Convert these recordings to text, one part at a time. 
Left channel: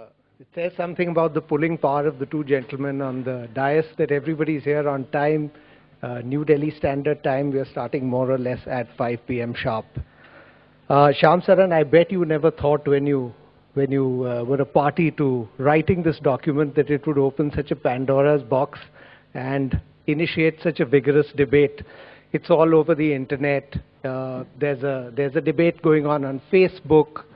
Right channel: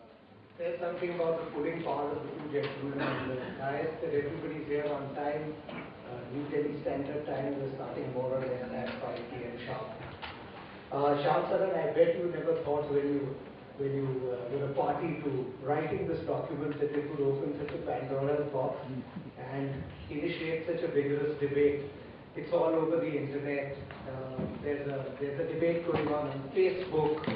It says something about the pulling power of the two gentlemen on the dais that everybody's here on time. New Delhi Standard Time, we are starting more or less at 5 p.m. sharp. Shyam Saran, I bet you never thought when you were a party to writing this document that it would open such a Pandora's box and initiate such a vigorous debate. It's all over the internet. There's a debate going on Facebook,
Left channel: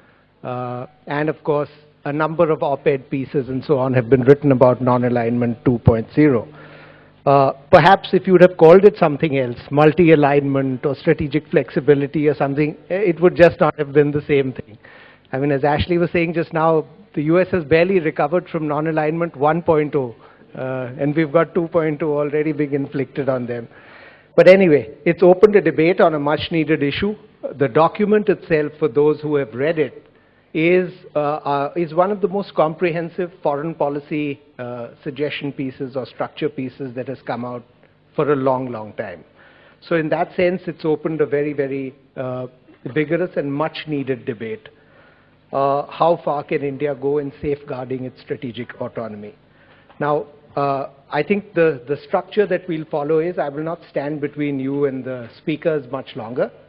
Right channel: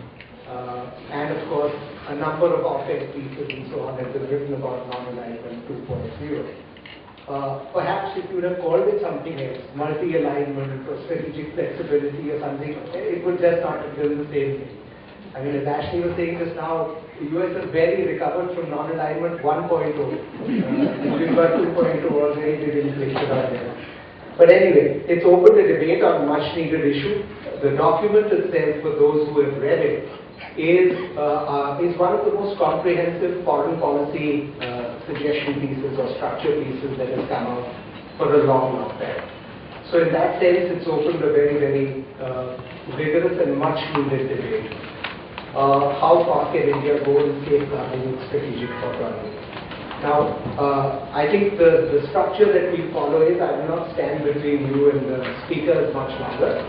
and of course, a number of op-ed pieces and so on have been written about non-alignment 2.0. Perhaps if you would have called it something else, multi-alignment or strategic flexibility or something, it would just not have been the same thing. I mean, as Ashley was saying just now, the US has barely recovered from non-alignment 1.0, and we've got 2.0 already being inflicted on them. But anyway, it's opened a debate on a much-needed issue. The document itself, for those who have read it, is one of the most comprehensive foreign policy suggestion pieces or structure pieces that has come out for a long, long time. So in that sense, it's opened a very, very vigorous and much-needed debate. How far can India go in safeguarding its strategic autonomy? Now, I think the structure that we'll follow is, I will not stand between you and the speakers much longer.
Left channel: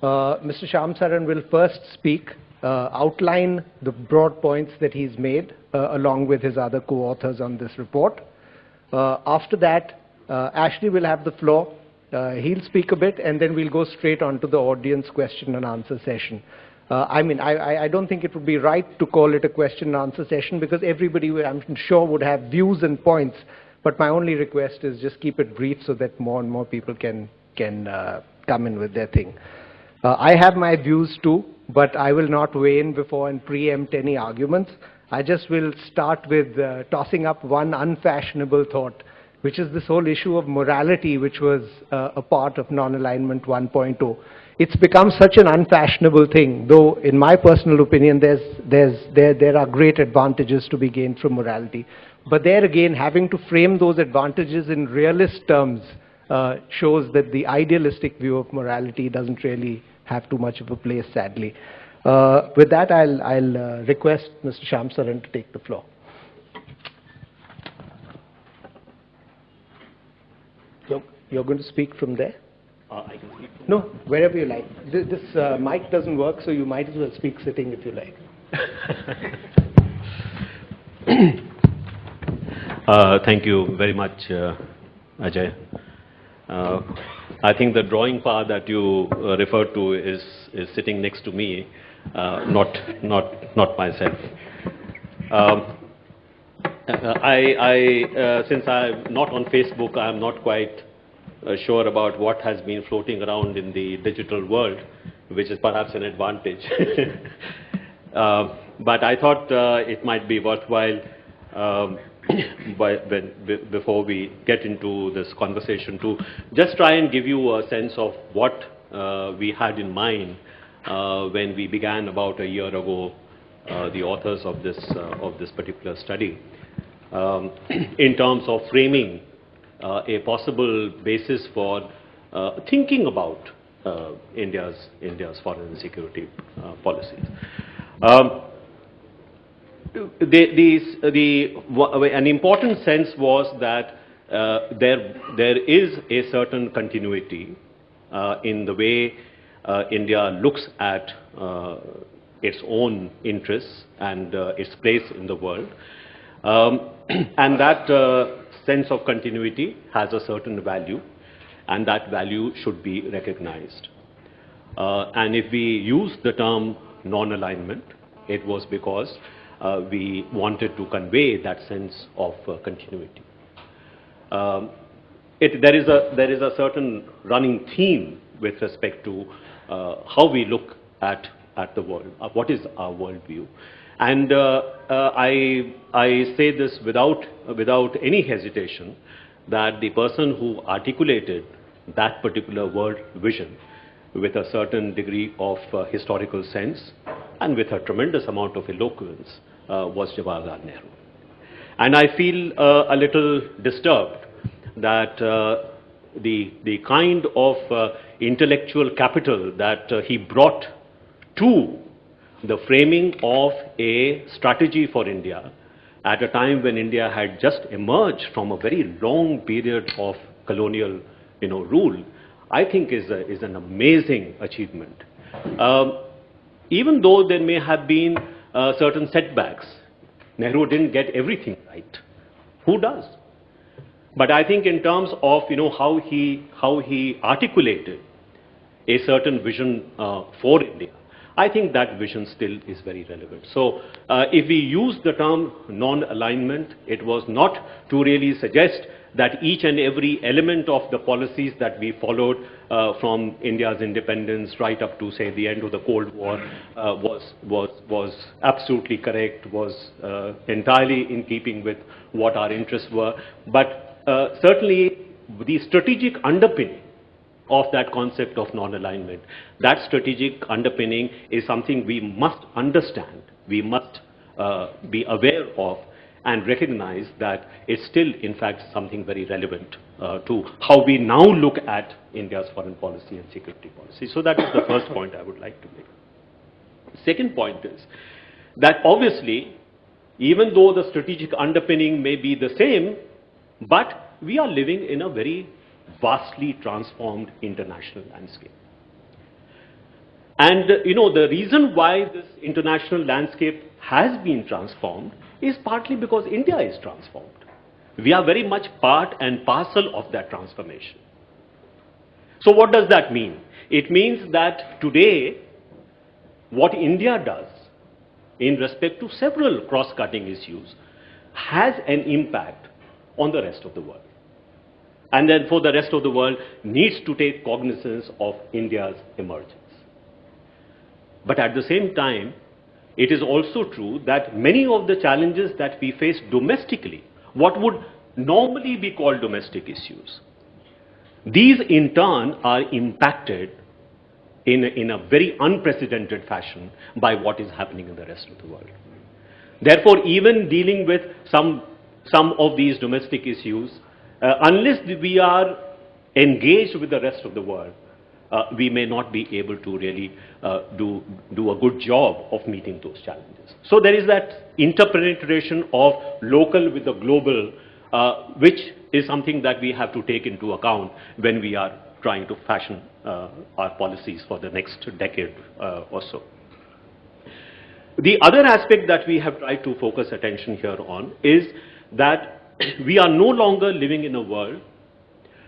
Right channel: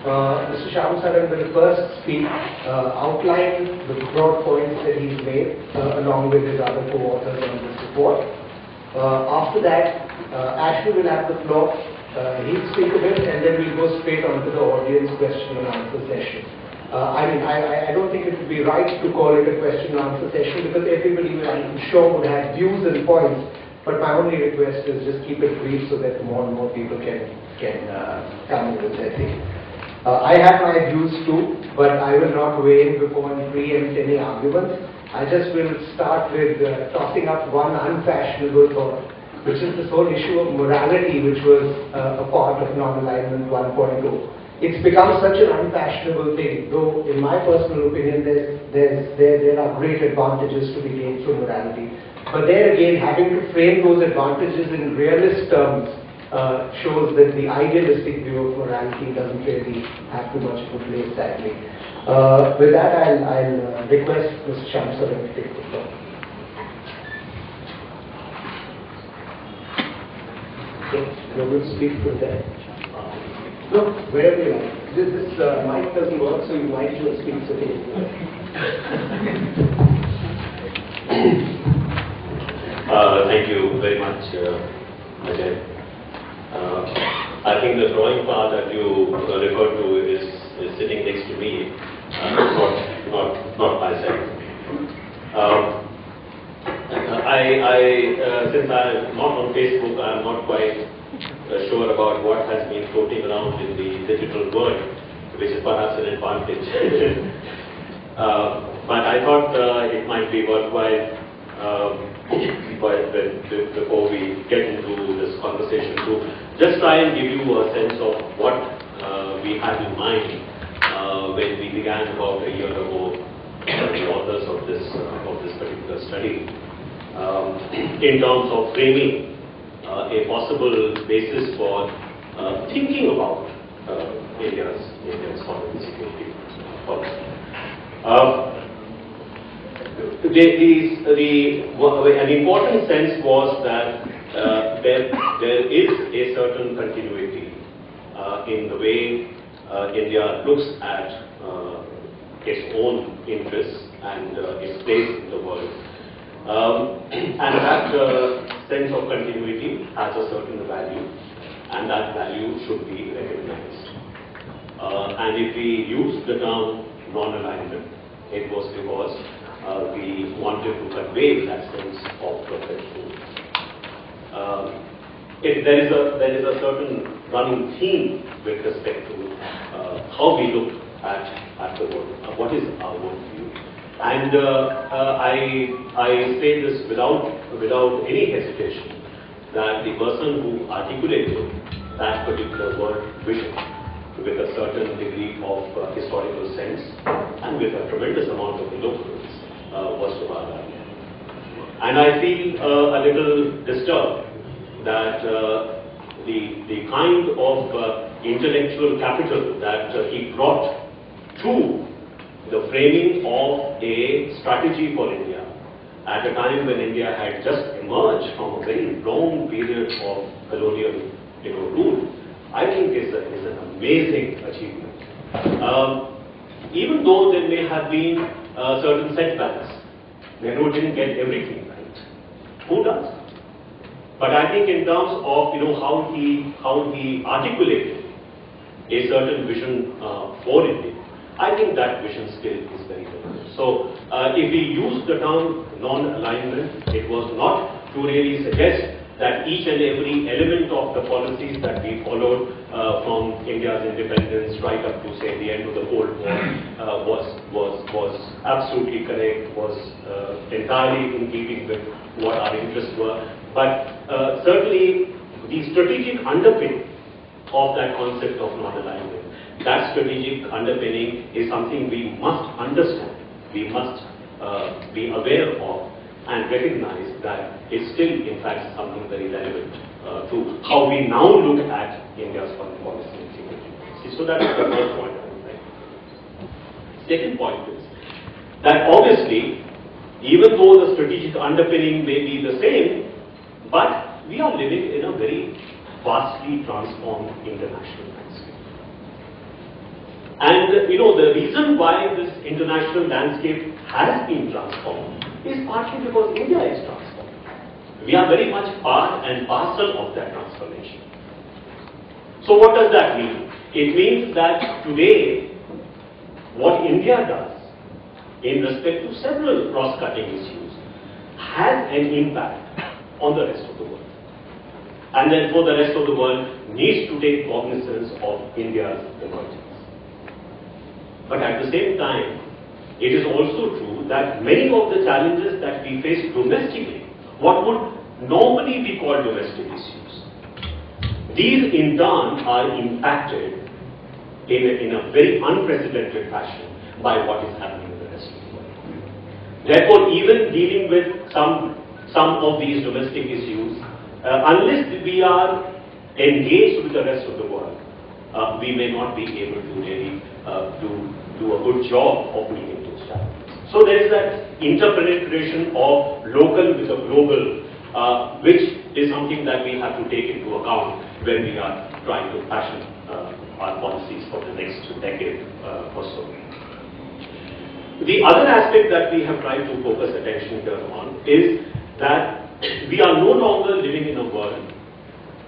Mr. Shyam Saran will first speak, outline the broad points that he's made, along with his other co-authors on this report. After that, Ashley will have the floor. He'll speak a bit, and then we'll go straight on to the audience question and answer session. I don't think it would be right to call it a question and answer session because everybody, I'm sure, would have views and points. But my only request is just keep it brief so that more and more people can come in with their thing. I have my views too, but I will not weigh in before and preempt any arguments. I just will start with tossing up one unfashionable thought, which is this whole issue of morality, which was a part of non-alignment 1.0. It's become such an unfashionable thing, though in my personal opinion there are great advantages to be gained from morality. But there again, having to frame those advantages in realist terms shows that the idealistic view of morality doesn't really have too much of a place, sadly. With that, I'll request Mr. Shyam Saran to take the floor. So, you're going to speak from there? No, wherever you like. This mic doesn't work, so you might as well speak sitting if you like. Thank you very much, Ajay. I think the drawing part that you referred to is sitting next to me, not myself. Since I'm not on Facebook, I'm not quite sure about what has been floating around in the digital world, which is perhaps an advantage. But I thought it might be worthwhile, before we get into this conversation, to just try and give you a sense of what we had in mind when we began about a year ago, the authors of this particular study, in terms of framing a possible basis for thinking about India's foreign security policy. An important sense was that there is a certain continuity in the way India looks at its own interests and its place in the world. And that sense of continuity has a certain value, and that value should be recognized. And if we use the term non-alignment, it was because we wanted to convey that sense of continuity. There is a certain running theme with respect to how we look at the world. What is our worldview? And I say this without any hesitation, that the person who articulated that particular word vision with a certain degree of historical sense and with a tremendous amount of eloquence was Jawaharlal. And I feel a little disturbed that the kind of intellectual capital that he brought to the framing of a strategy for India at a time when India had just emerged from a very long period of colonial rule, I think is an amazing achievement. Even though there may have been certain setbacks, Nehru didn't get everything right. Who does? But I think in terms of how he articulated a certain vision for India, I think that vision still is very relevant. So if we use the term non-alignment, it was not to really suggest that each and every element of the policies that we followed from India's independence right up to, say, the end of the Cold War was absolutely correct, was entirely in keeping with what our interests were. But certainly the strategic underpinning of that concept of non-alignment, that strategic underpinning is something we must understand, we must be aware of, and recognize that it's still in fact something very relevant to how we now look at India's foreign policy and security policy. So that is the first point I would like to make. Second point is that obviously, even though the strategic underpinning may be the same, but we are living in a very vastly transformed international landscape. And the reason why this international landscape has been transformed is partly because India is transformed. We are very much part and parcel of that transformation. So what does that mean? It means that today, what India does in respect to several cross-cutting issues has an impact on the rest of the world. And therefore the rest of the world needs to take cognizance of India's emergence. But at the same time, it is also true that many of the challenges that we face domestically, what would normally be called domestic issues, these in turn are impacted in a very unprecedented fashion by what is happening in the rest of the world. Therefore, even dealing with some of these domestic issues, unless we are engaged with the rest of the world, we may not be able to really do a good job of meeting those challenges. So there is that interpretation of local with a global, which is something that we have to take into account when we are trying to fashion our policies for the next decade or so. The other aspect that we have tried to focus attention here on is that we are no longer living in a world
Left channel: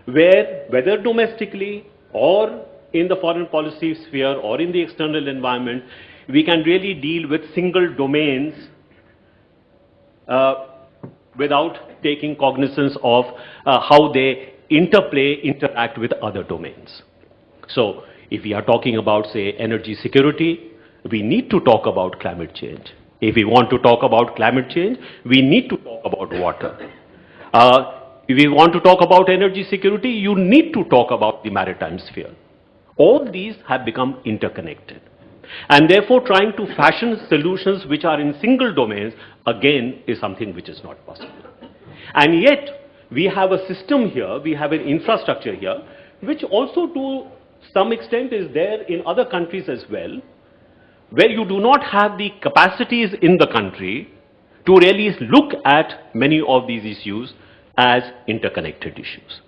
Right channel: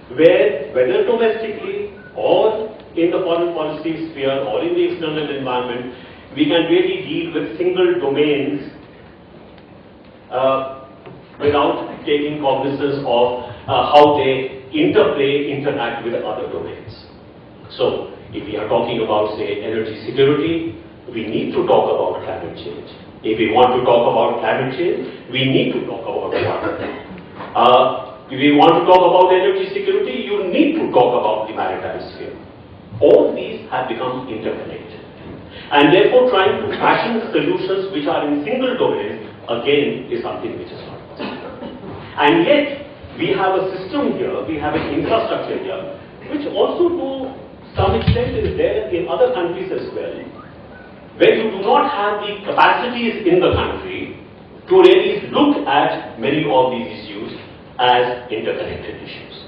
where, whether domestically or in the foreign policy sphere or in the external environment, we can really deal with single domains without taking cognizance of how they interact with other domains. So, if we are talking about, say, energy security, we need to talk about climate change. If we want to talk about climate change, we need to talk about water. If we want to talk about energy security, you need to talk about the maritime sphere. All these have become interconnected. And therefore, trying to fashion solutions which are in single domains, again, is something which is not possible. And yet, we have a system here, we have an infrastructure here, which also to some extent is there in other countries as well, where you do not have the capacities in the country to really look at many of these issues as interconnected issues.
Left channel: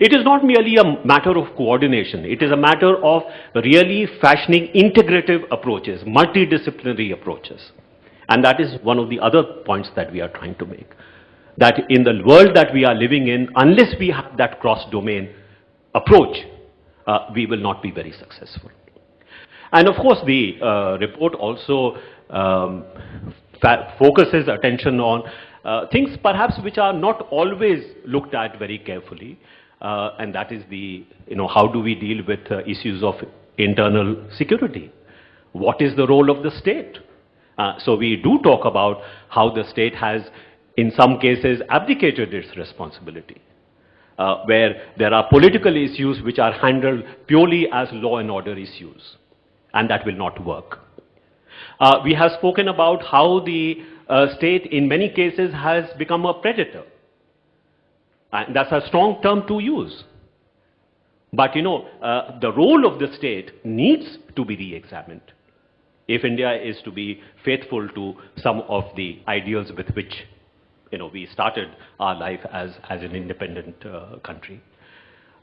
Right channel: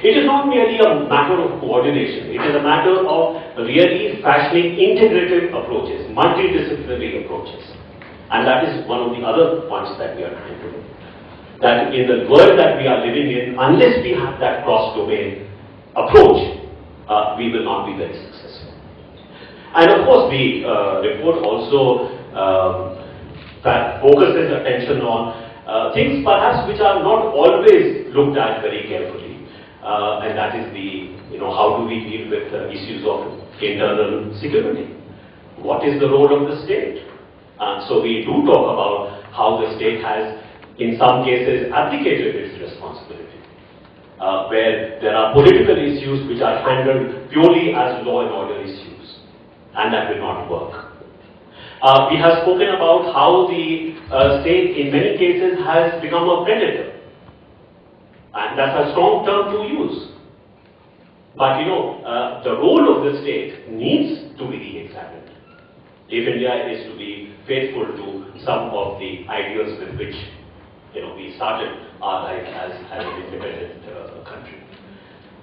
It is not merely a matter of coordination, it is a matter of really fashioning integrative approaches, multidisciplinary approaches. And that is one of the other points that we are trying to make. That in the world that we are living in, unless we have that cross-domain approach, we will not be very successful. And of course, the report also focuses attention on things perhaps which are not always looked at very carefully, and that is the, how do we deal with issues of internal security? What is the role of the state? So we do talk about how the state has, in some cases, abdicated its responsibility, where there are political issues which are handled purely as law and order issues, and that will not work. We have spoken about how the state in many cases has become a predator, and that's a strong term to use. But the role of the state needs to be re-examined. if India is to be faithful to some of the ideals with which we started our life as an independent country.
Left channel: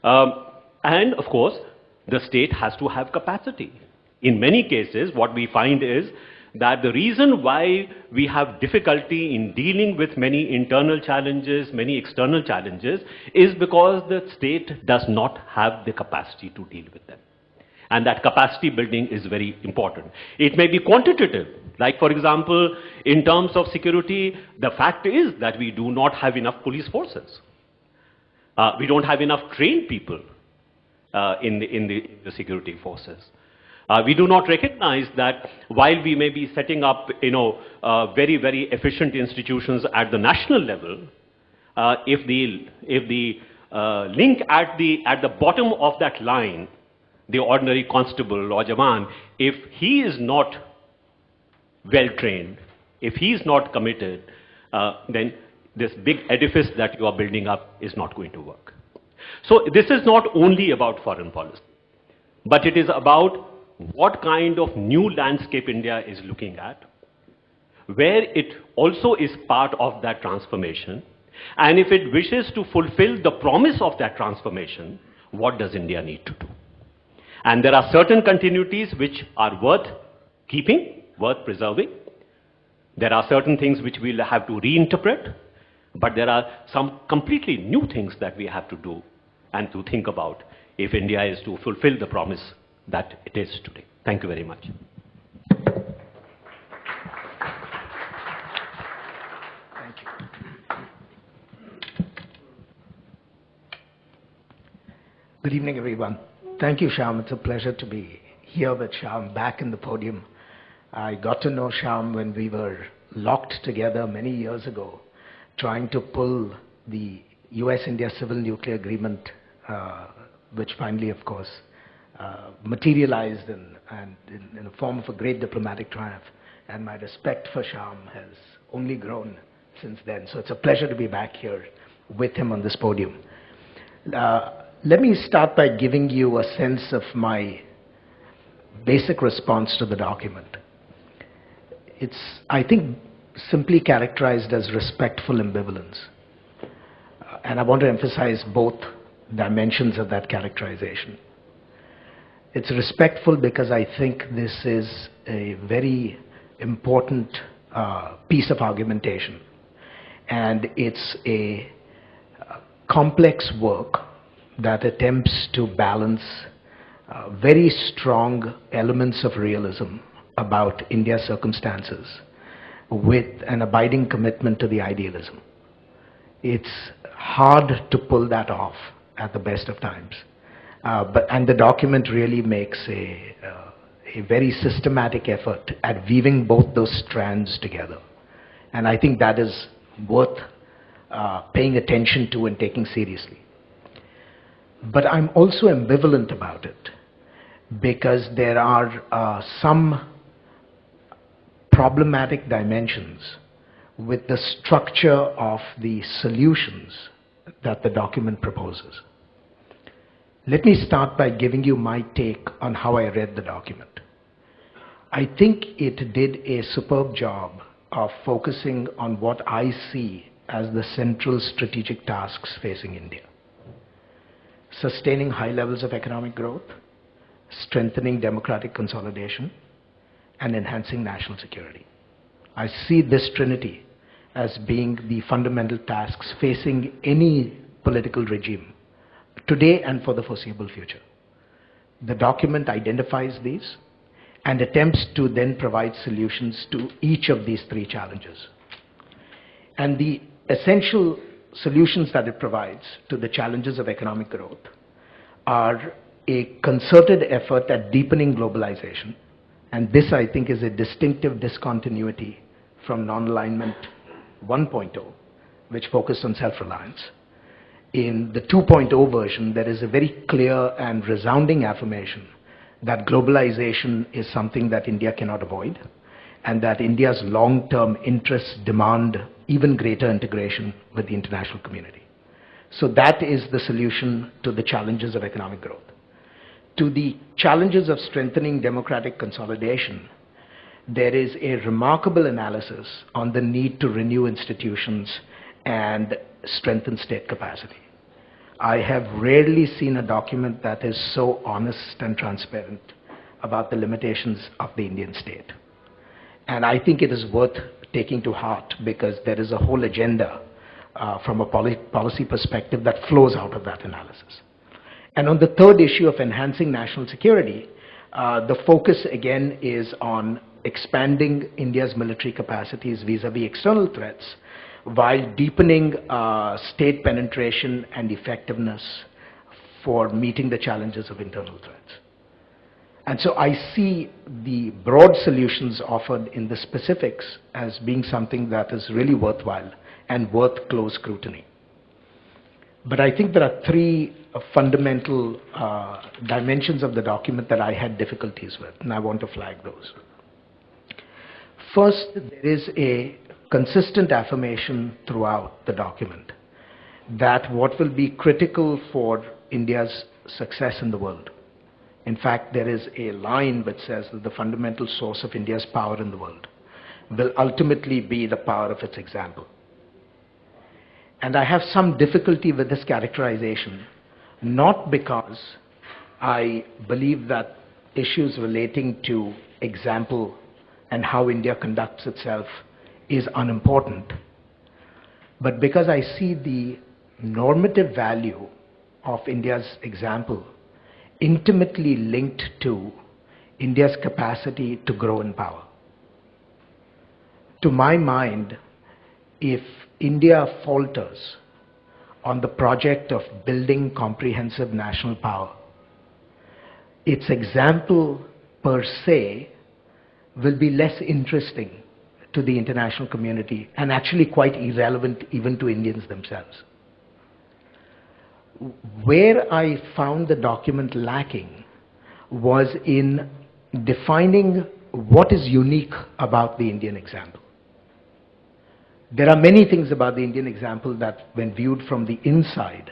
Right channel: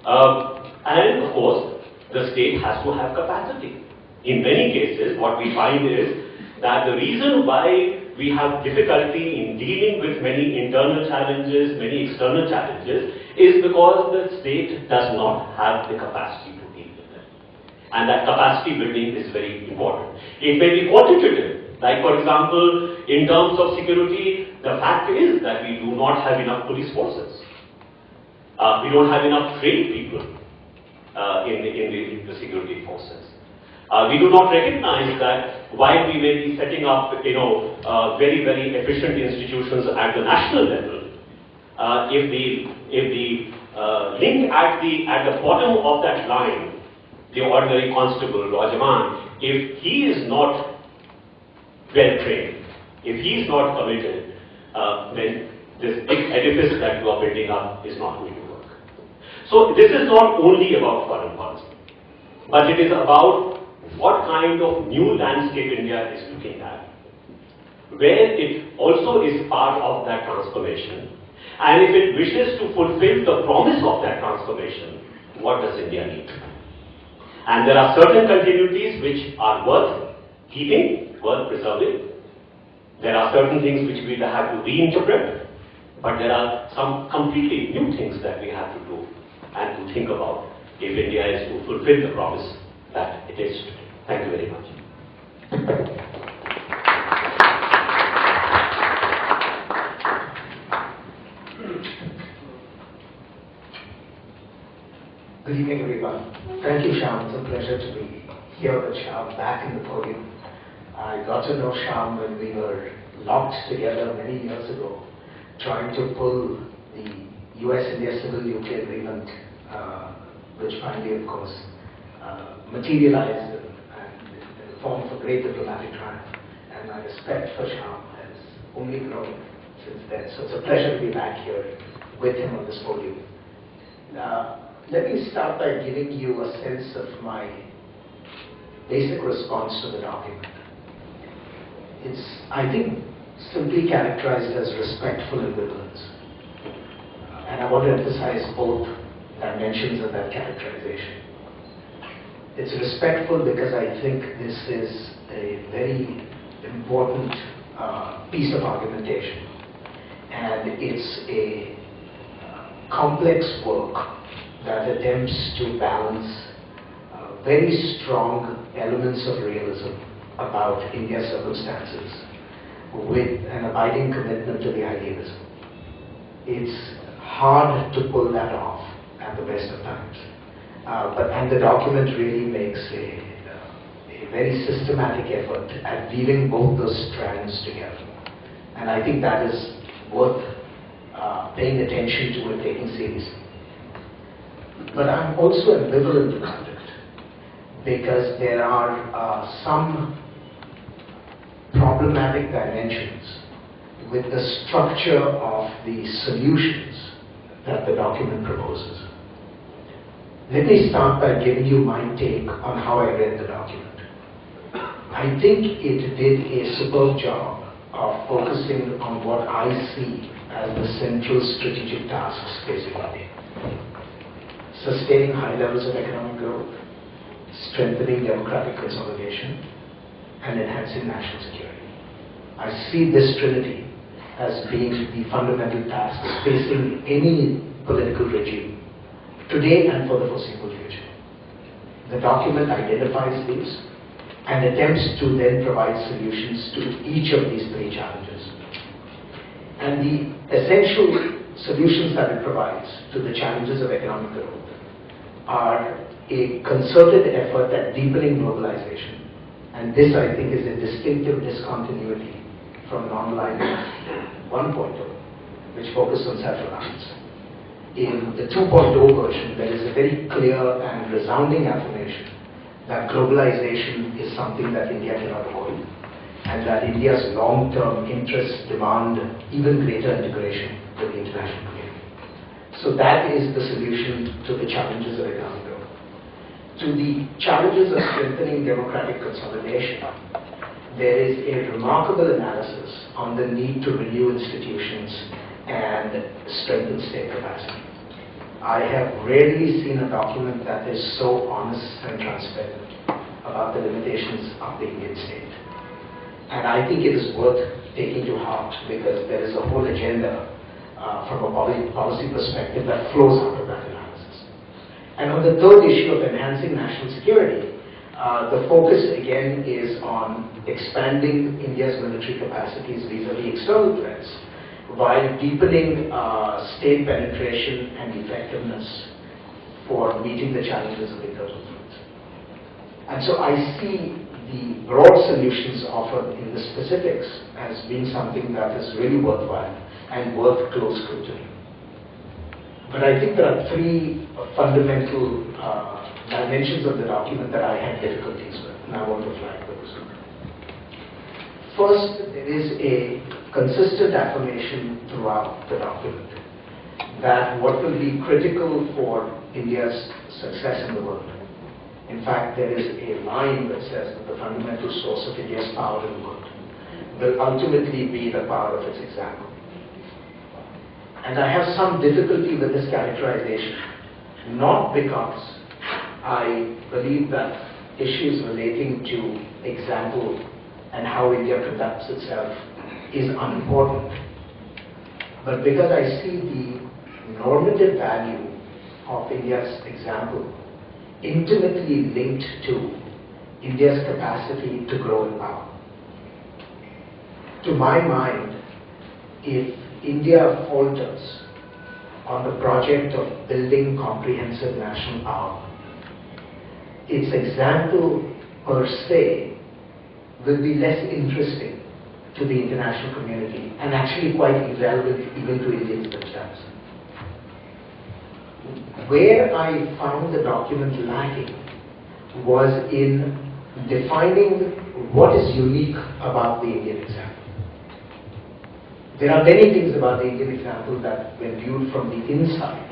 And of course, the state has to have capacity. In many cases, what we find is that the reason why we have difficulty in dealing with many internal challenges, many external challenges, is because the state does not have the capacity to deal with them. And that capacity building is very important. It may be quantitative, like for example, in terms of security, the fact is that we do not have enough police forces. We don't have enough trained people in the security forces. We do not recognize that while we may be setting up, very, very efficient institutions at the national level, if the link at the bottom of that line, the ordinary constable or Jawan, if he is not well trained, if he is not committed, then this big edifice that you are building up is not going to work. So this is not only about foreign policy, but it is about what kind of new landscape India is looking at, where it also is part of that transformation, and if it wishes to fulfill the promise of that transformation, what does India need to do? And there are certain continuities which are worth keeping, worth preserving. There are certain things which we'll have to reinterpret, but there are some completely new things that we have to do and to think about if India is to fulfill the promise that it is today. Thank you very much. Good evening, everyone. Thank you, Shyam. It's a pleasure to be here with Shyam back in the podium. I got to know Shyam when we were locked together many years ago, trying to pull the US-India Civil Nuclear Agreement, which finally, of course, materialized in a form for great diplomatic triumph. And my respect for Shyam has only grown since then. So it's a pleasure to be back here with him on this podium. Let me start by giving you a sense of my basic response to the document. It's, I think, simply characterized as respectful ambivalence. And I want to emphasize both dimensions of that characterization. It's respectful because I think this is a very important piece of argumentation. And it's a complex work that attempts to balance very strong elements of realism about India's circumstances with an abiding commitment to the idealism. It's hard to pull that off at the best of times. And the document really makes a very systematic effort at weaving both those strands together. And I think that is worth paying attention to and taking seriously. But I'm also ambivalent about it because there are some problematic dimensions with the structure of the solutions that the document proposes. Let me start by giving you my take on how I read the document. I think it did a superb job of focusing on what I see as the central strategic tasks facing India. Sustaining high levels of economic growth, strengthening democratic consolidation, and enhancing national security. I see this trinity as being the fundamental tasks facing any political regime, today and for the foreseeable future. The document identifies these and attempts to then provide solutions to each of these three challenges. And the essential solutions that it provides to the challenges of economic growth are a concerted effort at deepening globalization. And this, I think, is a distinctive discontinuity from Nonalignment 1.0, which focused on self-reliance. In the 2.0 version, there is a very clear and resounding affirmation that globalization is something that India cannot avoid, and that India's long-term interests demand even greater integration with the international community. So that is the solution to the challenges of economic growth. To the challenges of strengthening democratic consolidation, there is a remarkable analysis on the need to renew institutions and strengthen state capacity. I have rarely seen a document that is so honest and transparent about the limitations of the Indian state. And I think it is worth taking to heart, because there is a whole agenda from a policy perspective that flows out of that analysis. And on the third issue of enhancing national security, the focus again is on expanding India's military capacities vis-a-vis external threats while deepening state penetration and effectiveness for meeting the challenges of internal threats. And so I see the broad solutions offered in the specifics as being something that is really worthwhile and worth close scrutiny. But I think there are three fundamental dimensions of the document that I had difficulties with, and I want to flag those. First, there is a consistent affirmation throughout the document that what will be critical for India's success in the world. In fact, there is a line that says that the fundamental source of India's power in the world will ultimately be the power of its example. And I have some difficulty with this characterization, not because I believe that issues relating to example and how India conducts itself is unimportant, but because I see the normative value of India's example intimately linked to India's capacity to grow in power. To my mind, if India falters on the project of building comprehensive national power, its example per se will be less interesting to the international community and actually quite irrelevant even to Indians themselves. Where I found the document lacking was in defining what is unique about the Indian example. There are many things about the Indian example that, when viewed from the inside,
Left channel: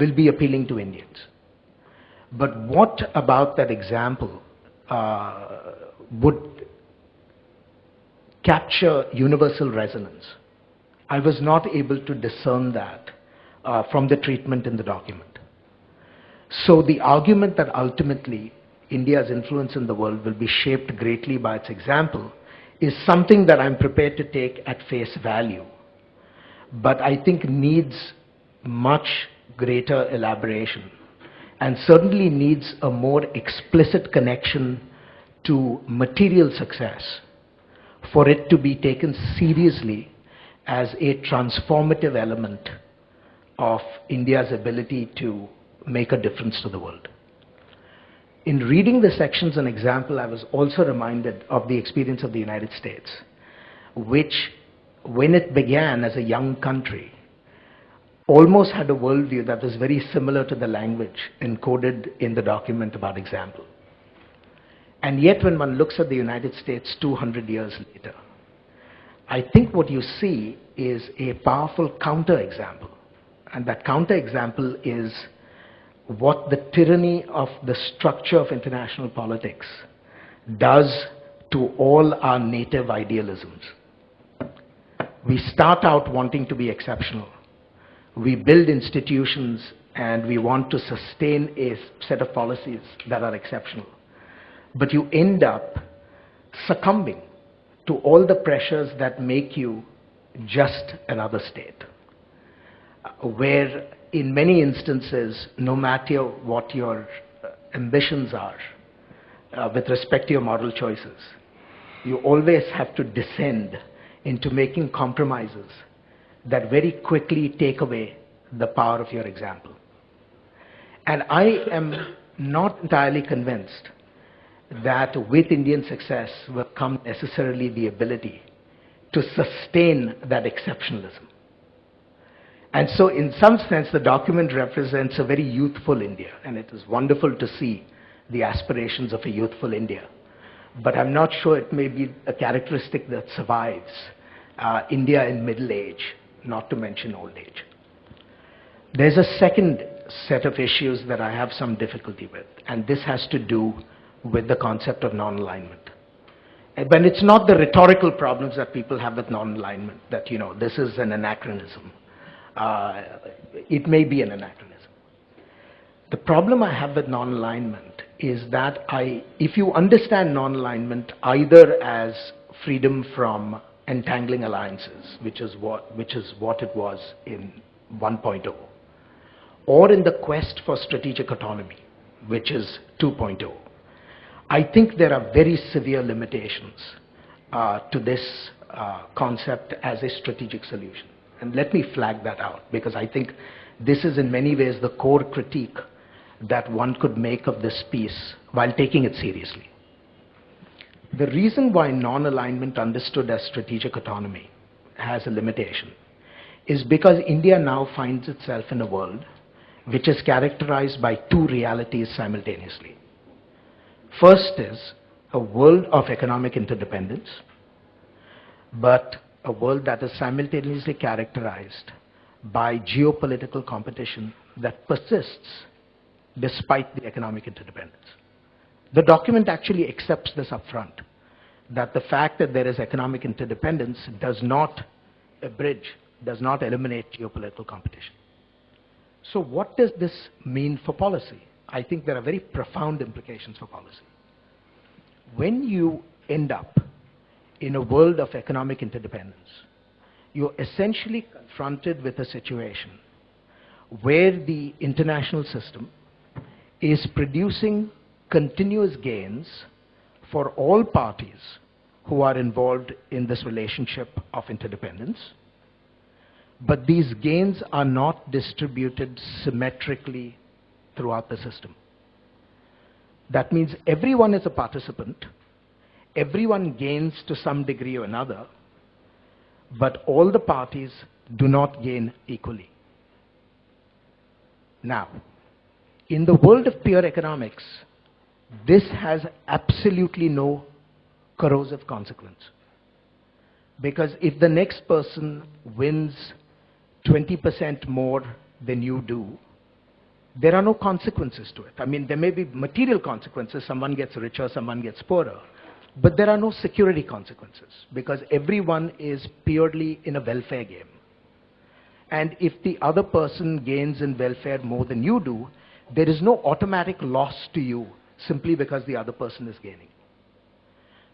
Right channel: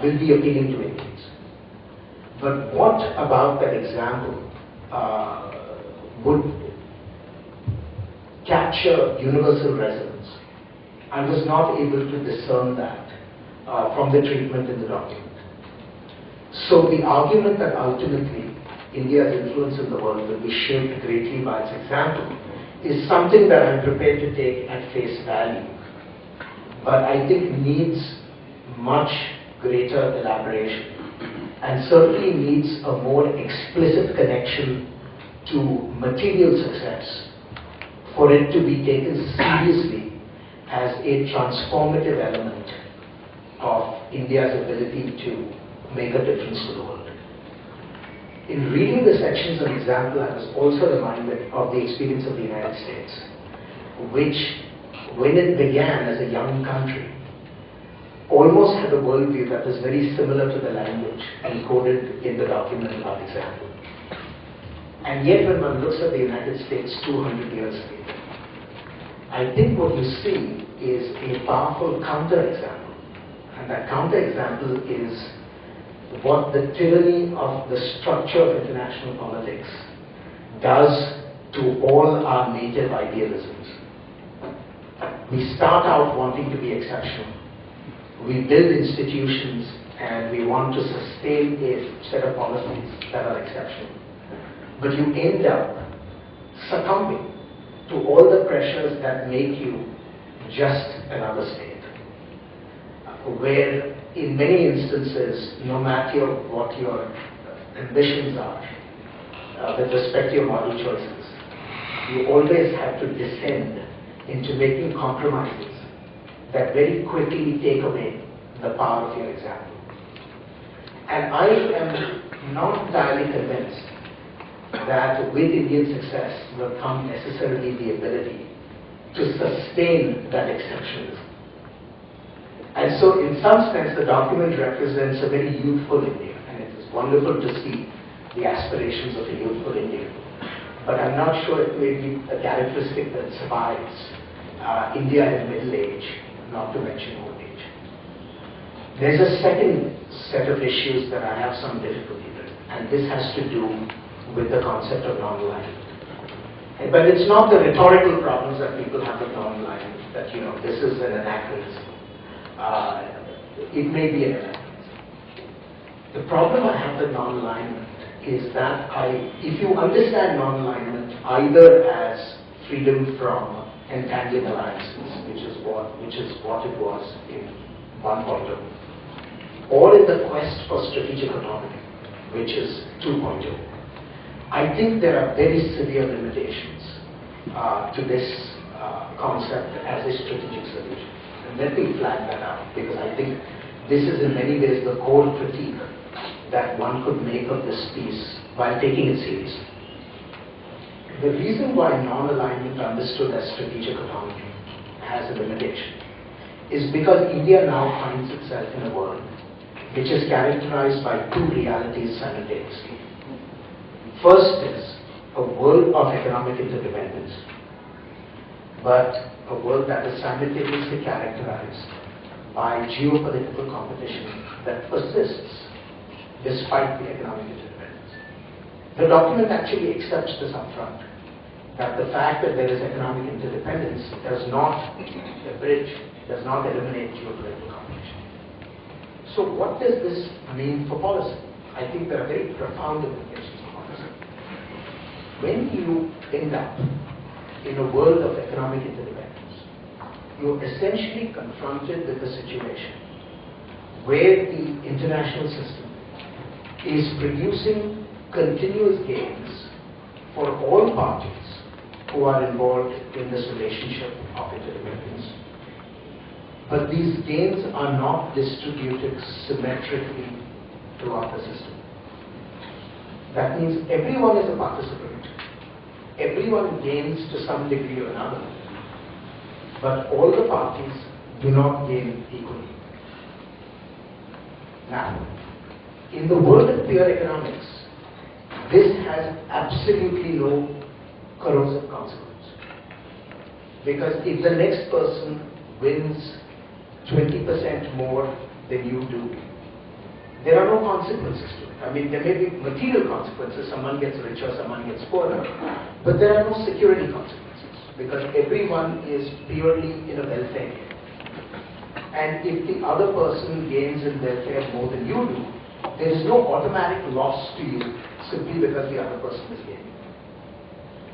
will be appealing to Indians. But what about that example would capture universal resonance? I was not able to discern that from the treatment in the document. So the argument that ultimately India's influence in the world will be shaped greatly by its example is something that I'm prepared to take at face value, but I think needs much greater elaboration and certainly needs a more explicit connection to material success for it to be taken seriously as a transformative element of India's ability to make a difference to the world. In reading the sections on example, I was also reminded of the experience of the United States, which, when it began as a young country, almost had a worldview that was very similar to the language encoded in the document about example. And yet, when one looks at the United States 200 years later, I think what you see is a powerful counterexample. And that counterexample is what the tyranny of the structure of international politics does to all our native idealisms. We start out wanting to be exceptional. We build institutions and we want to sustain a set of policies that are exceptional. But you end up succumbing to all the pressures that make you just another state, where in many instances, no matter what your ambitions are with respect to your moral choices, you always have to descend into making compromises that very quickly take away the power of your example. And I am not entirely convinced that with Indian success will come necessarily the ability to sustain that exceptionalism. And so in some sense, the document represents a very youthful India, and it is wonderful to see the aspirations of a youthful India. But I'm not sure it may be a characteristic that survives India in middle age, not to mention old age. There's a second set of issues that I have some difficulty with, and this has to do with the concept of non-alignment. But it's not the rhetorical problems that people have with non-alignment, that, you know, this is an anachronism. It may be an anachronism. The problem I have with non-alignment is that if you understand non-alignment either as freedom from entangling alliances, which is what it was in 1.0, or in the quest for strategic autonomy, which is 2.0, I think there are very severe limitations to this concept as a strategic solution. And let me flag that out, because I think this is in many ways the core critique that one could make of this piece while taking it seriously. The reason why non-alignment understood as strategic autonomy has a limitation is because India now finds itself in a world which is characterized by two realities simultaneously. First is a world of economic interdependence, but a world that is simultaneously characterized by geopolitical competition that persists despite the economic interdependence. The document actually accepts this upfront, that the fact that there is economic interdependence does not abridge, does not eliminate geopolitical competition. So what does this mean for policy? I think there are very profound implications for policy. When you end up in a world of economic interdependence, you're essentially confronted with a situation where the international system is producing continuous gains for all parties who are involved in this relationship of interdependence. But these gains are not distributed symmetrically throughout the system. That means everyone is a participant. Everyone gains to some degree or another, but all the parties do not gain equally. Now, in the world of pure economics, this has absolutely no corrosive consequence. Because if the next person wins 20% more than you do, there are no consequences to it. I mean, there may be material consequences, someone gets richer, someone gets poorer, but there are no security consequences, because everyone is purely in a welfare game. And if the other person gains in welfare more than you do, there is no automatic loss to you simply because the other person is gaining.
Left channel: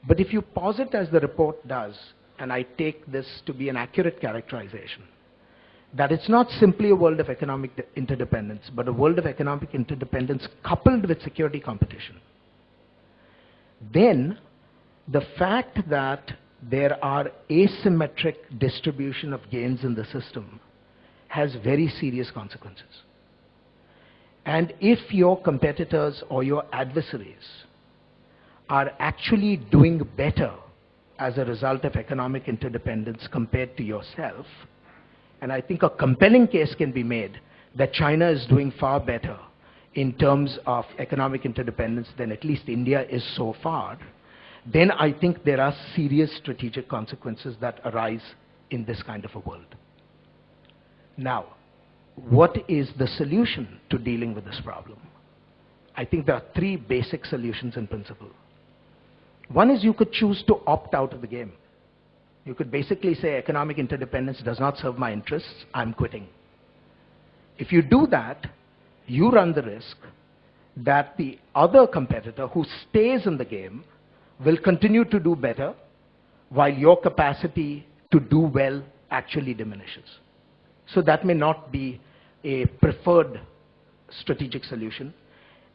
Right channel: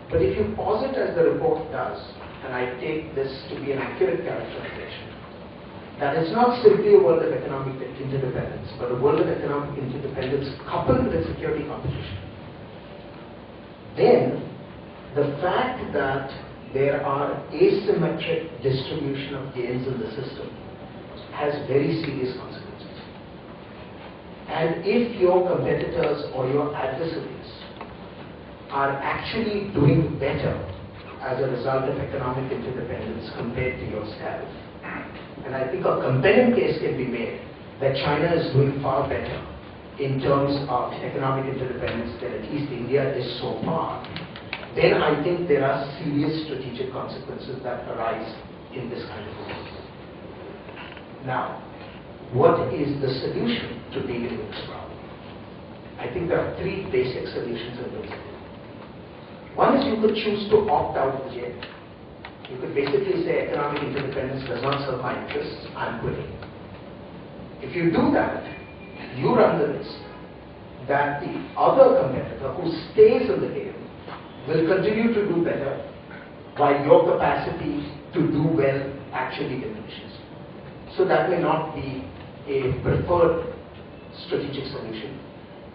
But if you posit, as the report does, and I take this to be an accurate characterization, that it's not simply a world of economic interdependence, but a world of economic interdependence coupled with security competition, then the fact that there are asymmetric distribution of gains in the system has very serious consequences. And if your competitors or your adversaries are actually doing better as a result of economic interdependence compared to yourself, and I think a compelling case can be made that China is doing far better in terms of economic interdependence than at least India is so far, then I think there are serious strategic consequences that arise in this kind of a world. Now, what is the solution to dealing with this problem? I think there are three basic solutions in principle. One is you could choose to opt out of the game. You could basically say economic interdependence does not serve my interests, I'm quitting. If you do that, you run the risk that the other competitor who stays in the game will continue to do better while your capacity to do well actually diminishes. So that may not be a preferred strategic solution.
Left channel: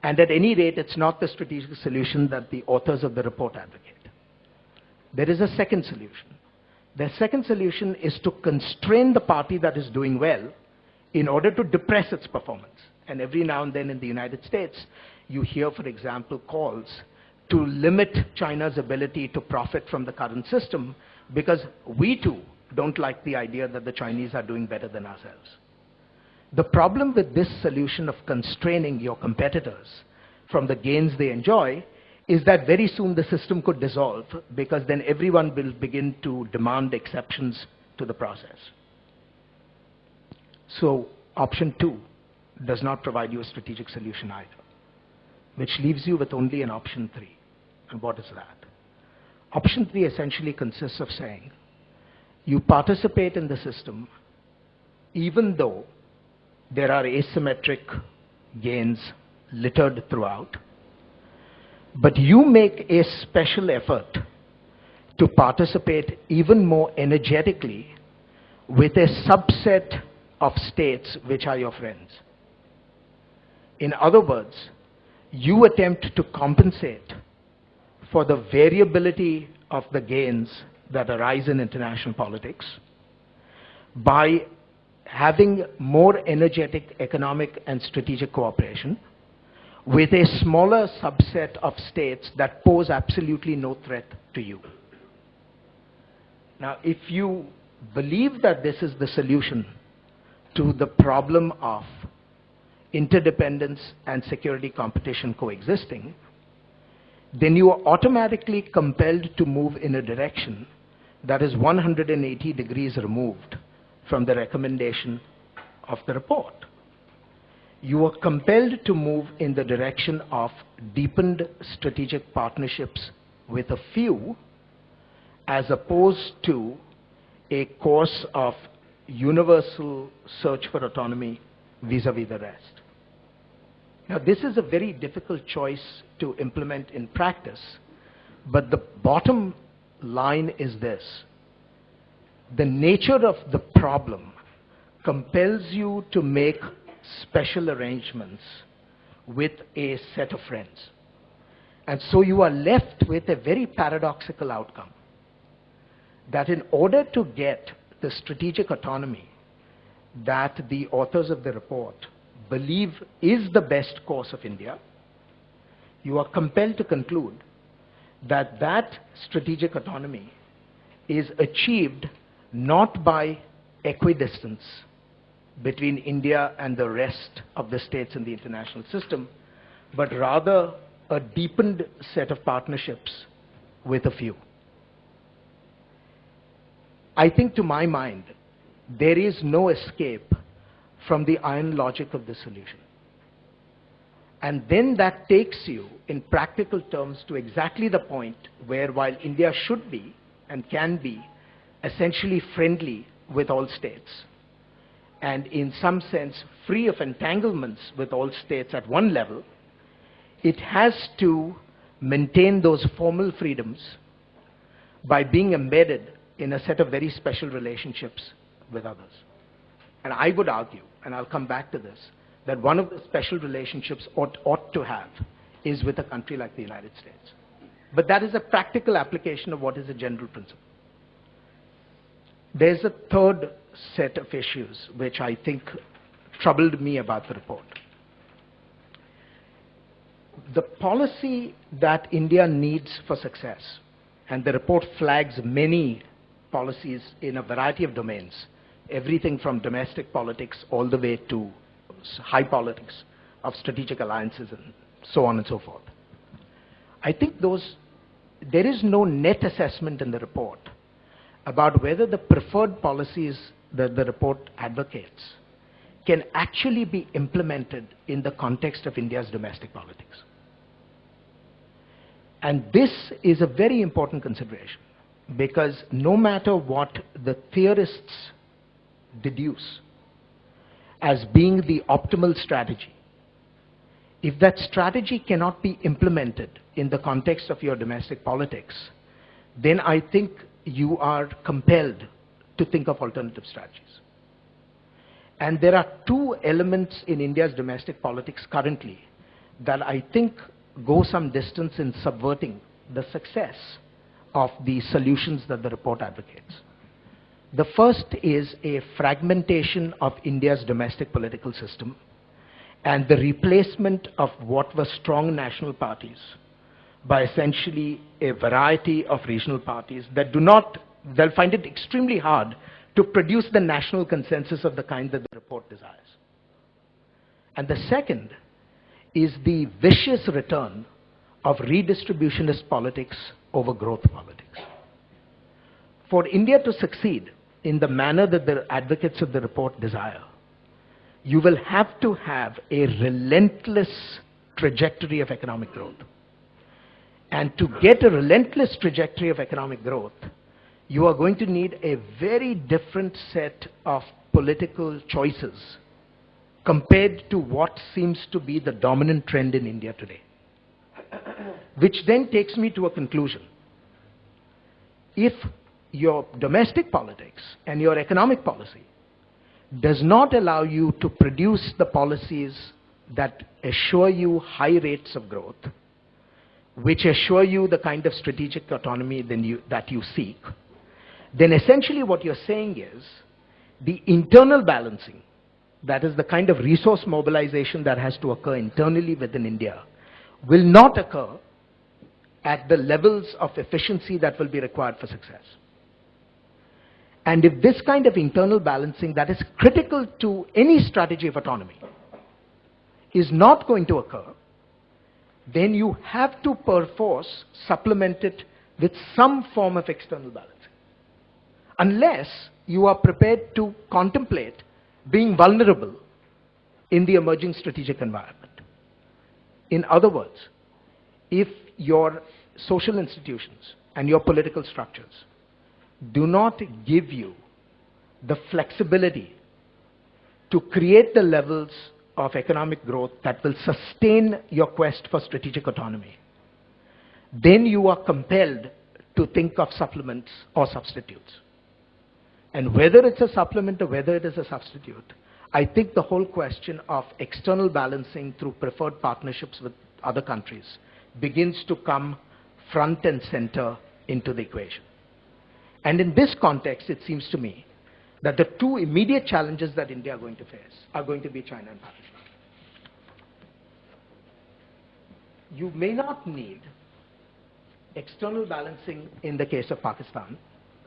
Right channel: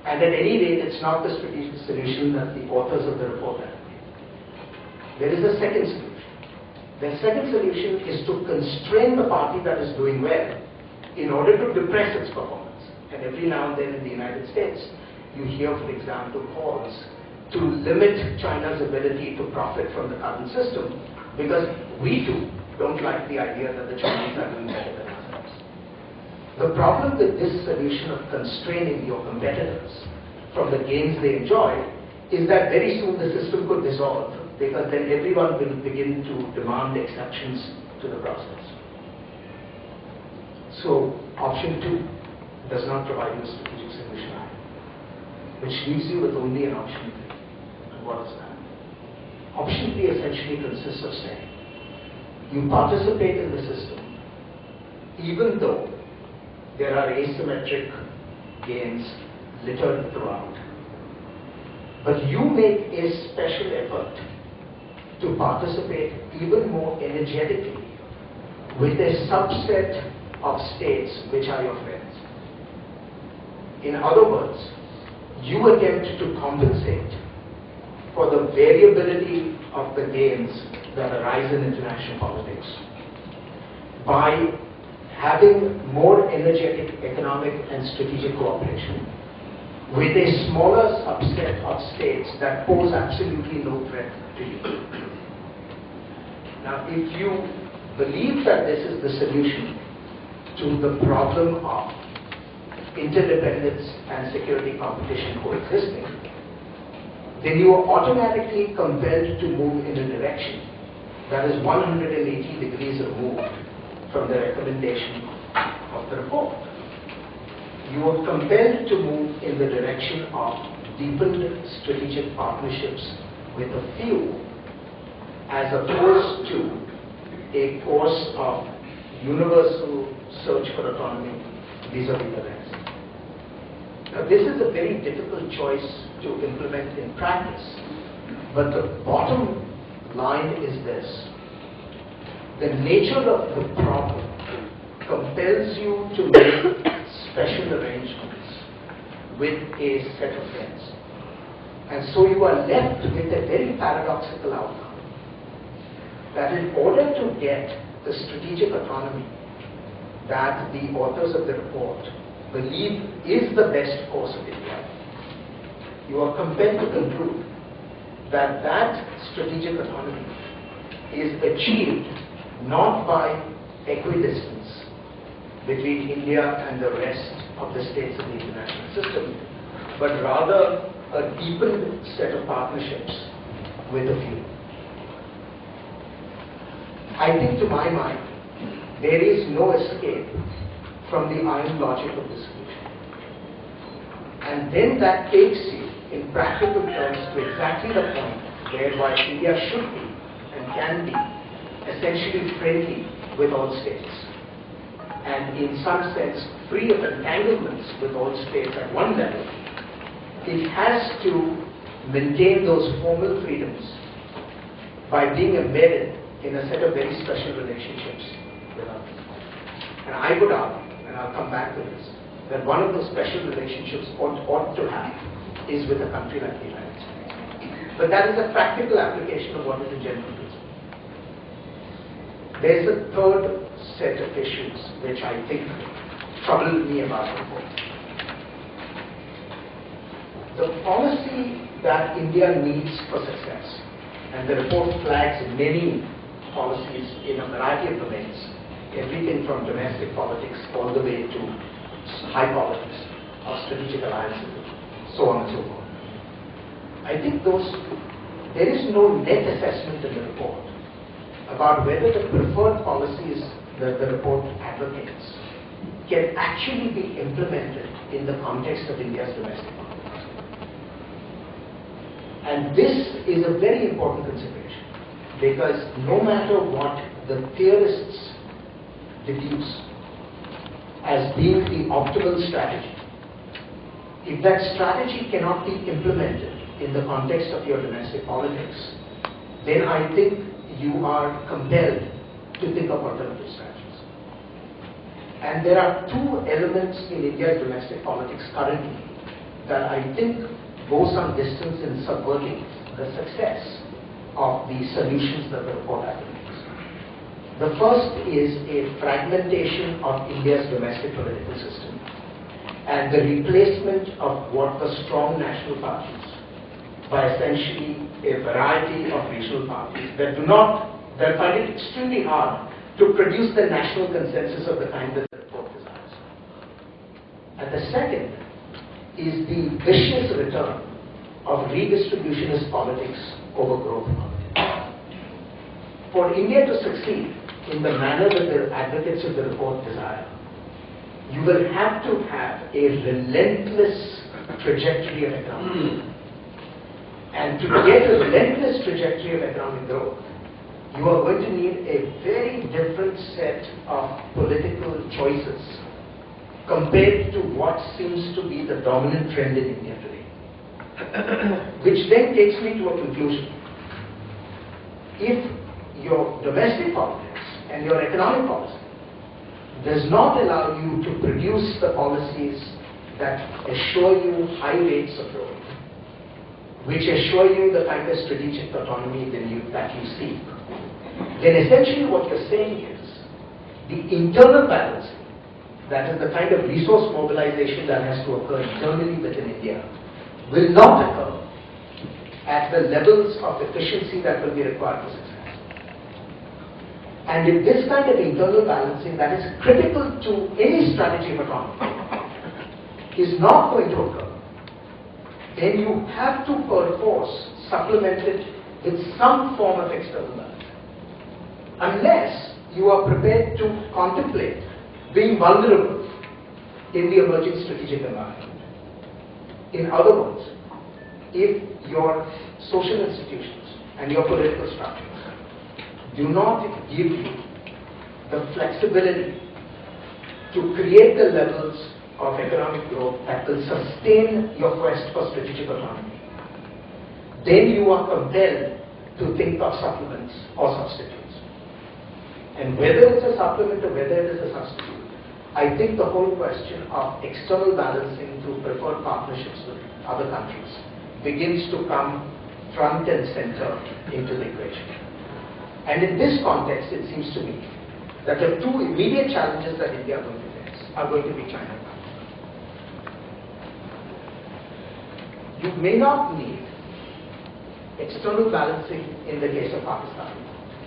And at any rate, it's not the strategic solution that the authors of the report advocate. There is a second solution. The second solution is to constrain the party that is doing well in order to depress its performance. And every now and then in the United States, you hear, for example, calls to limit China's ability to profit from the current system because we too don't like the idea that the Chinese are doing better than ourselves. The problem with this solution of constraining your competitors from the gains they enjoy is that very soon the system could dissolve, because then everyone will begin to demand exceptions to the process. So option 2 does not provide you a strategic solution either, which leaves you with only an option 3. And what is that? Option 3 essentially consists of saying, you participate in the system even though there are asymmetric gains littered throughout. But you make a special effort to participate even more energetically with a subset of states which are your friends. In other words, you attempt to compensate for the variability of the gains that arise in international politics by having more energetic economic and strategic cooperation with a smaller subset of states that pose absolutely no threat to you. Now, if you believe that this is the solution to the problem of interdependence and security competition coexisting, then you are automatically compelled to move in a direction that is 180 degrees removed from the recommendation of the report. You are compelled to move in the direction of deepened strategic partnerships with a few, as opposed to a course of universal search for autonomy vis-a-vis the rest. Now, this is a very difficult choice to implement in practice, but the bottom line is this. The nature of the problem compels you to make special arrangements with a set of friends. And so you are left with a very paradoxical outcome, that in order to get the strategic autonomy that the authors of the report believe is the best course of India, you are compelled to conclude that that strategic autonomy is achieved not by equidistance between India and the rest of the states in the international system, but rather a deepened set of partnerships with a few. I think, to my mind, there is no escape from the iron logic of the solution. And then that takes you, in practical terms, to exactly the point where, while India should be and can be essentially friendly with all states, and in some sense free of entanglements with all states at one level, it has to maintain those formal freedoms by being embedded in a set of very special relationships with others. And I would argue, and I'll come back to this, that one of the special relationships ought to have is with a country like the United States. But that is a practical application of what is the general principle. There's a third set of issues which I think troubled me about the report. The policy that India needs for success, and the report flags many policies in a variety of domains, everything from domestic politics all the way to high politics of strategic alliances, so on and so forth. I think there is no net assessment in the report about whether the preferred policies that the report advocates can actually be implemented in the context of India's domestic politics. And this is a very important consideration, because no matter what the theorists deduce as being the optimal strategy, if that strategy cannot be implemented in the context of your domestic politics, then I think you are compelled to think of alternative strategies. And there are two elements in India's domestic politics currently that I think go some distance in subverting the success of the solutions that the report advocates. The first is a fragmentation of India's domestic political system and the replacement of what were strong national parties by essentially a variety of regional parties that they'll find it extremely hard to produce the national consensus of the kind that the report desires. And the second is the vicious return of redistributionist politics over growth politics. For India to succeed in the manner that the advocates of the report desire, you will have to have a relentless trajectory of economic growth. And to get a relentless trajectory of economic growth, you are going to need a very different set of political choices compared to what seems to be the dominant trend in India today. Which then takes me to a conclusion. If your domestic politics and your economic policy does not allow you to produce the policies that assure you high rates of growth, which assure you the kind of strategic autonomy that you seek, then essentially what you're saying is the internal balancing, that is the kind of resource mobilization that has to occur internally within India, will not occur at the levels of efficiency that will be required for success. And if this kind of internal balancing that is critical to any strategy of autonomy is not going to occur, then you have to perforce supplement it with some form of external balance. Unless you are prepared to contemplate being vulnerable in the emerging strategic environment. In other words, if your social institutions and your political structures do not give you the flexibility to create the levels of economic growth that will sustain your quest for strategic autonomy, then you are compelled to think of supplements or substitutes. And whether it's a supplement or whether it is a substitute, I think the whole question of external balancing through preferred partnerships with other countries begins to come front and center into the equation. And in this context, it seems to me that the two immediate challenges that India are going to face are going to be China. You may not need external balancing in the case of Pakistan,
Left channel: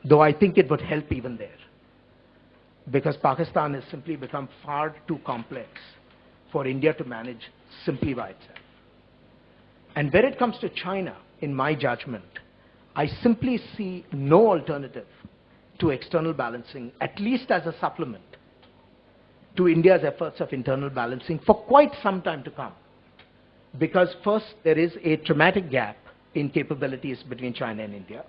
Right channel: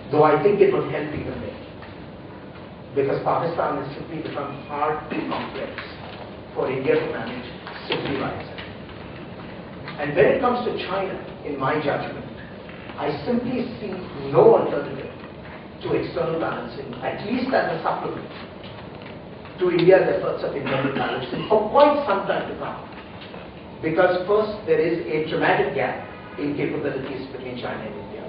though I think it would help even there, because Pakistan has simply become far too complex for India to manage simply by itself. And when it comes to China, in my judgment, I simply see no alternative to external balancing, at least as a supplement to India's efforts of internal balancing for quite some time to come. Because first, there is a dramatic gap in capabilities between China and India.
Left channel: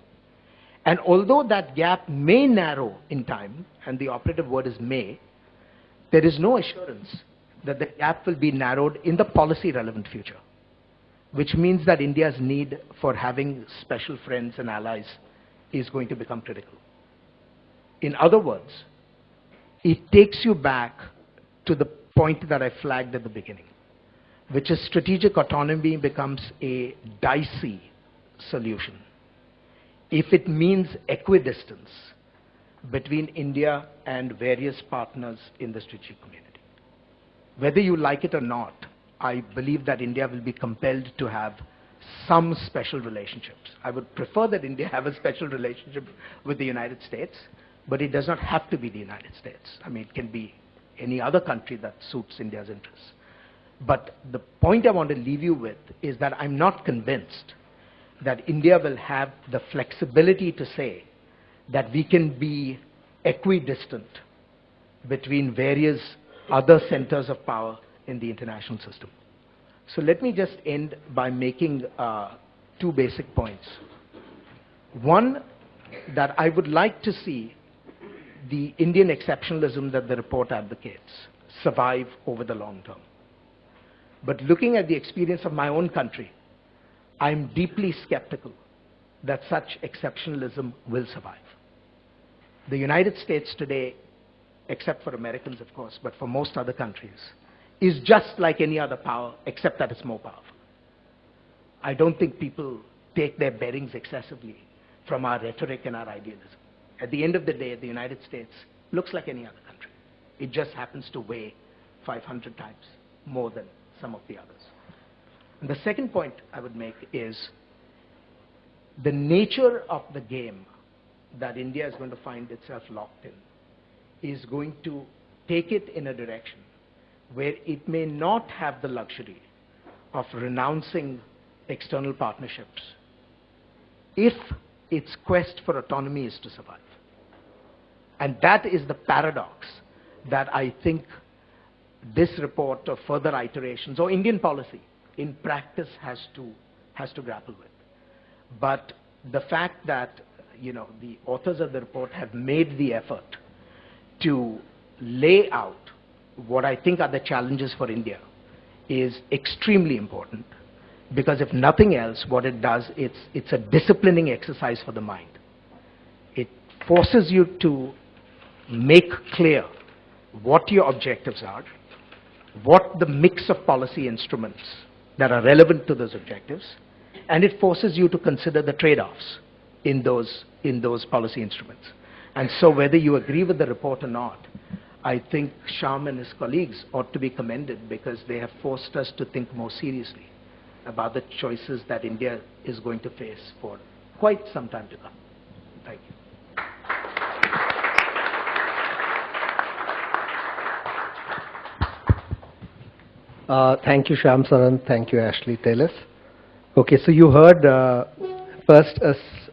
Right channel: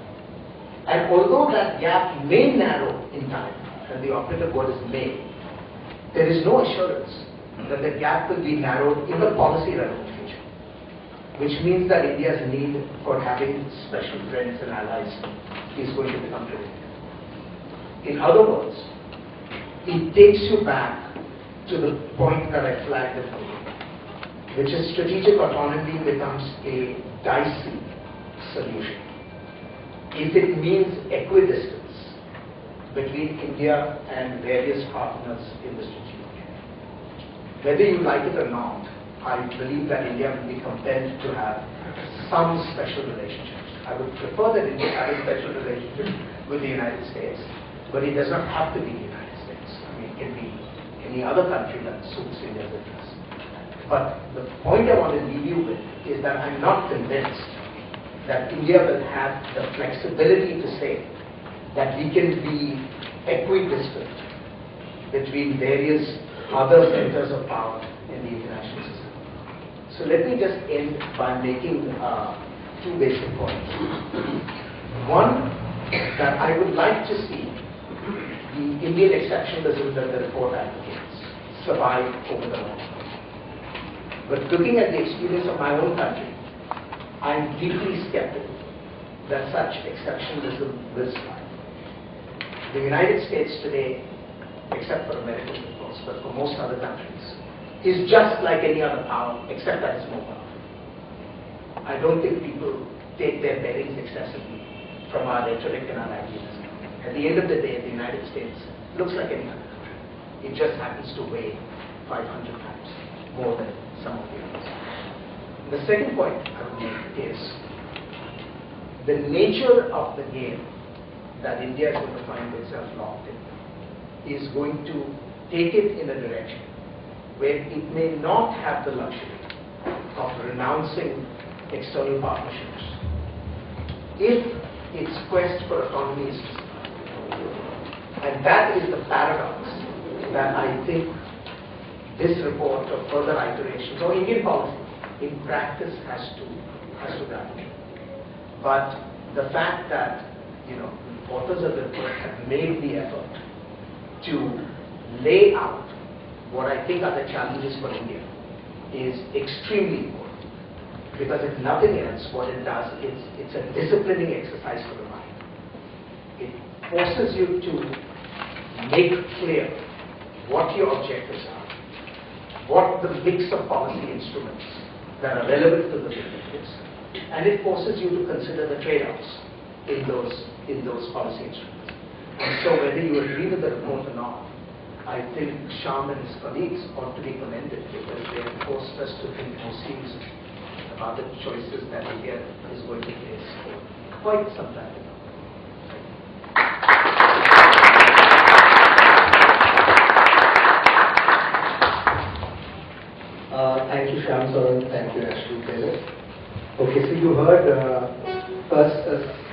And although that gap may narrow in time, and the operative word is may, there is no assurance that the gap will be narrowed in the policy relevant future. Which means that India's need for having special friends and allies is going to become critical. In other words, it takes you back to the point that I flagged at the beginning, which is strategic autonomy becomes a dicey solution if it means equidistance between India and various partners in the strategic game. Whether you like it or not, I believe that India will be compelled to have some special relationships. I would prefer that India have a special relationship with the United States, but it does not have to be the United States. I mean, it can be any other country that suits India's interests. But the point I want to leave you with is that I'm not convinced that India will have the flexibility to say that we can be equidistant between various other centers of power in the international system. So let me just end by making two basic points. One, that I would like to see the Indian exceptionalism that the report advocates survive over the long term. But looking at the experience of my own country, I am deeply skeptical that such exceptionalism will survive. The United States today, except for Americans of course, but for most other countries, is just like any other power except that it's more powerful. I don't think people take their bearings excessively from our rhetoric and our ideas. At the end of the day, the United States looks like any other country. It just happens to weigh 500 times more than some of the others. And the second point I would make is the nature of the game that India is going to find itself locked in is going to take it in a direction where it may not have the luxury of renouncing external partnerships if its quest for autonomy is to survive. And that is the paradox that I think this report or further iterations or Indian policy in practice has to grapple with. But the fact that, authors of the report have made the effort to lay out what I think are the challenges for India is extremely important, because if nothing else, what it does, it's a disciplining exercise for the mind. It forces you to make clear what your objectives are, what the mix of policy instruments that are relevant to those objectives, and it forces you to consider the trade-offs in those policy instruments. And so whether you agree with the report or not, I think Shyam and his colleagues ought to be commended, because they have forced us to think more seriously about the choices that India is going to face for quite some time to come. Thank you, Shyam Saran. Thank you, Ashley Taylor. Okay, so you heard first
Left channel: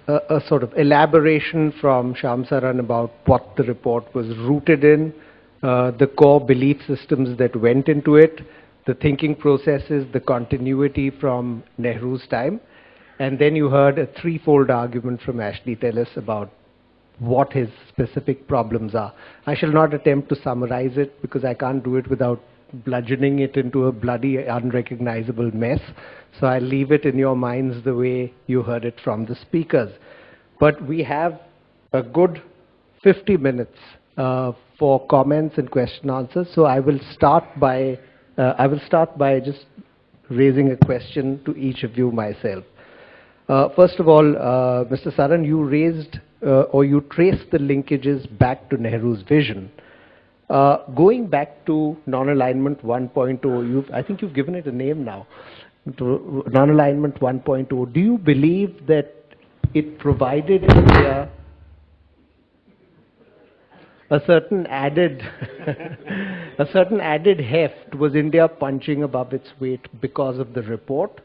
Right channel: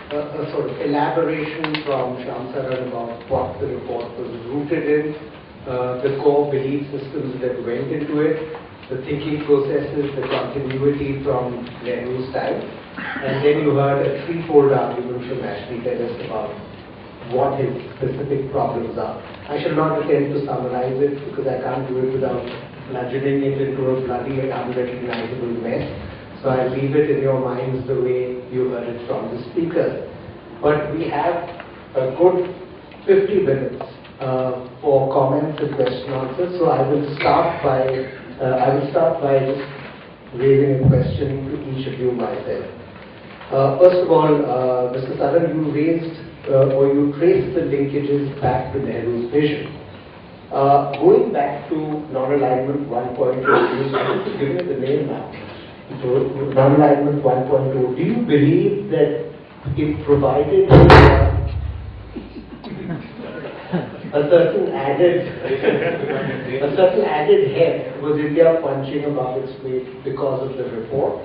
a sort of elaboration from Shyam Saran about what the report was rooted in, the core belief systems that went into it, the thinking processes, the continuity from Nehru's time, and then you heard a threefold argument from Ashley Taylor about what his specific problems are. I shall not attempt to summarize it, because I can't do it without bludgeoning it into a bloody unrecognizable mess. So I'll leave it in your minds the way you heard it from the speakers. But we have a good 50 minutes for comments and question answers. So I will start by just raising a question to each of you myself. First of all, Mr. Saran, you raised or you traced the linkages back to Nehru's vision. Going back to Non-Alignment 1.0, I think you've given it a name now. Non-Alignment 1.0, do you believe that it provided a certain added heft? Was India punching above its weight because of the report,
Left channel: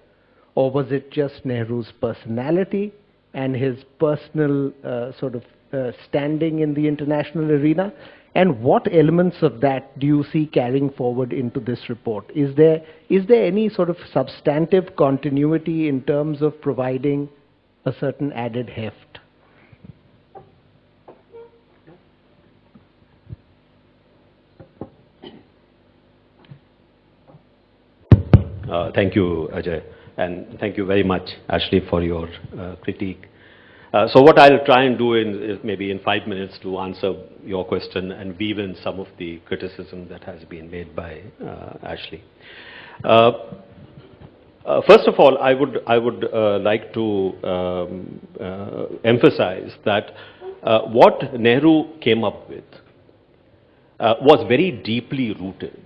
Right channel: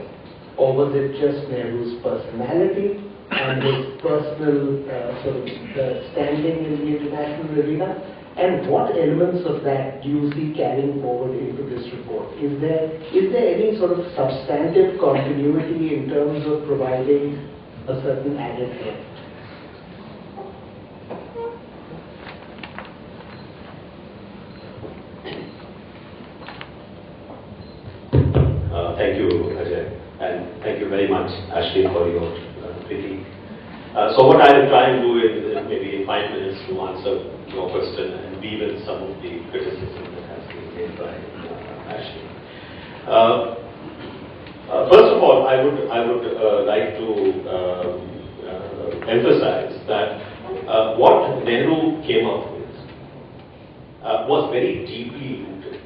or was it just Nehru's personality and his personal standing in the international arena? And what elements of that do you see carrying forward into this report? Is there any sort of substantive continuity in terms of providing a certain added heft? Thank you, Ajay, and thank you very much, Ashley, for your critique. So what I'll try and do is maybe in 5 minutes to answer your question and weave in some of the criticism that has been made by Ashley. First of all, I would like to emphasize that what Nehru came up with was very deeply rooted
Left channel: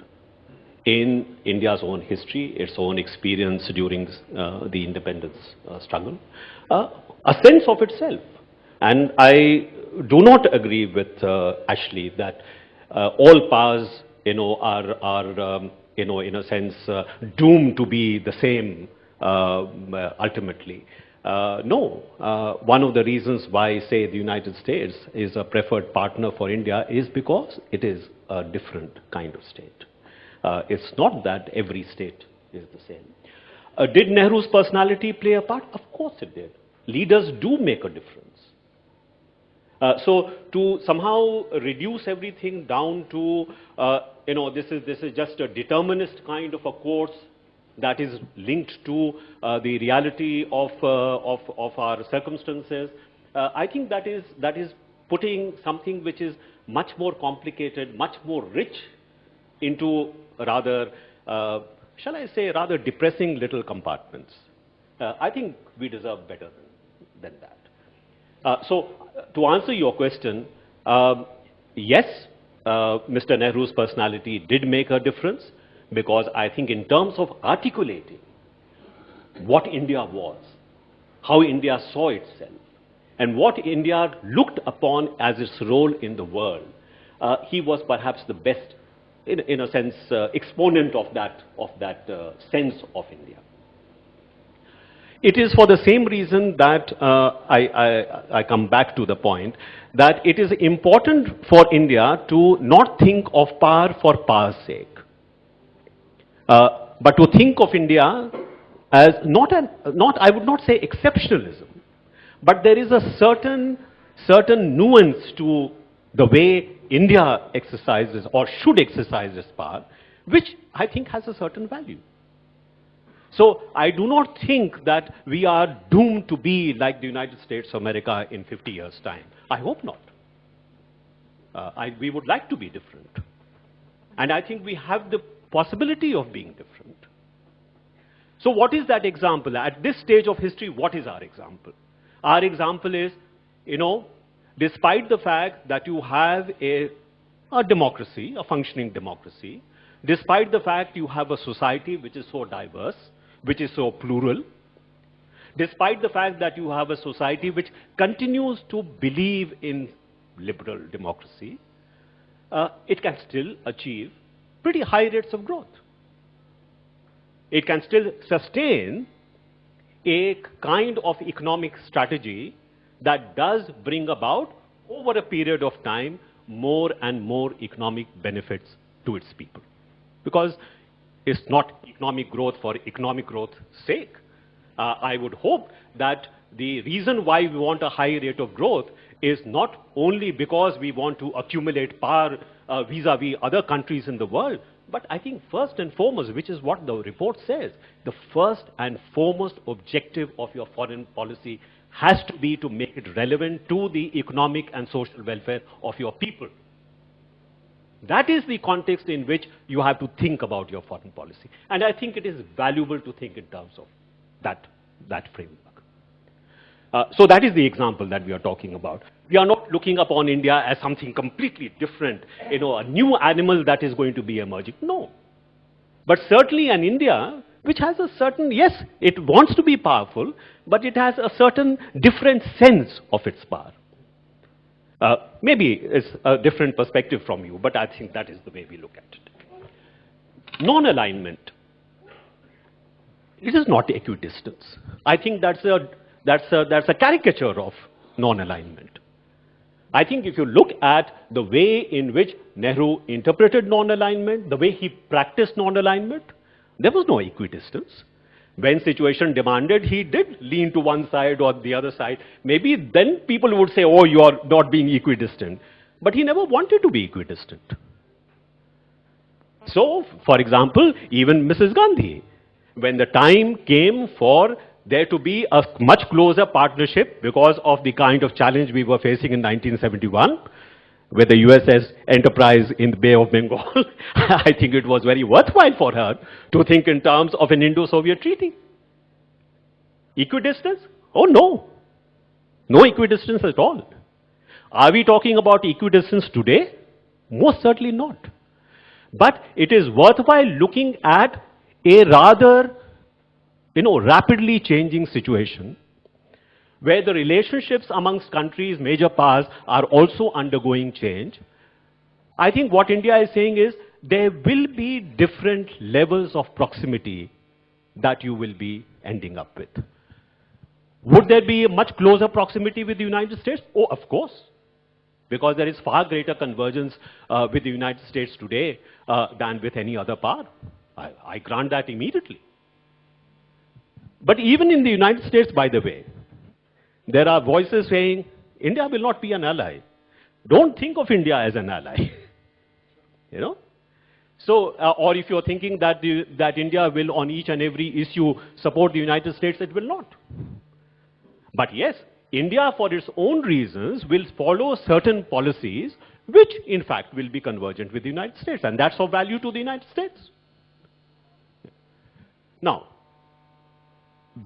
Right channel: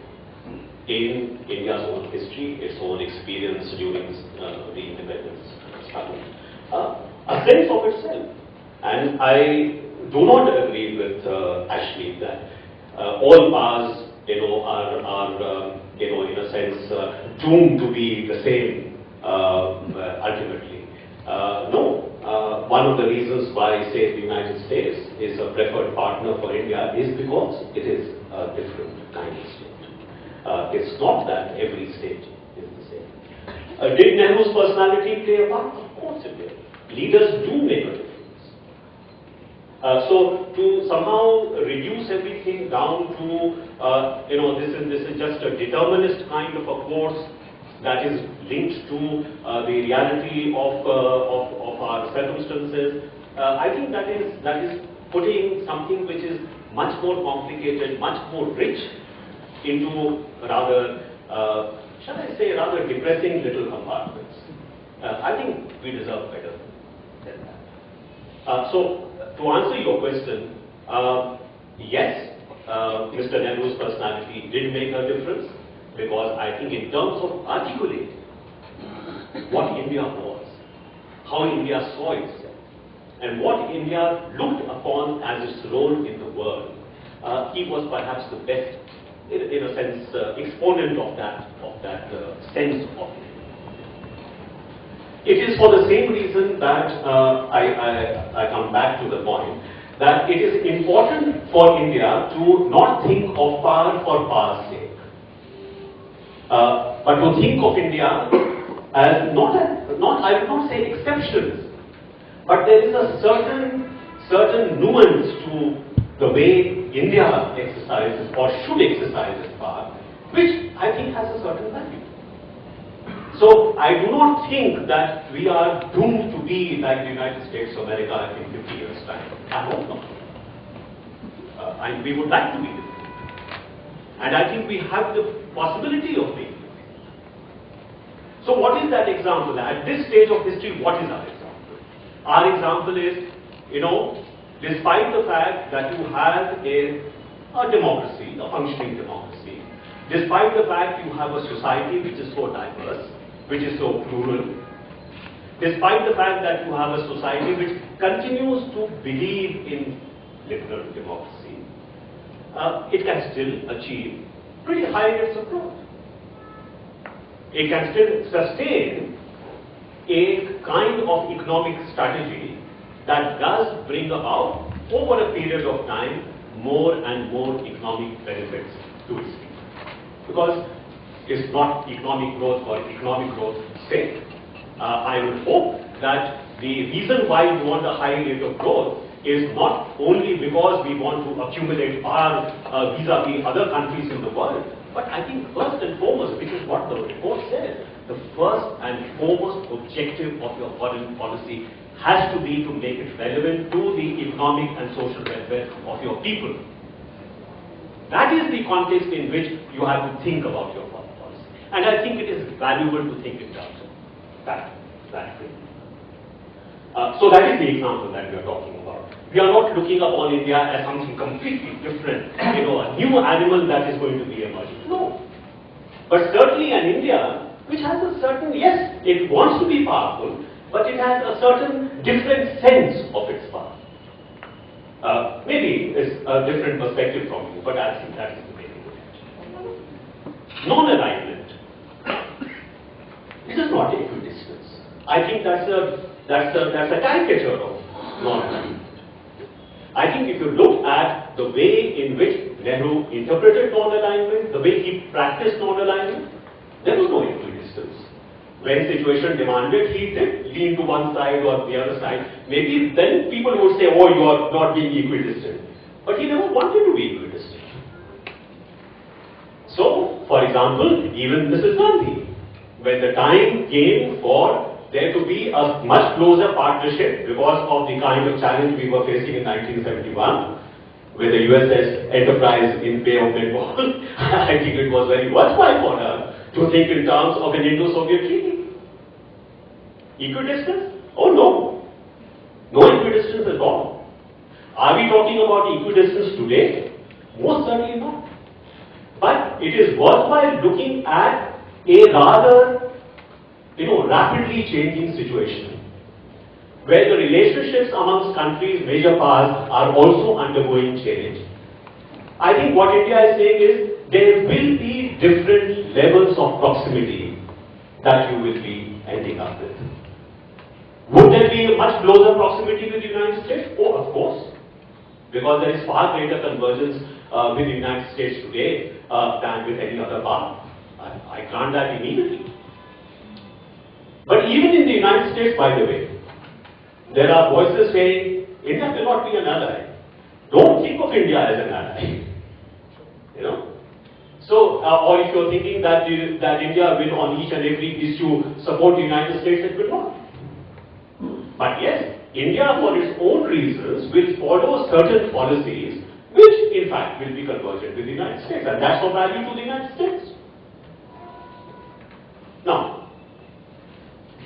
in India's own history, its own experience during the independence struggle, a sense of itself. And I do not agree with Ashley that all powers, are in a sense doomed to be the same ultimately. No, one of the reasons why, say, the United States is a preferred partner for India is because it is a different kind of state. It's not that every state is the same. Did Nehru's personality play a part? Of course it did. Leaders do make a difference. So to somehow reduce everything down to this is just a determinist kind of a force that is linked to the reality of our circumstances, I think that is putting something which is much more complicated, much more rich into rather, shall I say, rather depressing little compartments. I think we deserve better than that. So to answer your question, yes, Mr. Nehru's personality did make a difference, because I think in terms of articulating what India was, how India saw itself, and what India looked upon as its role in the world, he was perhaps the best, in a sense, exponent of that sense of India. It is for the same reason that I come back to the point that it is important for India to not think of power for power's sake, but to think of India as not I would not say exceptionalism, But there is a certain nuance to the way India exercises or should exercise its power, which I think has a certain value. So I do not think that we are doomed to be like the United States of America in 50 years' time. I hope not. We would like to be different. And I think we have the possibility of being different. So what is that example? At this stage of history, what is our example? Our example is, despite the fact that you have a democracy, a functioning democracy, despite the fact you have a society which is so diverse, which is so plural, despite the fact that you have a society which continues to believe in liberal democracy, it can still achieve pretty high rates of growth. It can still sustain a kind of economic strategy that does bring about, over a period of time, more and more economic benefits to its people. Because it's not economic growth for economic growth's sake. I would hope that the reason why we want a high rate of growth is not only because we want to accumulate power vis-a-vis other countries in the world, but I think first and foremost, which is what the report says, the first and foremost objective of your foreign policy has to be to make it relevant to the economic and social welfare of your people. That is the context in which you have to think about your foreign policy. And I think it is valuable to think in terms of that framework. So that is the example that we are talking about. We are not looking upon India as something completely different, a new animal that is going to be emerging. No. But certainly an India which has a certain, yes, it wants to be powerful, but it has a certain different sense of its power. Maybe it's a different perspective from you, but I think that is the way we look at it. Non-alignment. It is not equidistance. I think that's a caricature of non-alignment. I think if you look at the way in which Nehru interpreted non-alignment, the way he practiced non-alignment, there was no equidistance. When situation demanded, he did lean to one side or the other side. Maybe then people would say, oh, you are not being equidistant. But he never wanted to be equidistant. So, for example, even Mrs. Gandhi, when the time came for there to be a much closer partnership because of the kind of challenge we were facing in 1971 with the USS Enterprise in the Bay of Bengal, I think it was very worthwhile for her to think in terms of an Indo-Soviet treaty. Equidistance? Oh no. No equidistance at all. Are we talking about equidistance today? Most certainly not. But it is worthwhile looking at a rather rapidly changing situation where the relationships amongst countries, major powers, are also undergoing change. I think what India is saying is there will be different levels of proximity that you will be ending up with. Would there be a much closer proximity with the United States? Oh, of course. Because there is far greater convergence with the United States today than with any other power. I grant that immediately. But even in the United States, by the way, there are voices saying India will not be an ally. Don't think of India as an ally. So, or if you're thinking that India will on each and every issue support the United States, it will not. But yes, India for its own reasons will follow certain policies which in fact will be convergent with the United States, and that's of value to the United States. Now,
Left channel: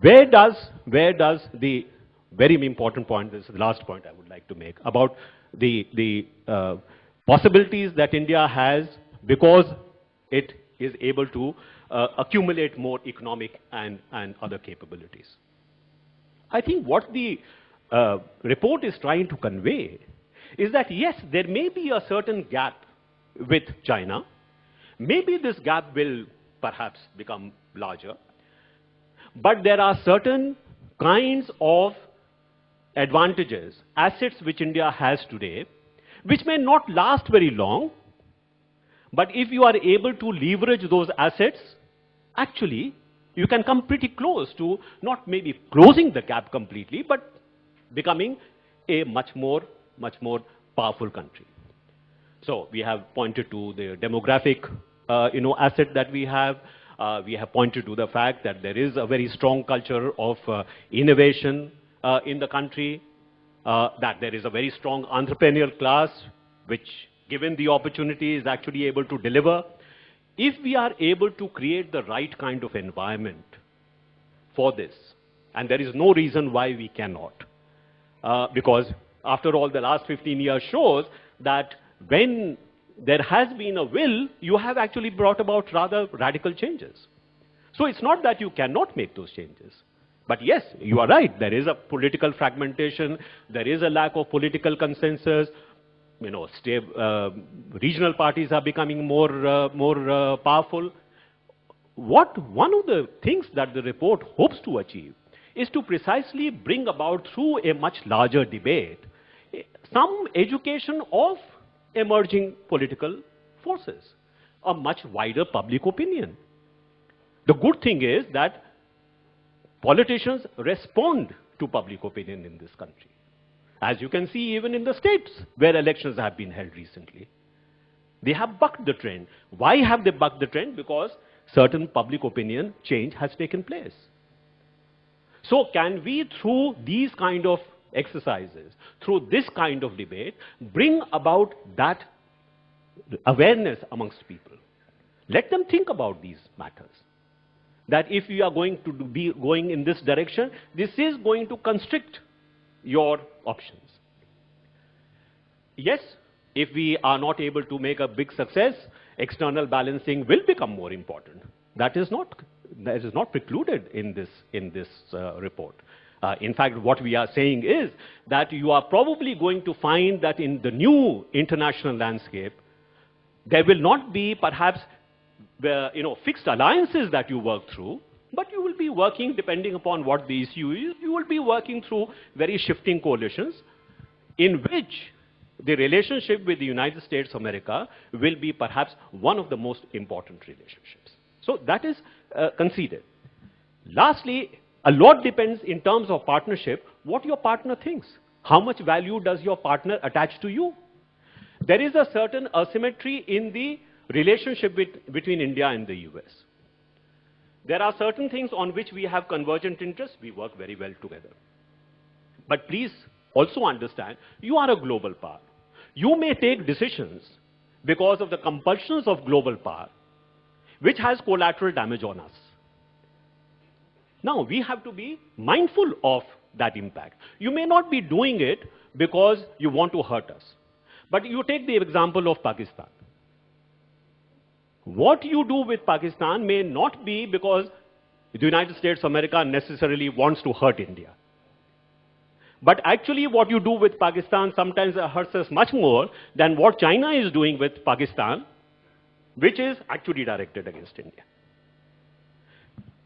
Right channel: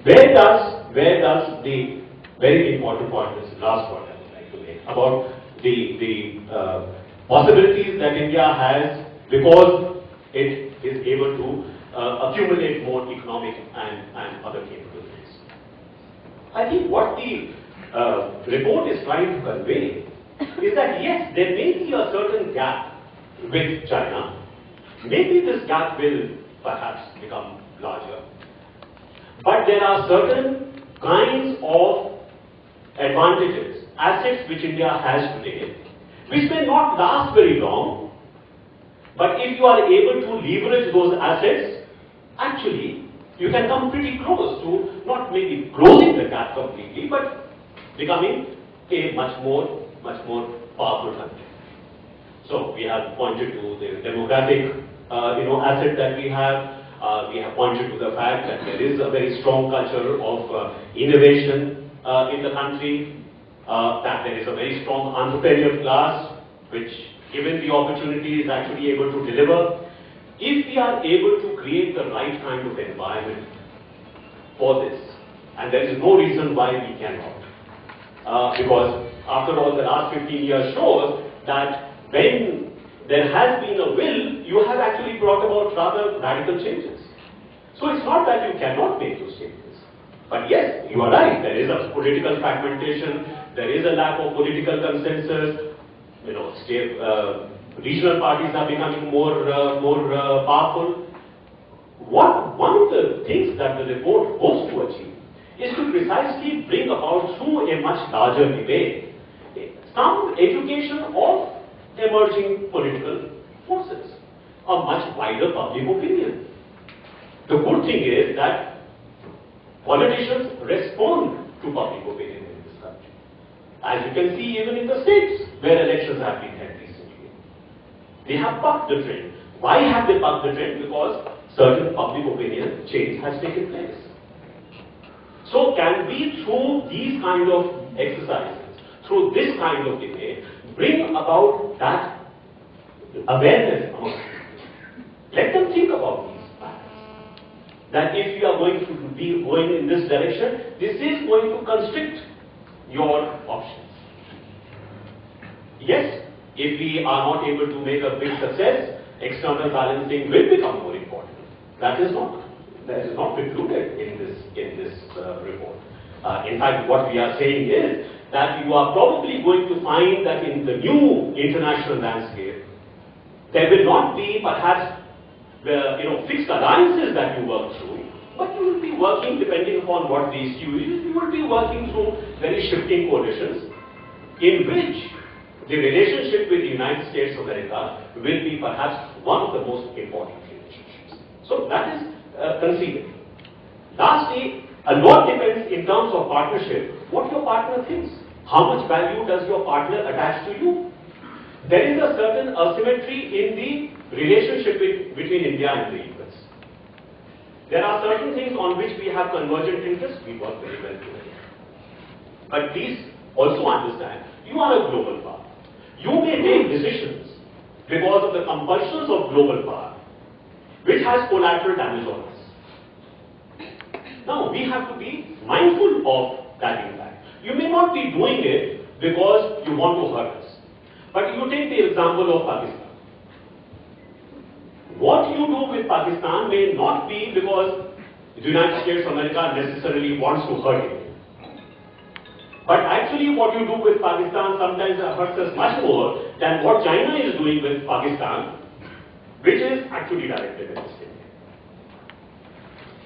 where does the very important point, this last point I would like to make, about the possibilities that India has because it is able to accumulate more economic and other capabilities. I think what the report is trying to convey is that yes, there may be a certain gap with China. Maybe this gap will perhaps become larger. But there are certain kinds of advantages, assets which India has today, which may not last very long, but if you are able to leverage those assets, actually you can come pretty close to not maybe closing the gap completely, but becoming a much more powerful country. So we have pointed to the demographic asset that we have. We have pointed to the fact that there is a very strong culture of innovation in the country, that there is a very strong entrepreneurial class which, given the opportunity, is actually able to deliver. If we are able to create the right kind of environment for this, and there is no reason why we cannot, because after all the last 15 years shows that when there has been a will, you have actually brought about rather radical changes. So it's not that you cannot make those changes. But yes, you are right, there is a political fragmentation, there is a lack of political consensus, regional parties are becoming more powerful. One of the things that the report hopes to achieve is to precisely bring about, through a much larger debate, some education of emerging political forces, a much wider public opinion. The good thing is that politicians respond to public opinion in this country. As you can see even in the states where elections have been held recently. They have bucked the trend. Why have they bucked the trend? Because certain public opinion change has taken place. So can we, through these kind of exercises, through this kind of debate, bring about that awareness amongst people? Let them think about these matters. That if you are going to be going in this direction, this is going to constrict your options. Yes, if we are not able to make a big success, external balancing will become more important. That is not precluded in this report. In fact, what we are saying is that you are probably going to find that in the new international landscape, there will not be perhaps fixed alliances that you work through, but you will be working, depending upon what the issue is, you will be working through very shifting coalitions in which the relationship with the United States of America will be perhaps one of the most important relationships. So that is conceivable. Lastly, a lot depends in terms of partnership, what your partner thinks. How much value does your partner attach to you? There is a certain asymmetry in the relationship between India and the US. There are certain things on which we have convergent interests, we work very well together. But please also understand, you are a global power. You may take decisions because of the compulsions of global power, which has collateral damage on us. Now, we have to be mindful of that impact. You may not be doing it because you want to hurt us. But you take the example of Pakistan. What you do with Pakistan may not be because the United States of America necessarily wants to hurt India. But actually what you do with Pakistan sometimes hurts us much more than what China is doing with Pakistan, which is actually directed against India.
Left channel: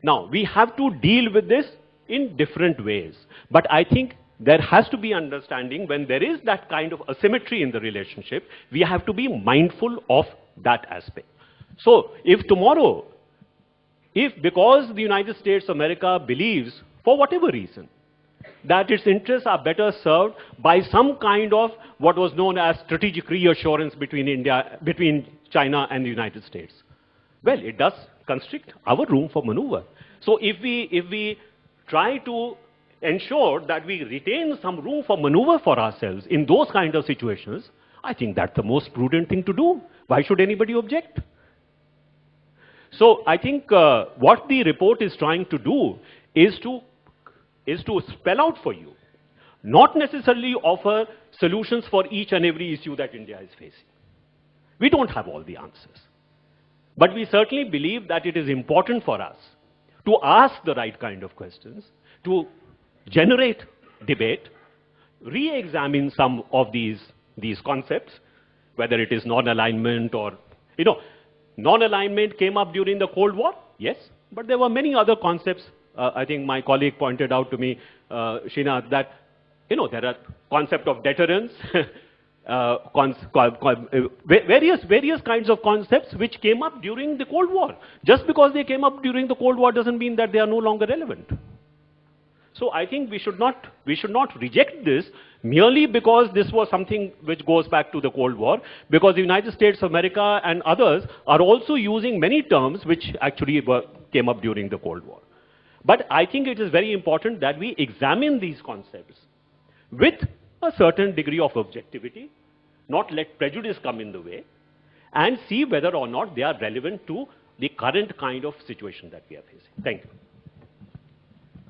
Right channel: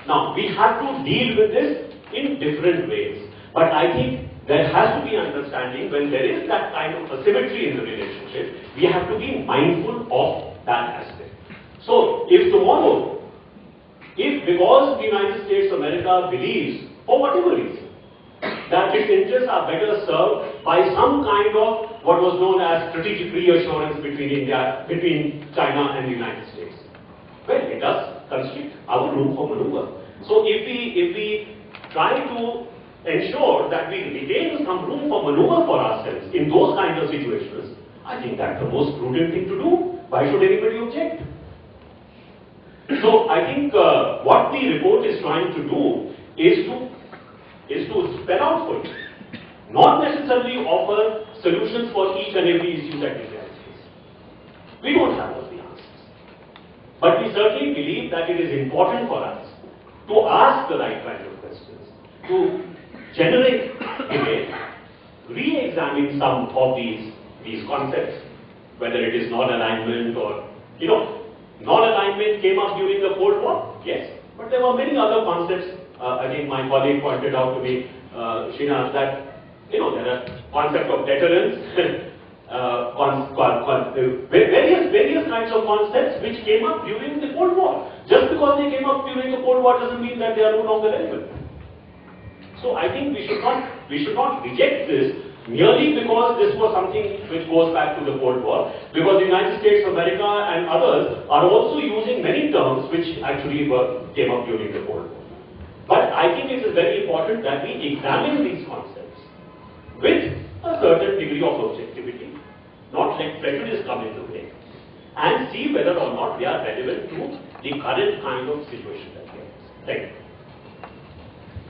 Now, we have to deal with this in different ways. But I think there has to be understanding when there is that kind of asymmetry in the relationship, we have to be mindful of that aspect. So, if tomorrow, because the United States of America believes, for whatever reason, that its interests are better served by some kind of what was known as strategic reassurance between China and the United States, well, it does constrict our room for maneuver. So if we try to ensure that we retain some room for maneuver for ourselves in those kind of situations, I think that's the most prudent thing to do. Why should anybody object? So I think what the report is trying to do is to spell out for you, not necessarily offer solutions for each and every issue that India is facing. We don't have all the answers. But we certainly believe that it is important for us to ask the right kind of questions, to generate debate, re-examine some of these concepts, whether it is non-alignment or, non-alignment came up during the Cold War, yes, but there were many other concepts. I think my colleague pointed out to me, Srinath, that there are concept of deterrence, various kinds of concepts which came up during the Cold War. Just because they came up during the Cold War doesn't mean that they are no longer relevant. So I think we should not reject this merely because this was something which goes back to the Cold War, because the United States of America and others are also using many terms which actually came up during the Cold War. But I think it is very important that we examine these concepts with a certain degree of objectivity, not let prejudice come in the way, and see whether or not they are relevant to the current kind of situation that we are in. Thank you.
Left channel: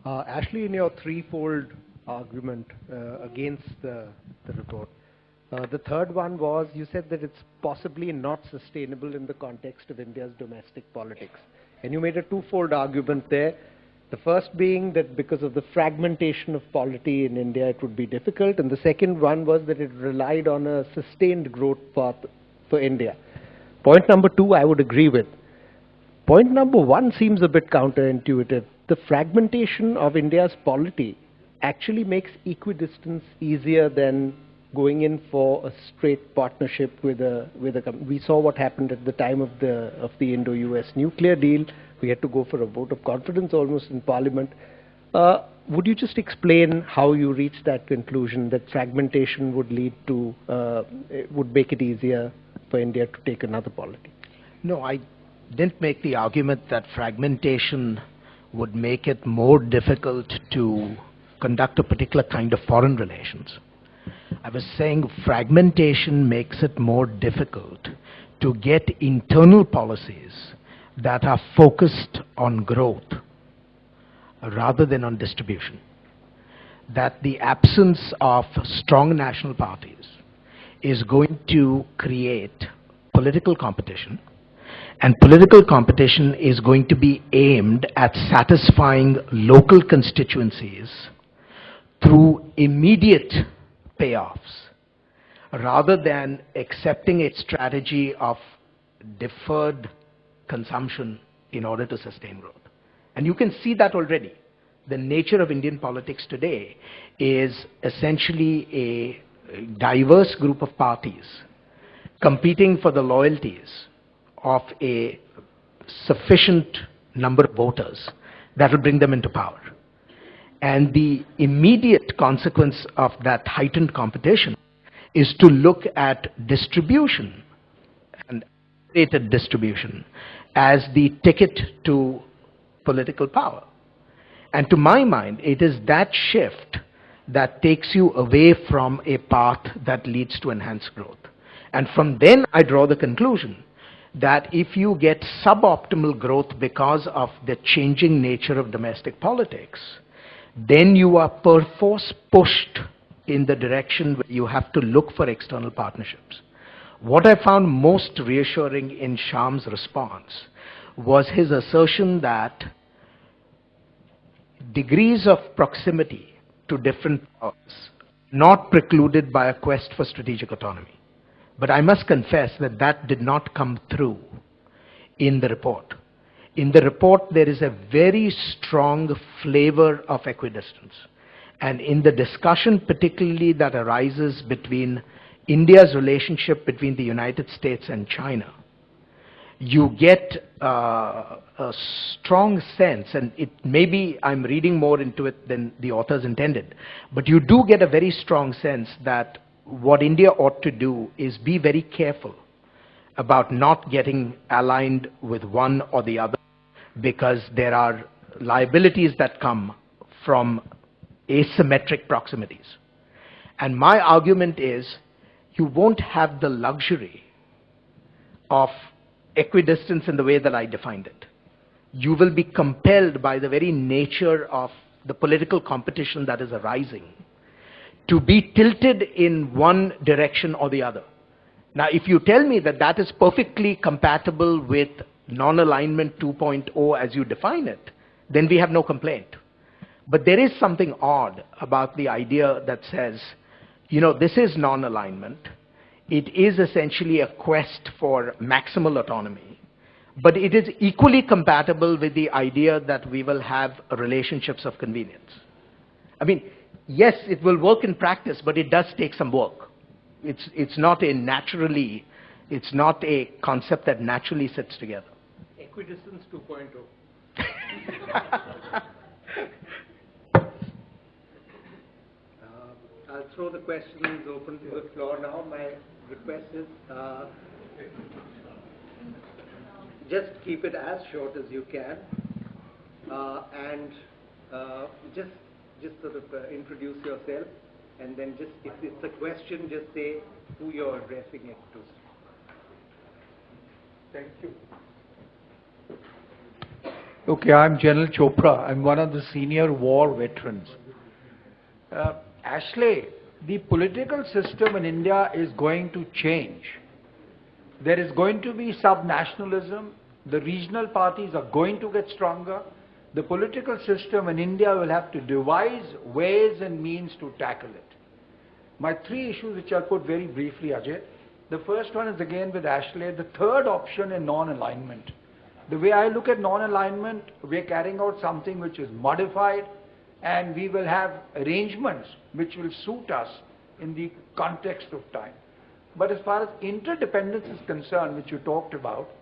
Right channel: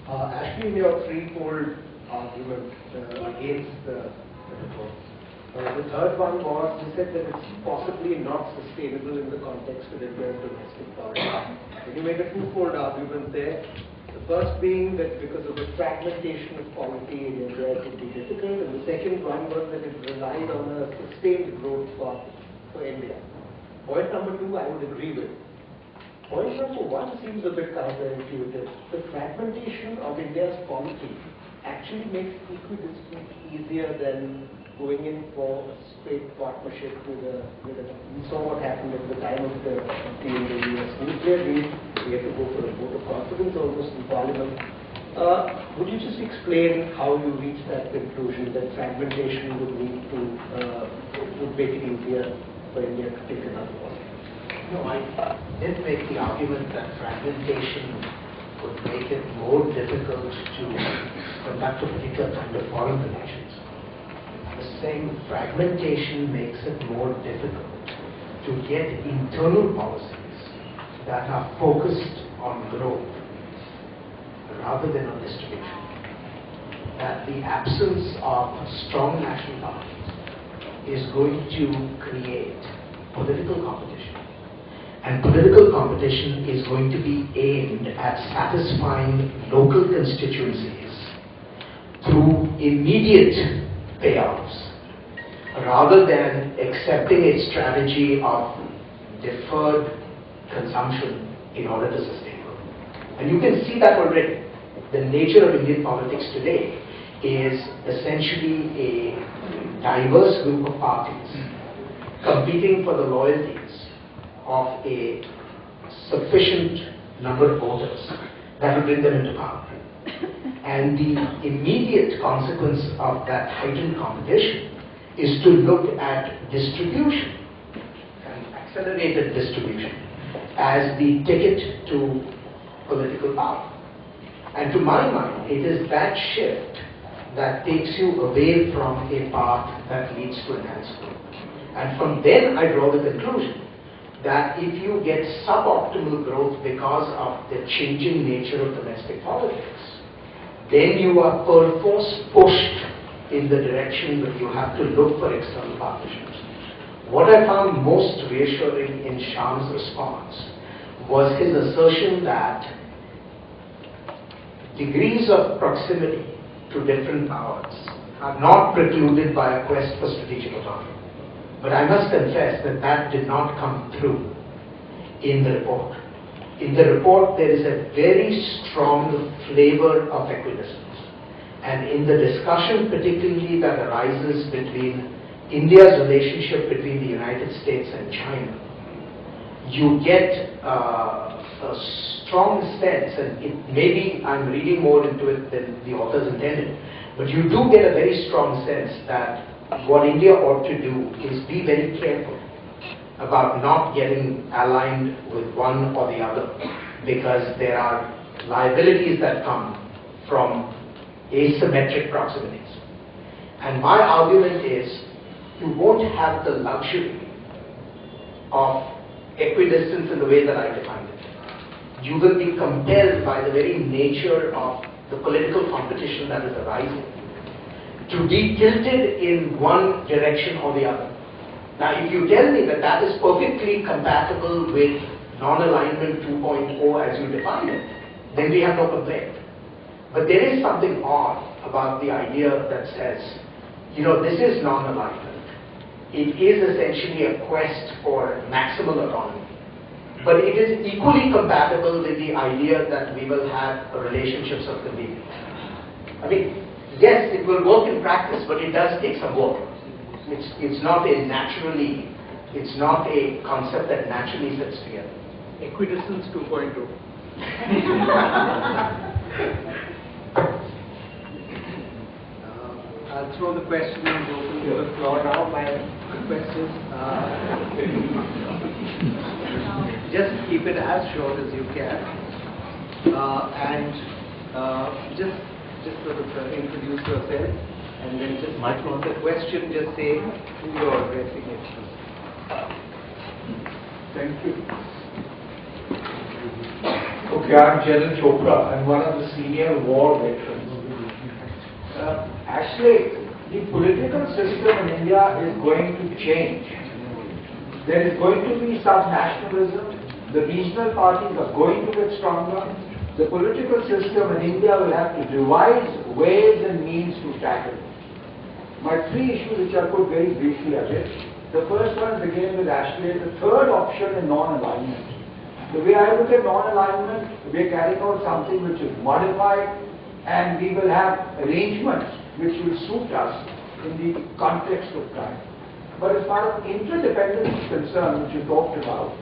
Actually, in your threefold argument against the report, the third one was, you said that it's possibly not sustainable in the context of India's domestic politics. And you made a twofold argument there. The first being that because of the fragmentation of polity in India, it would be difficult. And the second one was that it relied on a sustained growth path for India. Point number two, I would agree with. Point number one seems a bit counterintuitive. The fragmentation of India's polity actually makes equidistance easier than going in for a straight partnership with a company. We saw what happened at the time of the Indo-US nuclear deal. We had to go for a vote of confidence almost in Parliament. Would you just explain how you reached that conclusion that fragmentation would lead to, would make it easier for India to take another policy? No, I didn't make the argument that fragmentation would make it more difficult to conduct a particular kind of foreign relations. I was saying fragmentation makes it more difficult to get internal policies that are focused on growth rather than on distribution. That the absence of strong national parties is going to create political competition, and political competition is going to be aimed at satisfying local constituencies through immediate payouts rather than accepting a strategy of deferred consumption in order to sustain growth. And you can see that already. The nature of Indian politics today is essentially a diverse group of parties competing for the loyalties of a sufficient number of voters that will bring them into power. And the immediate consequence of that heightened competition is to look at distribution, and accelerated distribution, as the ticket to political power. And to my mind, it is that shift that takes you away from a path that leads to enhanced growth. And from then I draw the conclusion that if you get suboptimal growth because of the changing nature of domestic politics, then you are perforce pushed in the direction that you have to look for external partnerships. What I found most reassuring in Shyam's response was his assertion that degrees of proximity to different powers are not precluded by a quest for strategic autonomy. But I must confess that that did not come through in the report. In the report, there is a very strong flavor of equidistance. And in the discussion particularly that arises between India's relationship between the United States and China, you get a strong sense, and it maybe I'm reading more into it than the authors intended, but you do get a very strong sense that what India ought to do is be very careful about not getting aligned with one or the other, because there are liabilities that come from asymmetric proximities. And my argument is you won't have the luxury of equidistance in the way that I defined it. You will be compelled by the very nature of the political competition that is arising to be tilted in one direction or the other. Now, if you tell me that that is perfectly compatible with non-alignment 2.0 as you define it, then we have no complaint. But there is something odd about the idea that says, you know, this is non-alignment. It is essentially a quest for maximal autonomy. But it is equally compatible with the idea that we will have relationships of convenience. I mean, yes, it will work in practice, but it does take some work. It's not a concept that naturally sits together. Equidistance 2.0. I'll throw the questions open to the floor now. My request is just keep it as short as you can, and just sort of introduce yourself, and then just the question, just say who you're addressing it to. Thank you. Okay, I'm General Chopra. I'm one of the senior war veterans. Actually, the political system in India is going to change. There is going to be sub-nationalism. The regional parties are going to get stronger. The political system in India will have to devise ways and means to tackle it. My three issues, which I put very briefly, are this. The first one is again with Ashley, the third option in non-alignment. The way I look at non-alignment, we are carrying out something which is modified, and we will have arrangements which will suit us in the context of time. But as far as interdependence is concerned, which you talked about,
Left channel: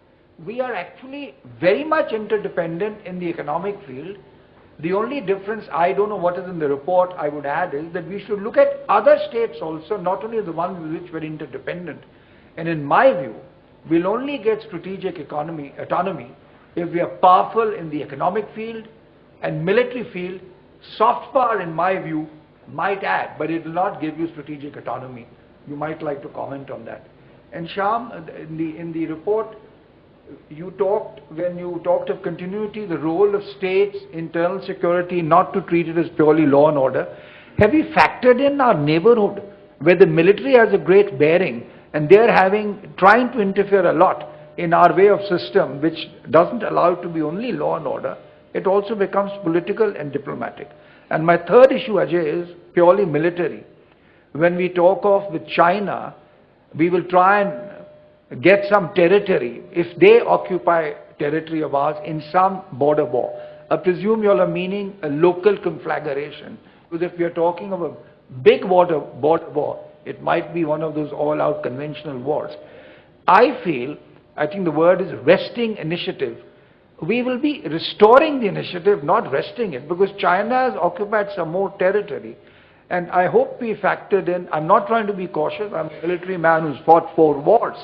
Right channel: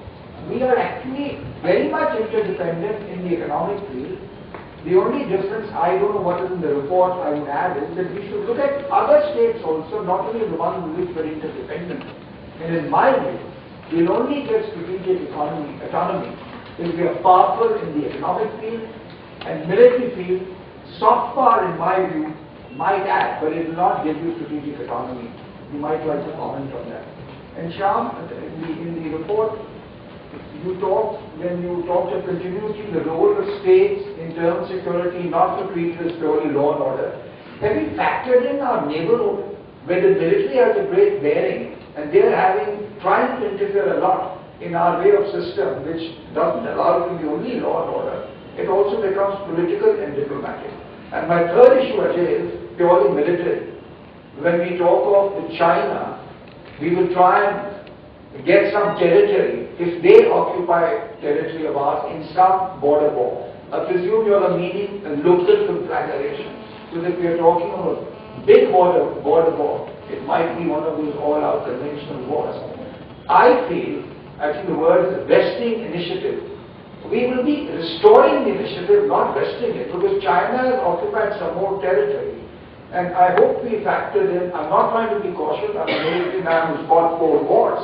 we are actually very much interdependent in the economic field. The only difference, I don't know what is in the report, I would add, is that we should look at other states also, not only the ones with which we're interdependent. And in my view, we'll only get strategic autonomy if we are powerful in the economic field and military field. Soft power, in my view, might add, but it will not give you strategic autonomy. You might like to comment on that. And Shyam, in the report, when you talked of continuity, the role of states, internal security, not to treat it as purely law and order. Have you factored in our neighborhood, where the military has a great bearing, and they're trying to interfere a lot in our way of system, which doesn't allow it to be only law and order. It also becomes political and diplomatic. And my third issue, Ajay, is purely military. When we talk of with China, we will try and get some territory if they occupy territory of ours in some border war. I presume you are meaning a local conflagration. So that we are talking of a big border war. It might be one of those all-out conventional wars. I think the word is resting initiative. We will be restoring the initiative, not resting it, because China has occupied some more territory. And I hope we factored in, I'm not trying to be cautious, I'm a military man who's fought 4 wars.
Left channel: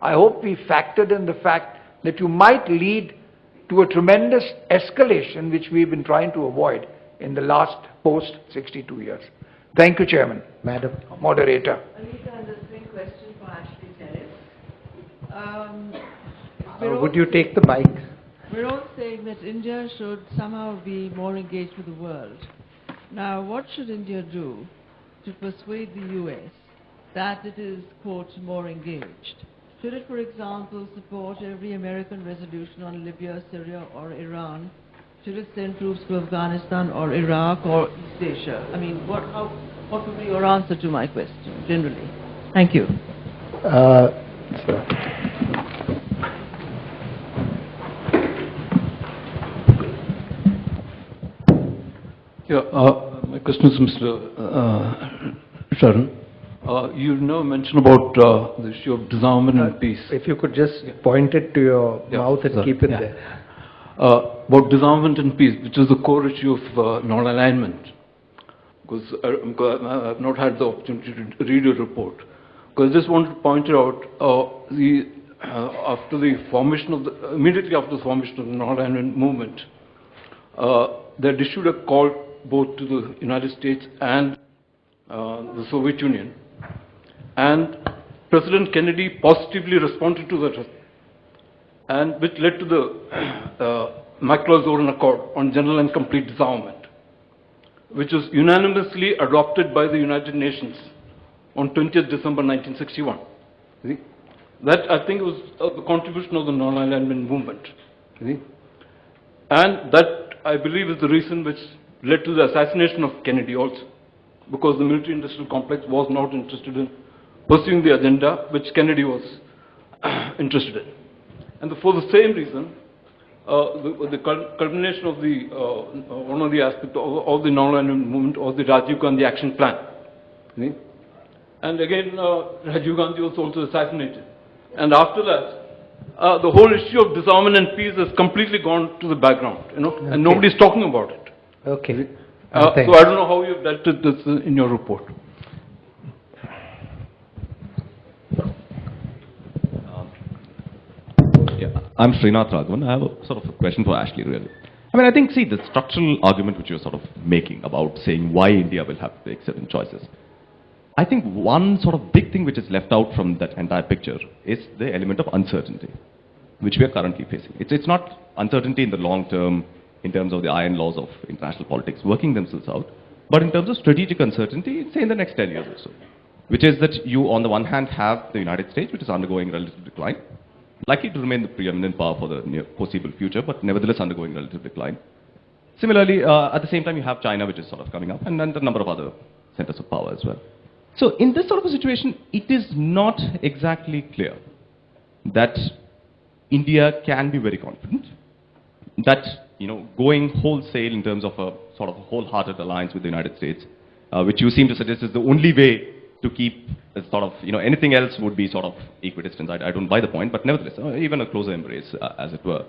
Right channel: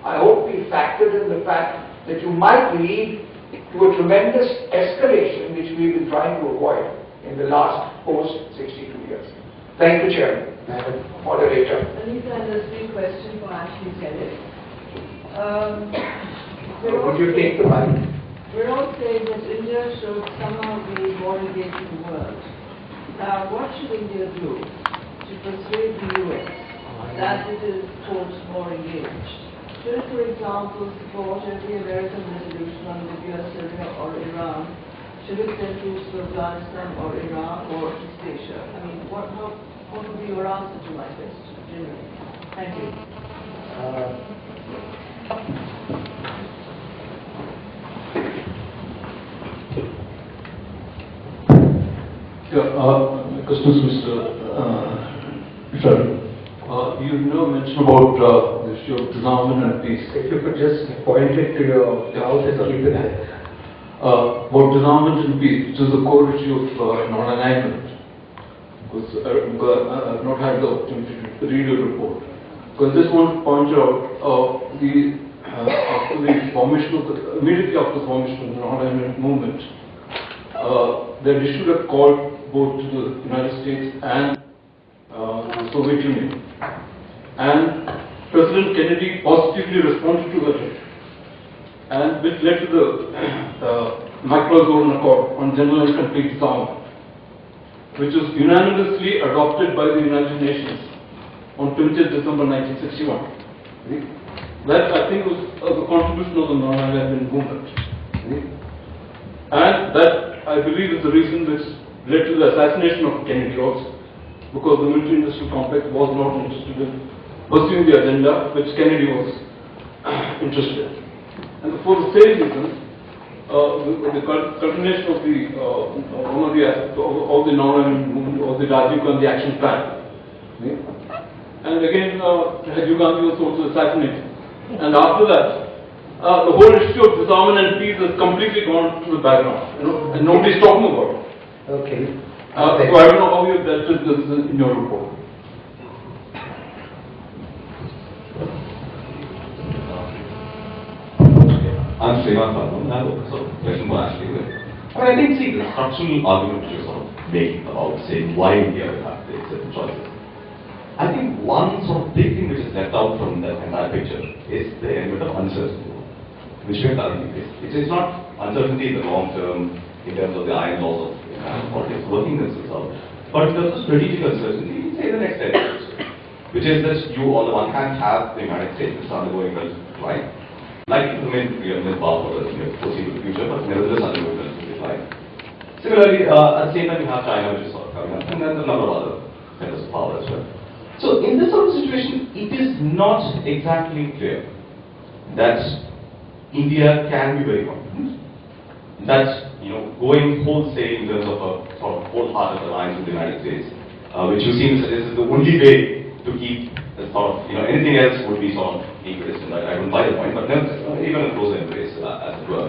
I hope we factored in the fact that you might lead to a tremendous escalation which we've been trying to avoid in the last post-62 years. Thank you, Chairman. Madam Moderator. Anita, there's a question for Ashley Terry. would you take the mic? Birol said that India should somehow be more engaged with the world. Now, what should India do to persuade the US that it is, quote, more engaged? Should it, for example, support every American resolution on Libya, Syria, or Iran? Should it send troops to Afghanistan or Iraq or East Asia? I mean, what would be your answer to my question, generally? Thank you. My question is Mr. Sharon. You now mentioned about the issue of disarmament and peace. If you could just point it to your mouth and keep it there. About disarmament and peace, which is the core issue of non-alignment. Because I've not had the opportunity to read your report. Because I just want to point out immediately after the formation of the non-alignment movement, they had issued a call both to the United States and the Soviet Union. And President Kennedy positively responded to that, and which led to the Macro-Zoran Accord on General and Complete Disarmament, which was unanimously adopted by the United Nations on 20th December 1961. That, I think, was the contribution of the non-alignment movement. And that, I believe, is the reason which led to the assassination of Kennedy also, because the military-industrial complex was not interested in pursuing the agenda which Kennedy was interested in. And for the same reason, the culmination of one of the aspects of the non-alignment movement or the Rajiv Gandhi Action Plan. And again, Rajiv Gandhi was also assassinated. And after that, the whole issue of disarmament and peace has completely gone to the background, and nobody's talking about it. Okay. So I don't know how you have dealt with this in your report. I'm Srinath. I have a sort of question for Ashley here. I mean, I think, see, the structural argument which you're sort of making about saying why India will have to make certain choices. I think one sort of big thing which is left out from that entire picture is the element of uncertainty, which we are currently facing. It's not uncertainty in the long term, in terms of the iron laws of international politics working themselves out, but in terms of strategic uncertainty, say in the next 10 years, which is that you, on the one hand, have the United States, which is undergoing relative decline, likely to remain preeminent power for the near foreseeable future, but nevertheless undergoing relative decline. Similarly, at the same time, you have China, which is sort of coming up, and then a number of other centers of power as well. So, in this sort of situation, it is not exactly clear that India can be very confident that, going wholesale in terms of a sort of wholehearted alliance with the United States, which you seem to suggest is the only way to keep a sort of, anything else would be sort of equidistant. I don't buy the point, but nevertheless, even a closer embrace, as it were,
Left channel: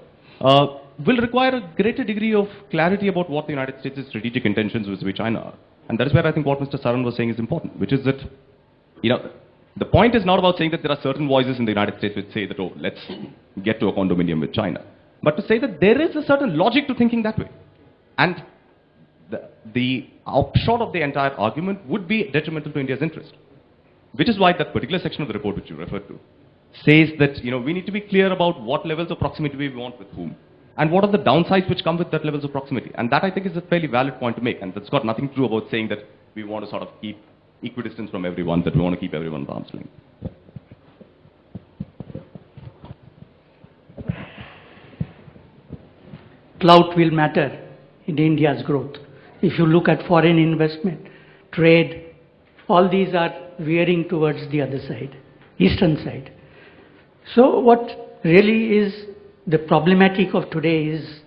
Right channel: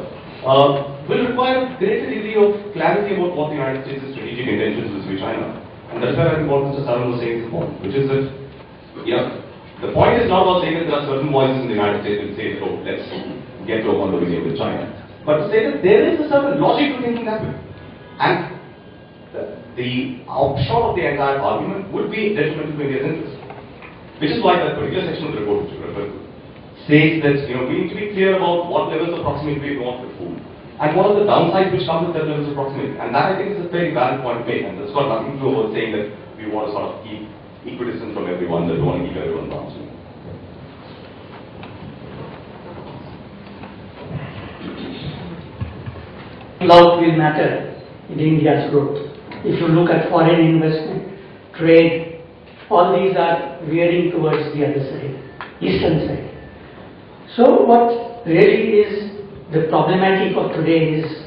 will require a greater degree of clarity about what the United States' strategic intentions with China. And that's where I think what Mr. Saran was saying is important, which is that, the point is not about saying that there are certain voices in the United States that say that, oh, let's get to a condominium with China. But to say that there is a certain logic to thinking that way. And the upshot of the entire argument would be detrimental to India's interest. Which is why that particular section of the report which you referred to says that we need to be clear about what levels of proximity we want with whom, and what are the downsides which come with that levels of proximity. And that I think is a fairly valid point to make, and that's got nothing to do about saying that we want to sort of keep equidistance from everyone, that we want to keep everyone balanced. Clout will matter in India's growth. If you look at foreign investment, trade, all these are veering towards the other side, eastern side. So what really is the problematic of today is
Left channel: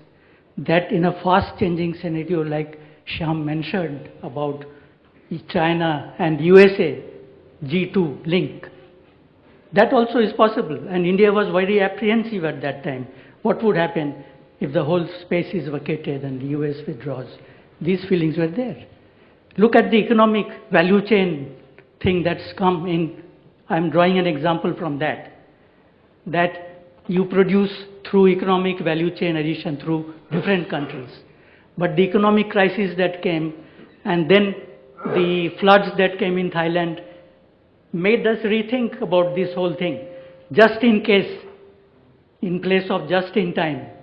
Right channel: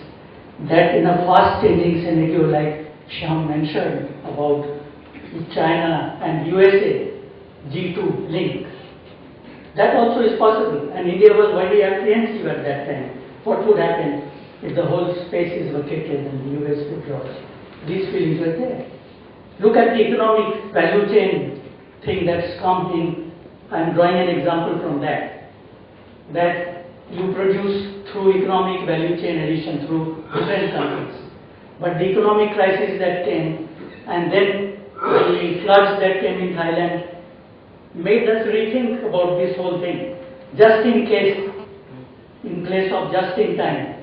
that in a fast changing scenario like Shyam mentioned about China and USA G2 link, that also is possible, and India was very apprehensive at that time. What would happen if the whole space is vacated and the US withdraws? These feelings were there. Look at the economic value chain thing that's come in. I'm drawing an example from that you produce through economic value chain addition through different countries. But the economic crisis that came, and then the floods that came in Thailand, made us rethink about this whole thing. Just in case, in place of just in time.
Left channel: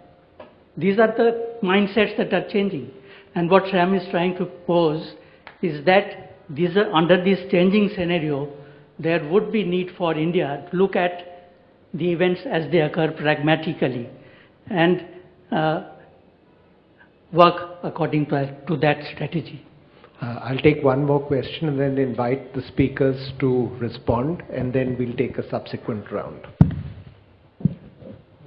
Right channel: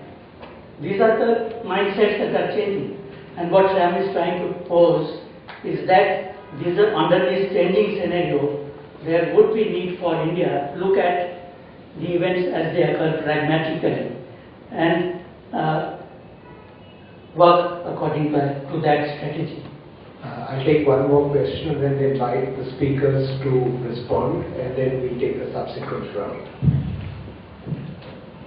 These are the mindsets that are changing. And what Shyam is trying to pose is that these are, under this changing scenario, there would be need for India to look at the events as they occur pragmatically and work according to that strategy. I'll take one more question and then invite the speakers to respond, and then we'll take a subsequent round.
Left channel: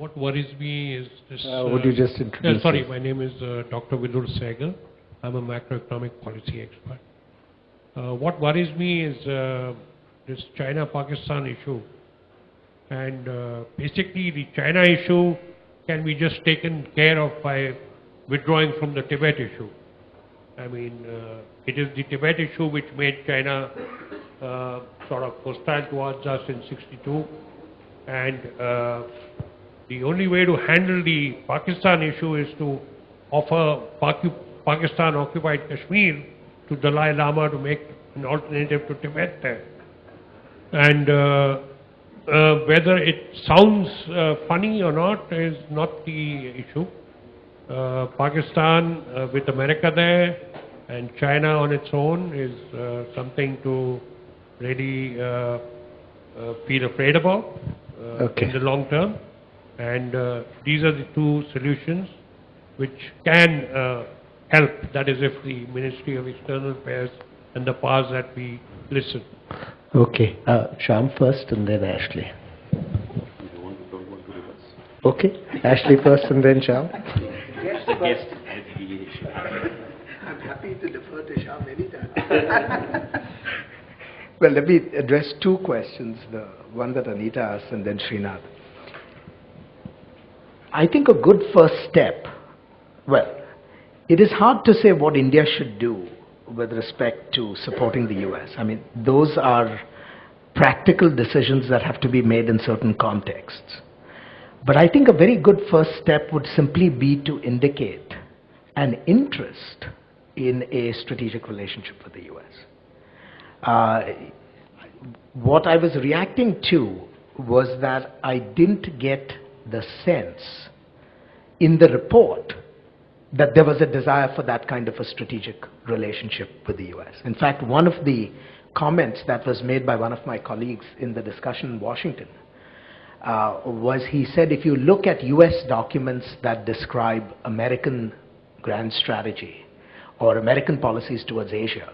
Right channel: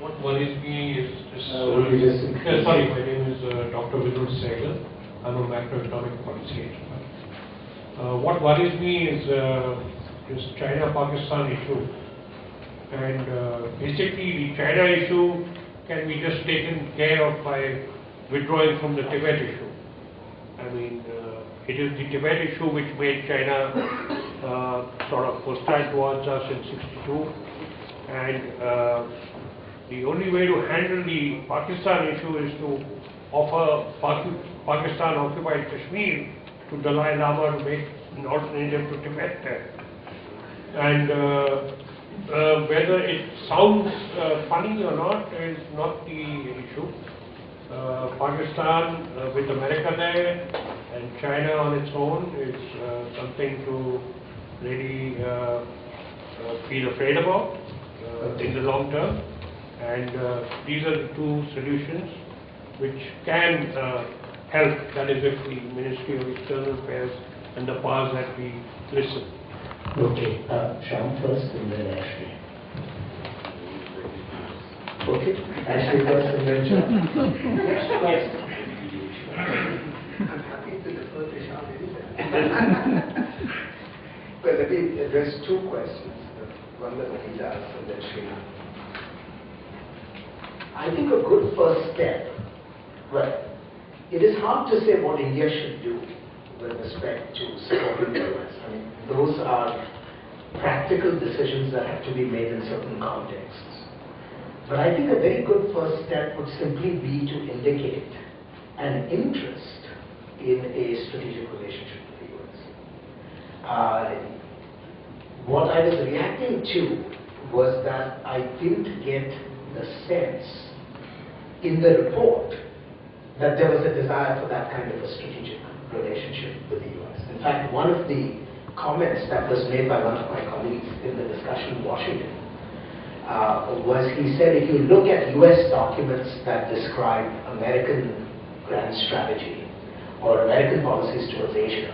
What worries me is this. Would you just sorry, my name is Dr. Vidul Sehgal. I'm a macroeconomic policy expert. What worries me is this China-Pakistan issue. And basically, the China issue can be just taken care of by withdrawing from the Tibet issue. I mean, it is the Tibet issue which made China sort of hostile towards us in '62. And the only way to handle the Pakistan issue is to offer Pakistan-occupied Kashmir to Dalai Lama to make an alternative to Tibet there. And whether it sounds funny or not is not the issue. Pakistan with America there and China on its own is something to really feel afraid about in the long term. And these are the two solutions which can help. That is, if the Ministry of External Affairs and the powers that we listen. Okay, Shyam first and then Ashley. Okay, Ashley first and then Shyam. Yes. I'm happy to defer to Shyam anytime. Well, let me address two questions, the one that Anita asked and then Srinath. I think a good first step, well, it is hard to say what India should do with respect to supporting the US. I mean, those are practical decisions that have to be made in certain contexts. But I think a very good first step would simply be to indicate an interest in a strategic relationship with the US. What I was reacting to was that I didn't get the sense in the report that there was a desire for that kind of a strategic relationship with the US. In fact, one of the comments that was made by one of my colleagues in the discussion in Washington was he said, if you look at US documents that describe American grand strategy or American policies towards Asia,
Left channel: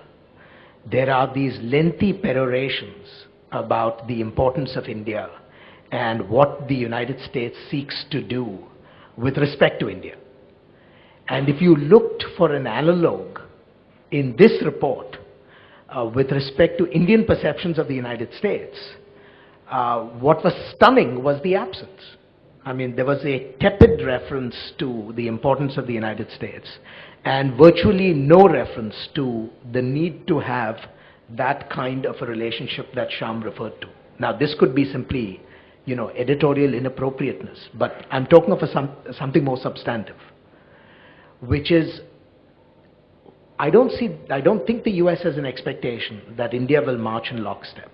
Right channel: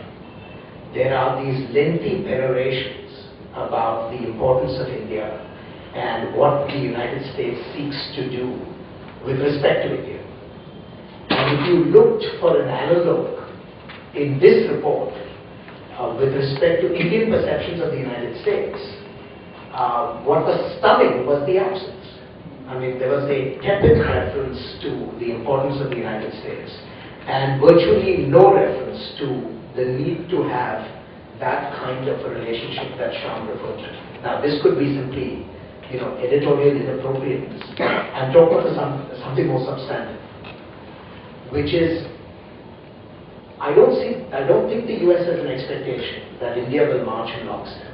there are these lengthy perorations about the importance of India and what the United States seeks to do with respect to India. And if you looked for an analog in this report with respect to Indian perceptions of the United States, what was stunning was the absence. I mean, there was a tepid reference to the importance of the United States and virtually no reference to the need to have that kind of a relationship that Shyam referred to. Now, this could be simply, editorial inappropriateness, but I'm talking of something more substantive, which is, I don't think the US has an expectation that India will march in lockstep.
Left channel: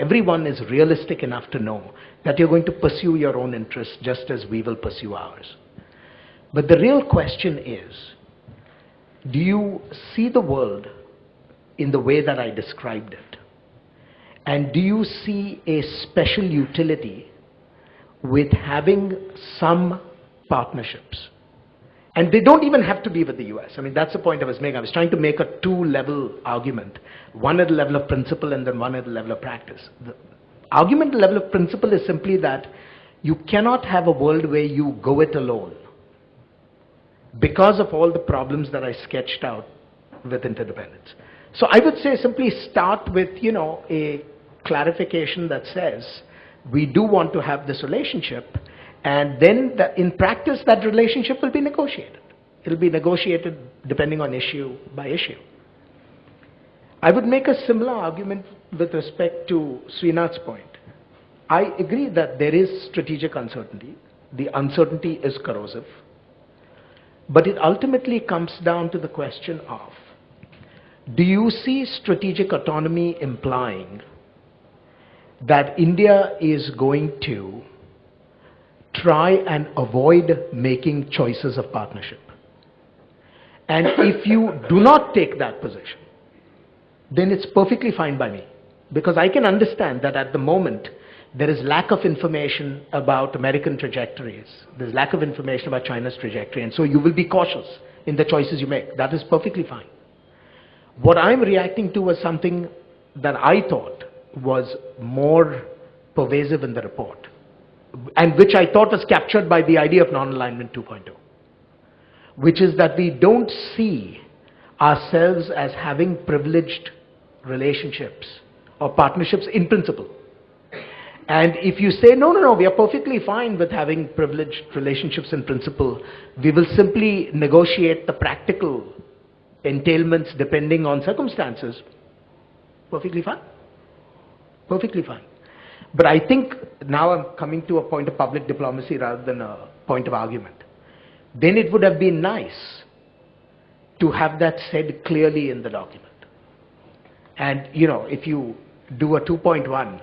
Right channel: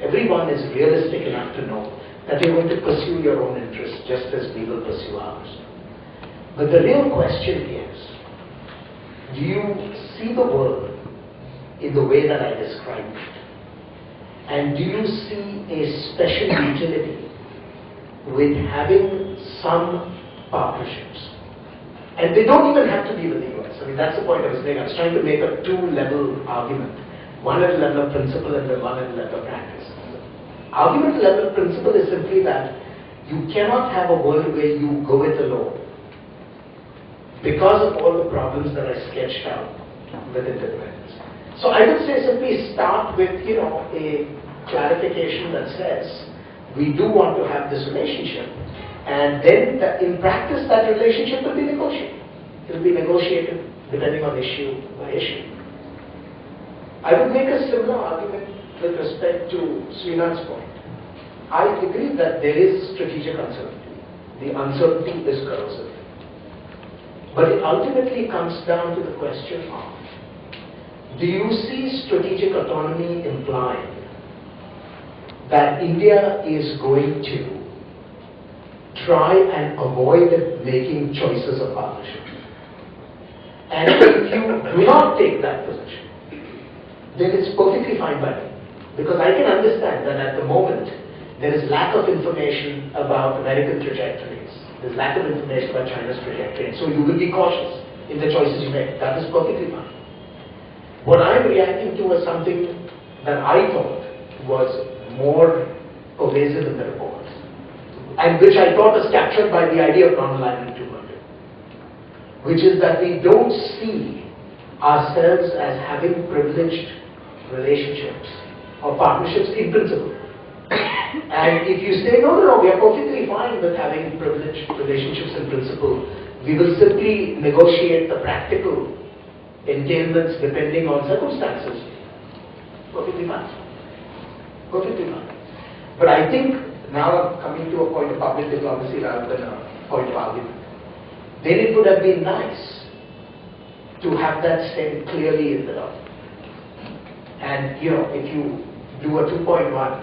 Everyone is realistic enough to know that you're going to pursue your own interests just as we will pursue ours. But the real question is, do you see the world in the way that I described it? And do you see a special utility with having some partnerships? And they don't even have to be with the US. I mean, that's the point I was making. I was trying to make a two-level argument. One at the level of principle and then one at the level of practice. Argument at the level of principle is simply that you cannot have a world where you go it alone because of all the problems that I sketched out with interdependence. So I would say simply start with, a clarification that says we do want to have this relationship, and then in practice that relationship will be negotiated. It will be negotiated depending on issue by issue. I would make a similar argument with respect to Srinath's point. I agree that there is strategic uncertainty. The uncertainty is corrosive. But it ultimately comes down to the question of, do you see strategic autonomy implying that India is going to try and avoid making choices of partnership? And if you do not take that position, then it's perfectly fine by me. Because I can understand that at the moment, there is lack of information about American trajectories. There's lack of information about China's trajectory. And so you will be cautious in the choices you make. That is perfectly fine. What I'm reacting to was something that I thought was more pervasive in the report, and which I thought was captured by the idea of Nonalignment 2.0, which is that we don't see ourselves as having privileged relationships or partnerships in principle. And if you say, no, we are perfectly fine with having privileged relationships in principle, we will simply negotiate the practical entailments depending on circumstances, perfectly fine. Perfectly fine. But I think now I'm coming to a point of public diplomacy rather than a point of argument. Then it would have been nice to have that said clearly in the document. And if you do a 2.1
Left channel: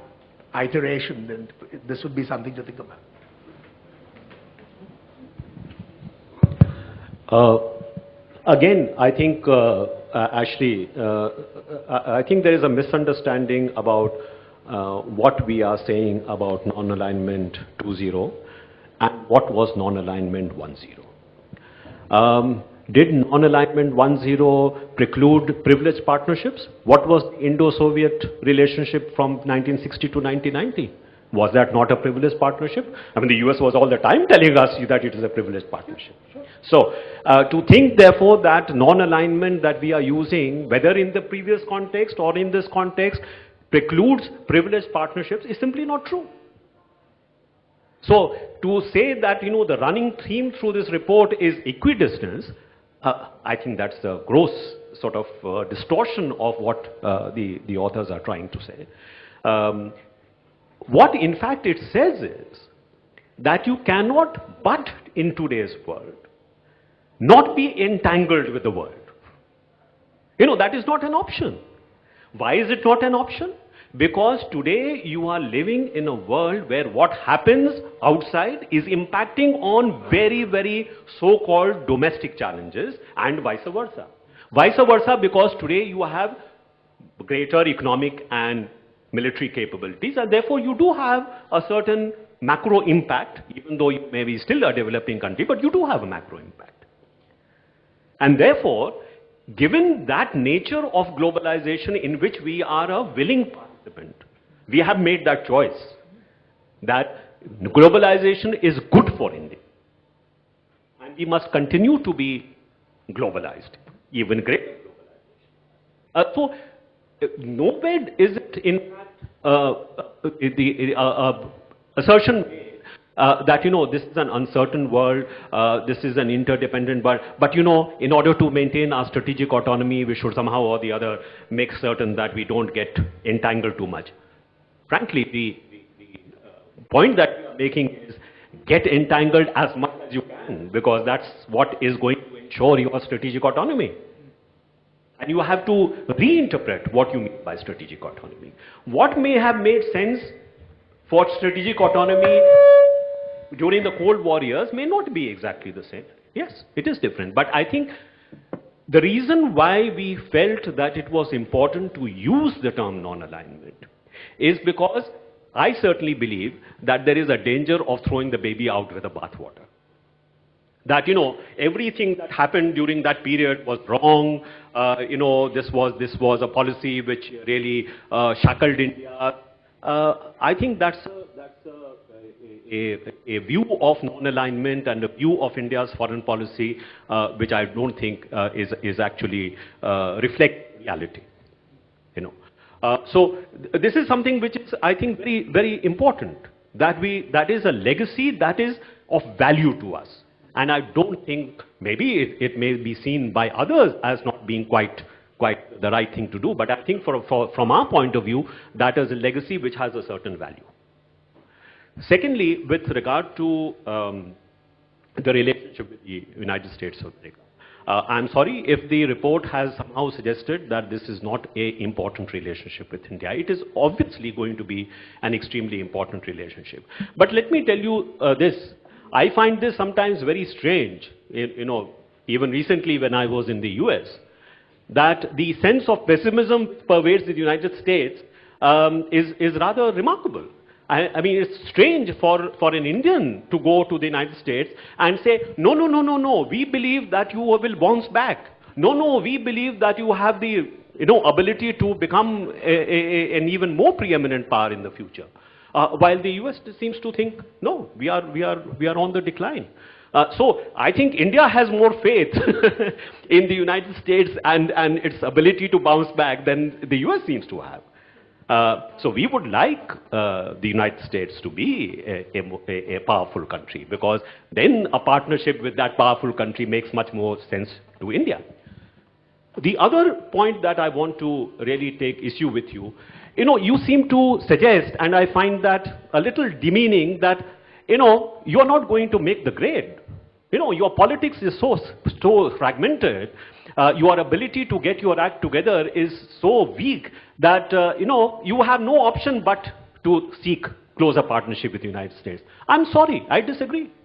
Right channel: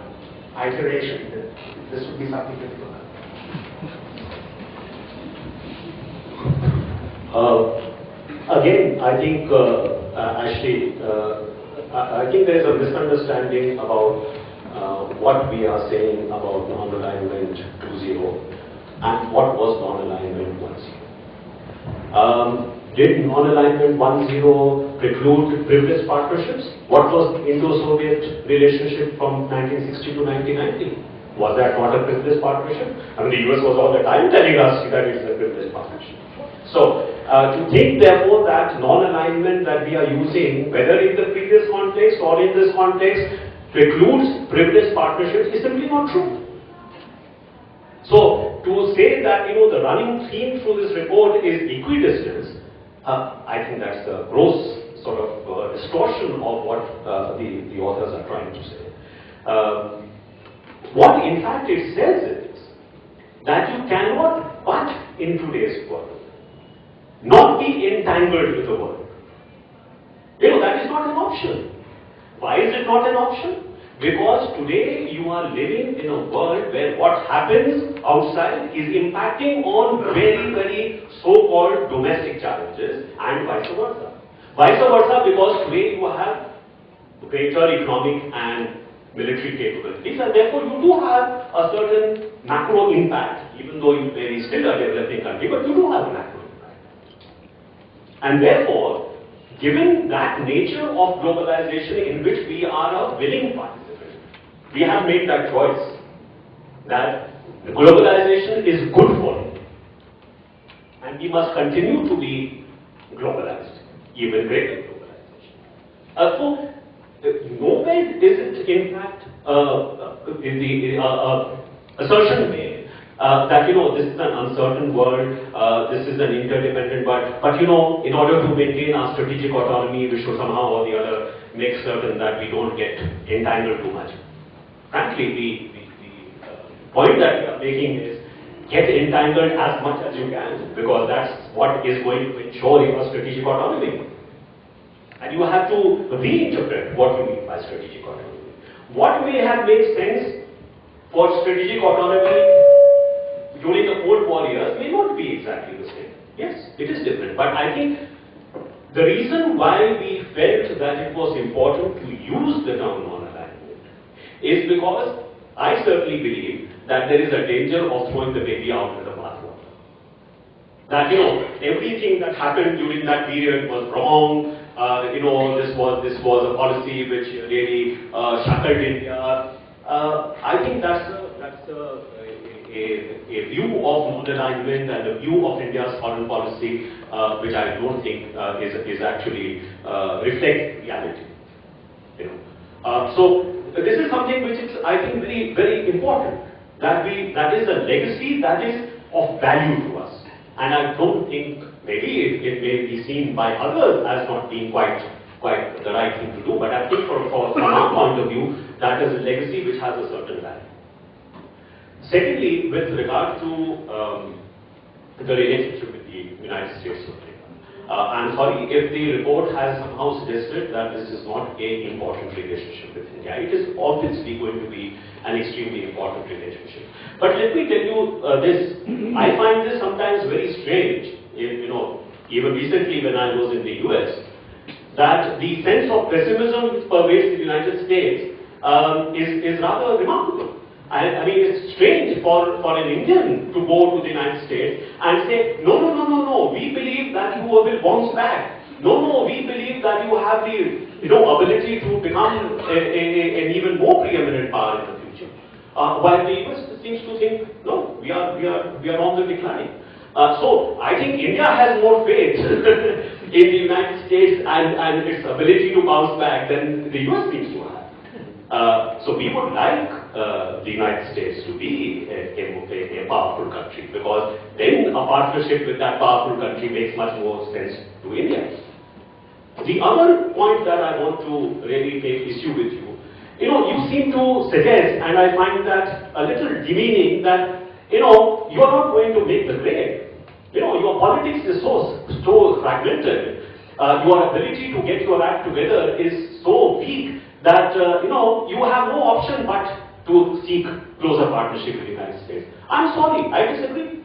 iteration, then this would be something to think about. Again, I think, Ashley, I think there is a misunderstanding about what we are saying about non-alignment 2.0 and what was non-alignment 1.0. Did non-alignment 1.0 preclude privileged partnerships? What was the Indo-Soviet relationship from 1960 to 1990? Was that not a privileged partnership? I mean, the US was all the time telling us that it is a privileged partnership. So, to think therefore that non-alignment that we are using, whether in the previous context or in this context, precludes privileged partnerships is simply not true. So, to say that the running theme through this report is equidistance, I think that's the gross sort of distortion of what the authors are trying to say. What in fact it says that you cannot but in today's world not be entangled with the world. That is not an option. Why is it not an option? Because today you are living in a world where what happens outside is impacting on very, very so-called domestic challenges and vice versa. Vice versa, because today you have greater economic and military capabilities, and therefore you do have a certain macro impact, even though you may be still a developing country, but you do have a macro impact. And therefore, given that nature of globalization in which we are a willing participant, we have made that choice that globalization is good for India. And we must continue to be globalized, even greater globalization. So, nowhere is it in fact the assertion made that this is an uncertain world, this is an interdependent world, but in order to maintain our strategic autonomy, we should somehow or the other make certain that we don't get entangled too much. Frankly, the point that we are making is get entangled as much as you can, because that's what is going to ensure your strategic autonomy. And you have to reinterpret what you mean by strategic autonomy. What may have made sense for strategic autonomy during the Cold War years may not be exactly the same. Yes, it is different. But I think the reason why we felt that it was important to use the term non-alignment is because I certainly believe that there is a danger of throwing the baby out with the bathwater. That everything that happened during that period was wrong. This was a policy which really shackled India. I think that's a view of non-alignment and a view of India's foreign policy, which I don't think is actually reflect reality. So this is something which is, I think, very, very important. That is a legacy that is of value to us. And I don't think, maybe it may be seen by others as not being quite the right thing to do, but I think from my point of view, that is a legacy which has a certain value. Secondly, with regard to the relationship with the United States of America, I'm sorry if the report has somehow suggested that this is not an important relationship with India. It is obviously going to be an extremely important relationship. But let me tell you this, I find this sometimes very strange, even recently when I was in the US, that the sense of pessimism which pervades the United States is rather remarkable. I mean, it's strange for an Indian to go to the United States and say, no, we believe that you will bounce back. No, we believe that you have the ability to become an even more preeminent power in the future. While the US seems to think, no, we are on the decline. So I think India has more faith in the United States and its ability to bounce back than the US seems to have. So we would like the United States to be a powerful country, because then a partnership with that powerful country makes much more sense to India. The other point that I want to really take issue with you, you seem to suggest, and I find that a little demeaning, that you are not going to make the grade. Your politics is so fragmented. Your ability to get your act together is so weak that you have no option but to seek closer partnership with the United States. I'm sorry, I disagree.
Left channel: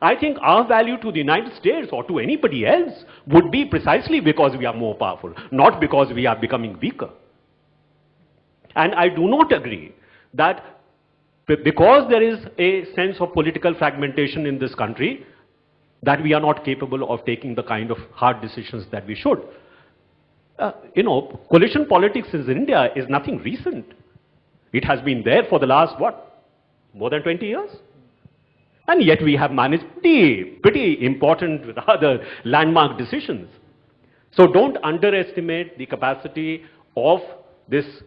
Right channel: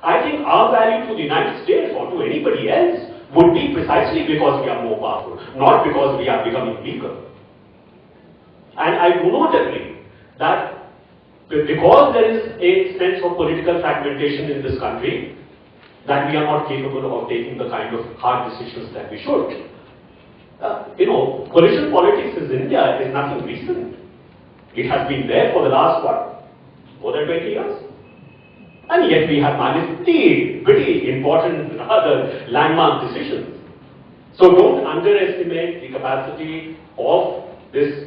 I think our value to the United States or to anybody else would be precisely because we are more powerful, not because we are becoming weaker. And I do not agree that because there is a sense of political fragmentation in this country, that we are not capable of taking the kind of hard decisions that we should. Coalition politics in India is nothing recent. It has been there for the last, more than 20 years. And yet we have managed pretty important, rather landmark decisions. So don't underestimate the capacity of this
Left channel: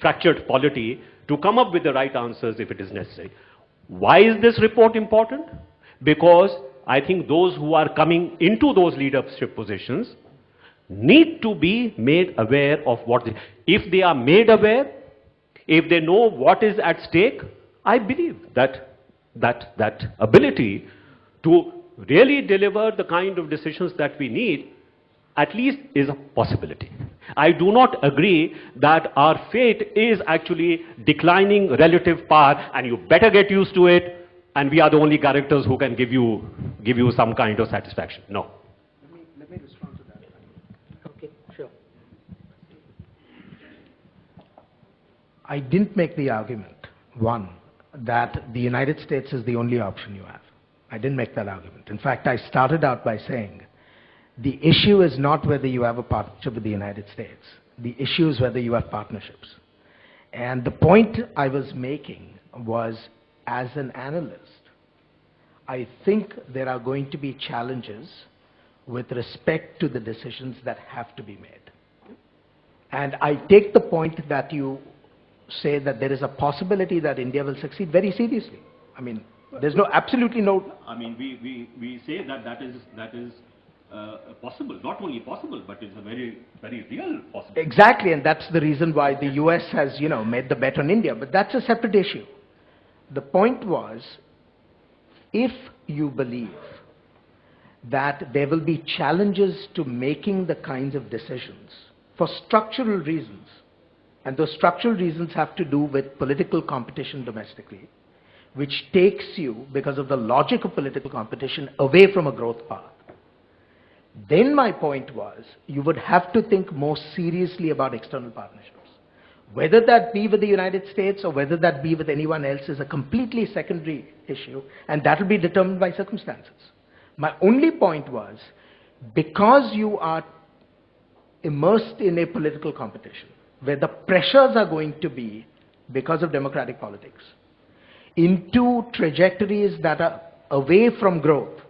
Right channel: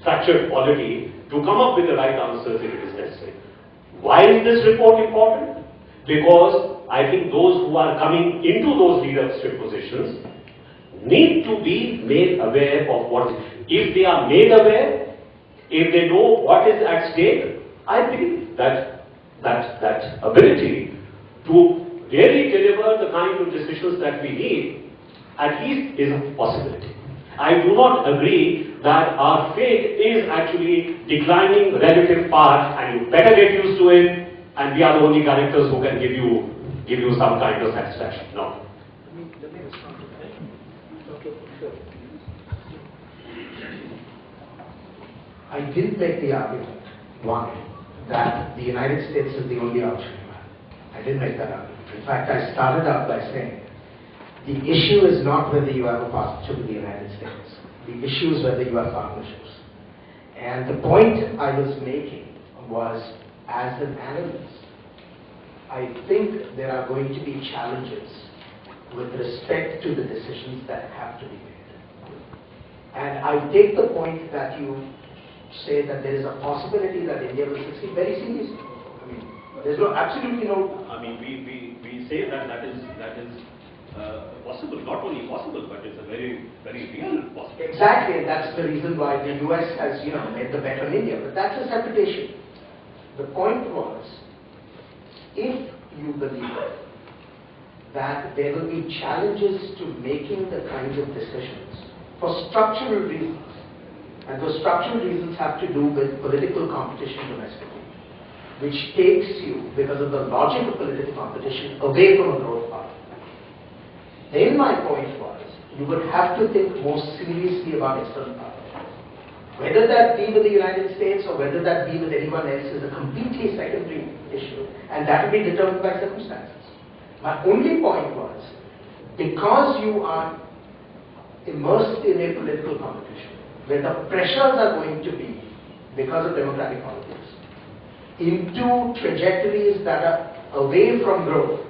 fractured polity to come up with the right answers if it is necessary. Why is this report important? Because I think those who are coming into those leadership positions need to be made aware of what is. If they are made aware, if they know what is at stake, I believe that ability to really deliver the kind of decisions that we need at least is a possibility. I do not agree that our fate is actually declining relative power and you better get used to it and we are the only characters who can give you some kind of satisfaction. No. I didn't make the argument, one, that the United States is the only option you have. I didn't make that argument. In fact, I started out by saying the issue is not whether you have a partnership with the United States. The issue is whether you have partnerships. And the point I was making was, as an analyst, I think there are going to be challenges with respect to the decisions that have to be made. And I take the point that you say that there is a possibility that India will succeed very seriously. I mean, there's absolutely no. I mean, we say that is possible, not only possible, but it's a very real possibility. Exactly, and that's the reason why the US has, made the bet on India. But that's a separate issue. The point was, if you believe that there will be challenges to making the kinds of decisions for structural reasons, and those structural reasons have to do with political competition domestically, which takes you, because of the logic of political competition, away from a growth path. Then my point was, you would have to think more seriously about external partnerships. Whether that be with the United States or whether that be with anyone else is a completely secondary issue, and that will be determined by circumstances. My only point was, because you are immersed in a political competition, where the pressures are going to be, because of democratic politics, into trajectories that are away from growth,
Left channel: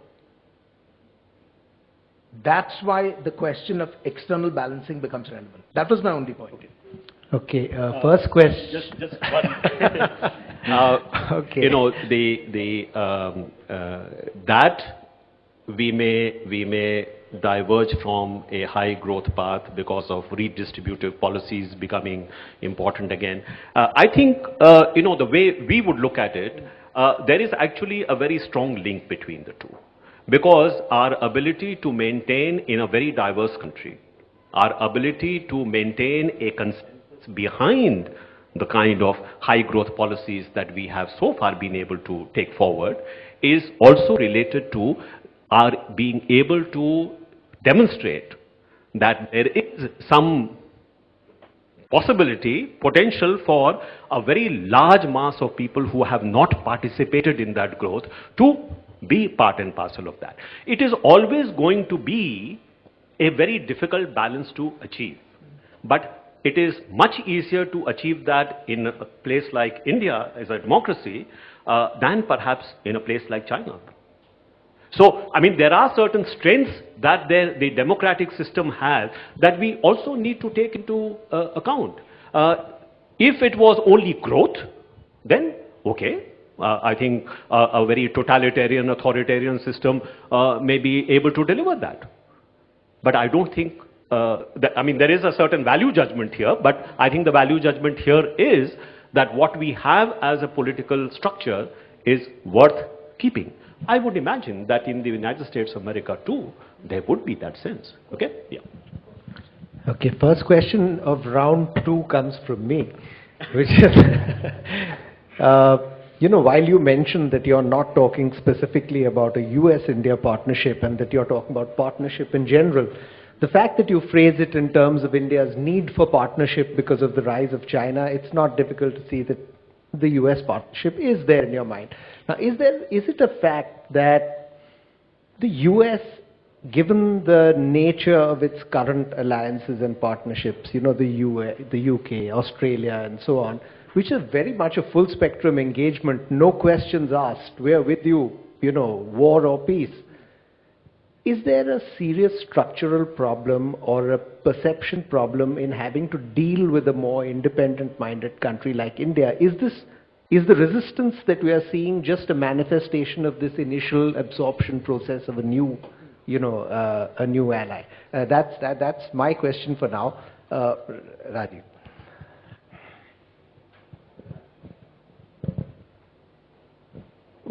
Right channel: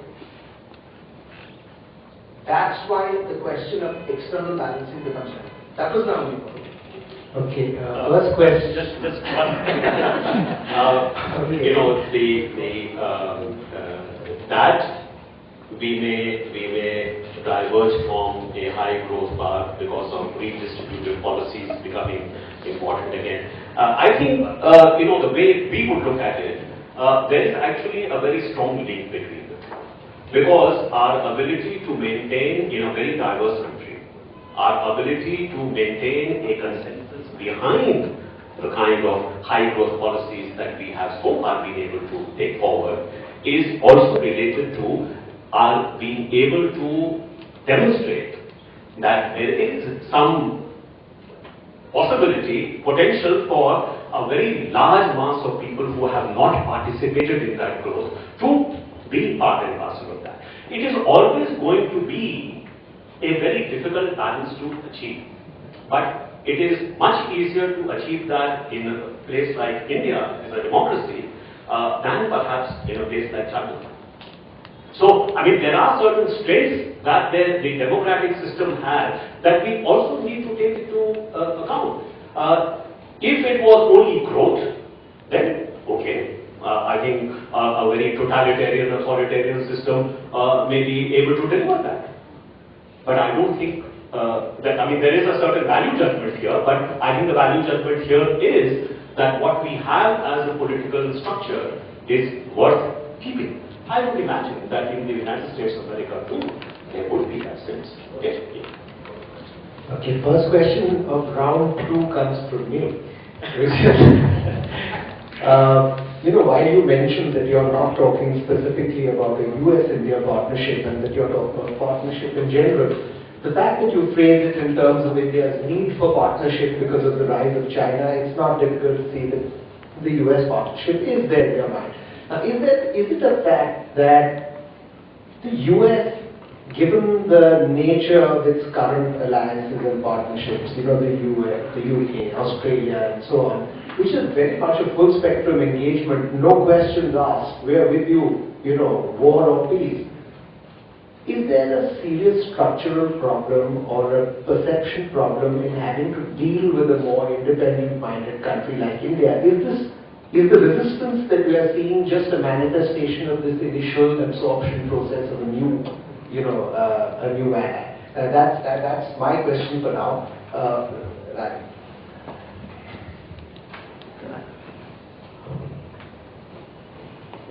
that's why the question of external balancing becomes relevant. That was my only point. Okay, first question. Just one. Okay. That we may diverge from a high growth path because of redistributive policies becoming important again. I think the way we would look at it, there is actually a very strong link between the two. Because our ability to maintain in a very diverse country, our ability to maintain a consensus behind the kind of high growth policies that we have so far been able to take forward is also related to our being able to demonstrate that there is some potential for a very large mass of people who have not participated in that growth to be part and parcel of that. It is always going to be a very difficult balance to achieve. But it is much easier to achieve that in a place like India as a democracy than perhaps in a place like China. So, I mean, there are certain strengths that the democratic system has that we also need to take into account. If it was only growth, then okay. I think a very totalitarian, authoritarian system may be able to deliver that. But I don't think there is a certain value judgment here, but I think the value judgment here is that what we have as a political structure is worth keeping. I would imagine that in the United States of America too, there would be that sense. Okay? Yeah. Okay, first question of round 2 comes from me, which is, while you mentioned that you're not talking specifically about a US-India partnership and that you're talking about partnership in general, the fact that you phrase it in terms of India's need for partnership because of the rise of China, it's not difficult to see that the US partnership is there in your mind. Now, is it a fact that the US, given the nature of its current alliances and partnerships, the US, the UK, Australia and so on, which is very much a full spectrum engagement, no questions asked, we are with you, war or peace. Is there a serious structural problem or a perception problem in having to deal with a more independent-minded country like India? Is the resistance that we are seeing just a manifestation of this initial absorption process of a new ally? That's my question for now. Ravi.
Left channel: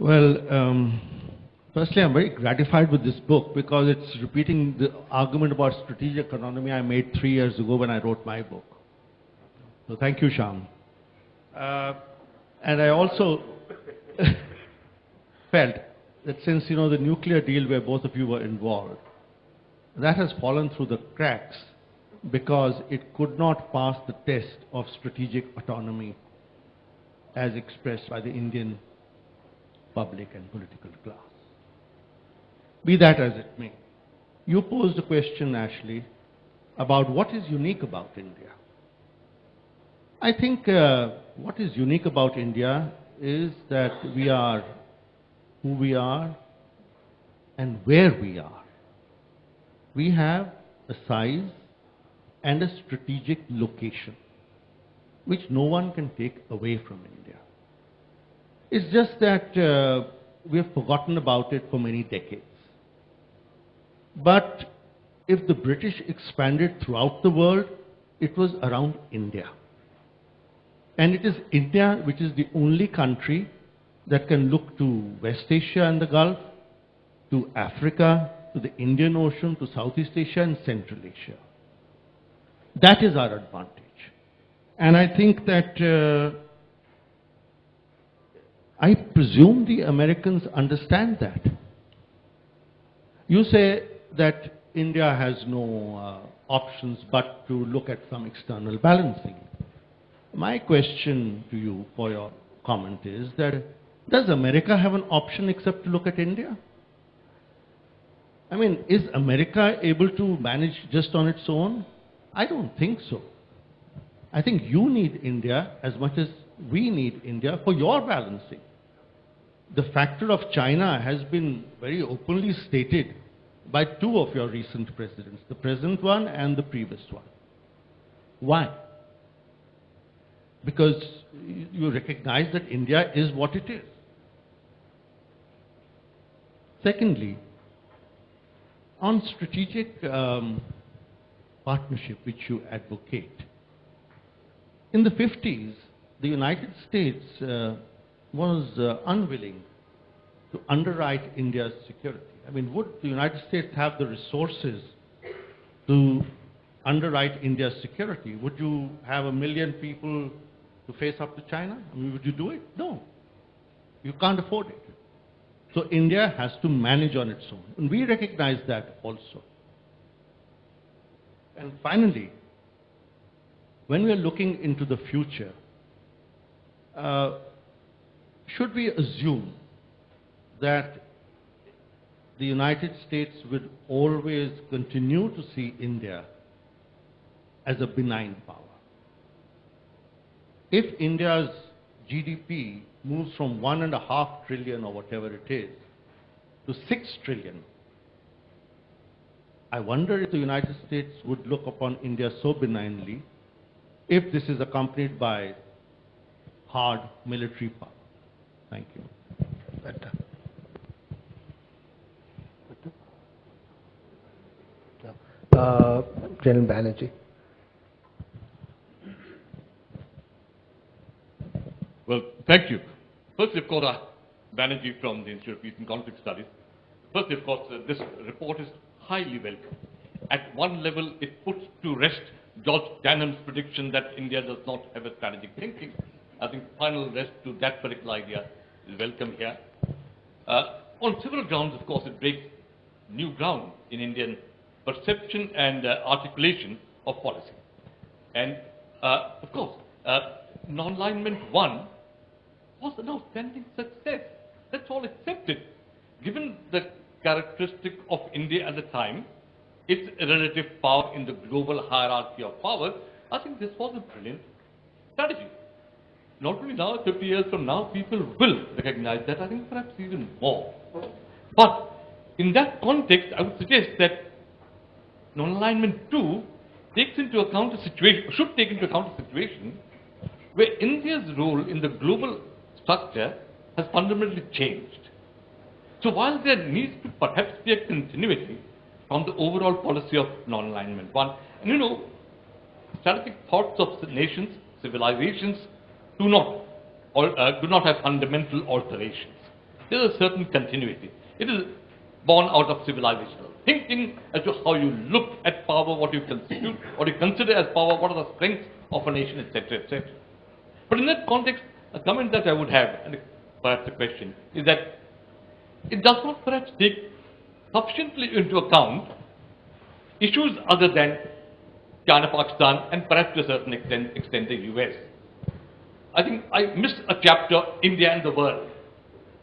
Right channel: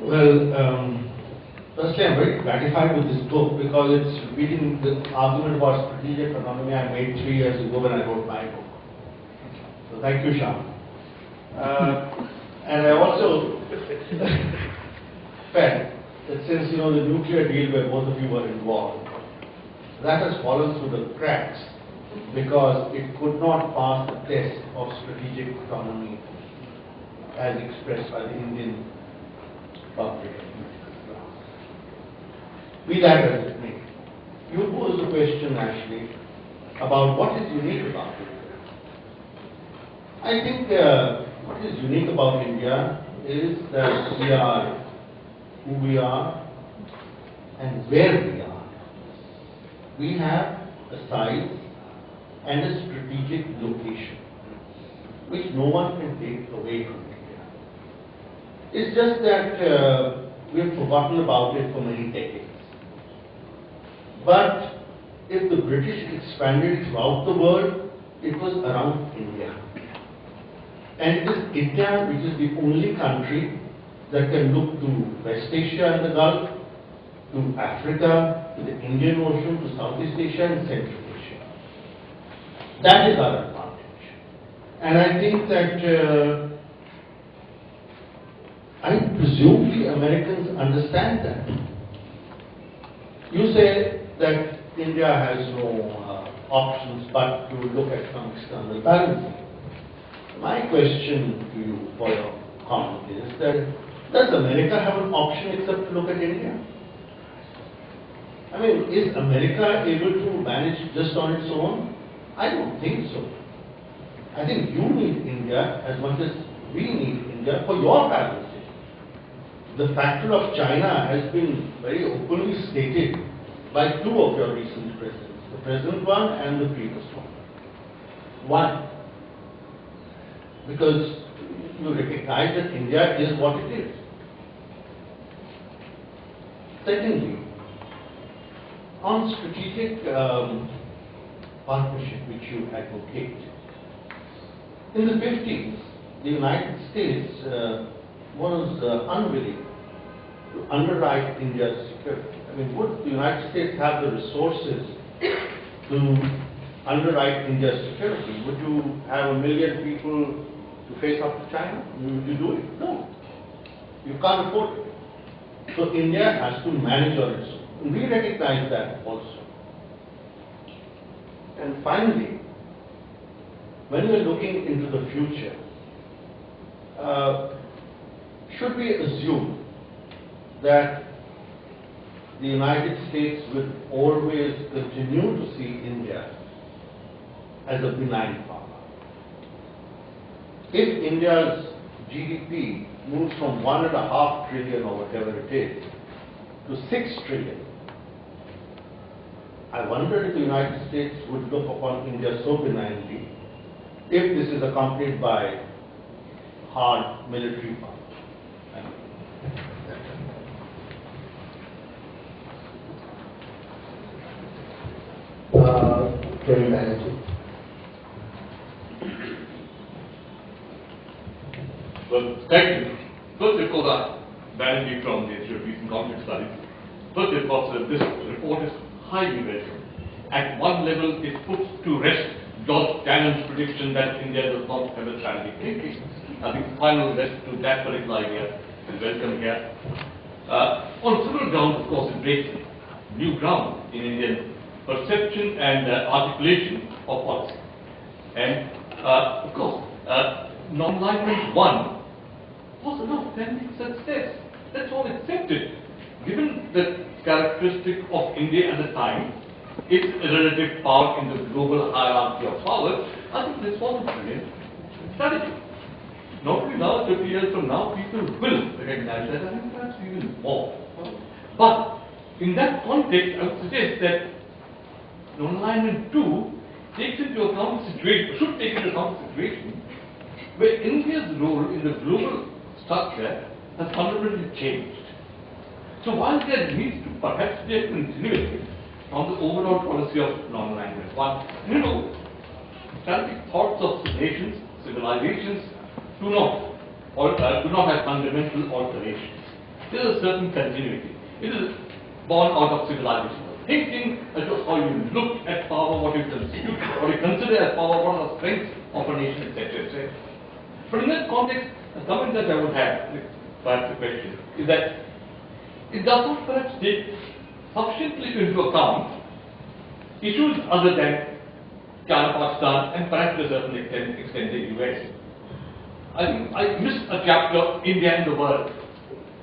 Well, firstly, I'm very gratified with this book because it's repeating the argument about strategic autonomy I made 3 years ago when I wrote my book. So thank you, Shyam. And I also felt that since, the nuclear deal where both of you were involved, that has fallen through the cracks because it could not pass the test of strategic autonomy as expressed by the Indian public class. Be that as it may, you posed a question, Ashley, about what is unique about India. I think what is unique about India is that we are who we are and where we are. We have a size and a strategic location which no one can take away from India. It's just that we have forgotten about it for many decades. But if the British expanded throughout the world, it was around India. And it is India which is the only country that can look to West Asia and the Gulf, to Africa, to the Indian Ocean, to Southeast Asia and Central Asia. That is our advantage. And I think that I presume the Americans understand that. You say that India has no options but to look at some external balancing. My question to you for your comment is that does America have an option except to look at India? I mean, is America able to manage just on its own? I don't think so. I think you need India as much as we need India for your balancing. The factor of China has been very openly stated by two of your recent presidents, the present one and the previous one. Why? Because you recognize that India is what it is. Secondly, on strategic partnership which you advocate, in the 50s, the United States was unwilling to underwrite India's security. I mean, would the United States have the resources to underwrite India's security? Would you have 1 million people to face up to China? Would you do it? No. You can't afford it. So India has to manage on its own. And we recognize that also. And finally, when we are looking into the future, should we assume that the United States will always continue to see India as a benign power? If India's GDP moves from 1.5 trillion or whatever it is to 6 trillion, I wonder if the United States would look upon India so benignly if this is accompanied by hard military power. Thank you. Prem Banerjee. Well, thank you. First, of course, Banerjee from the Institute of Peace and Conflict Studies. First, of course, this report is highly welcome. At one level, it puts to rest George Tannen's prediction that India does not have a strategic thinking. I think final rest to that particular idea is welcome here. On several grounds, of course, it breaks new ground in Indian perception and articulation of policy. And, of course, Nonalignment 1 was an outstanding success. That's all accepted. Given the characteristic of India at the time, its relative power in the global hierarchy of power, I think this was a brilliant strategy. Not only now, 50 years from now, people will recognize that, I think perhaps even more. But in that context, I would suggest that Nonalignment 2 takes into account the situation, should take into account the situation where India's role in the global structure has fundamentally changed. So while there needs to perhaps be a continuity from the overall policy of Nonalignment 1, strategic thoughts of nations, civilizations do not have fundamental alterations. there is a certain continuity. It is born out of civilization. Thinking as to how you look at power, what you consider as power, what are the strengths of a nation, etc., etc. But in that context, a comment that I would have, perhaps a question, is that it does not perhaps take sufficiently into account issues other than China, Pakistan, and perhaps to a certain extent the US. I think I missed a chapter, India and the World,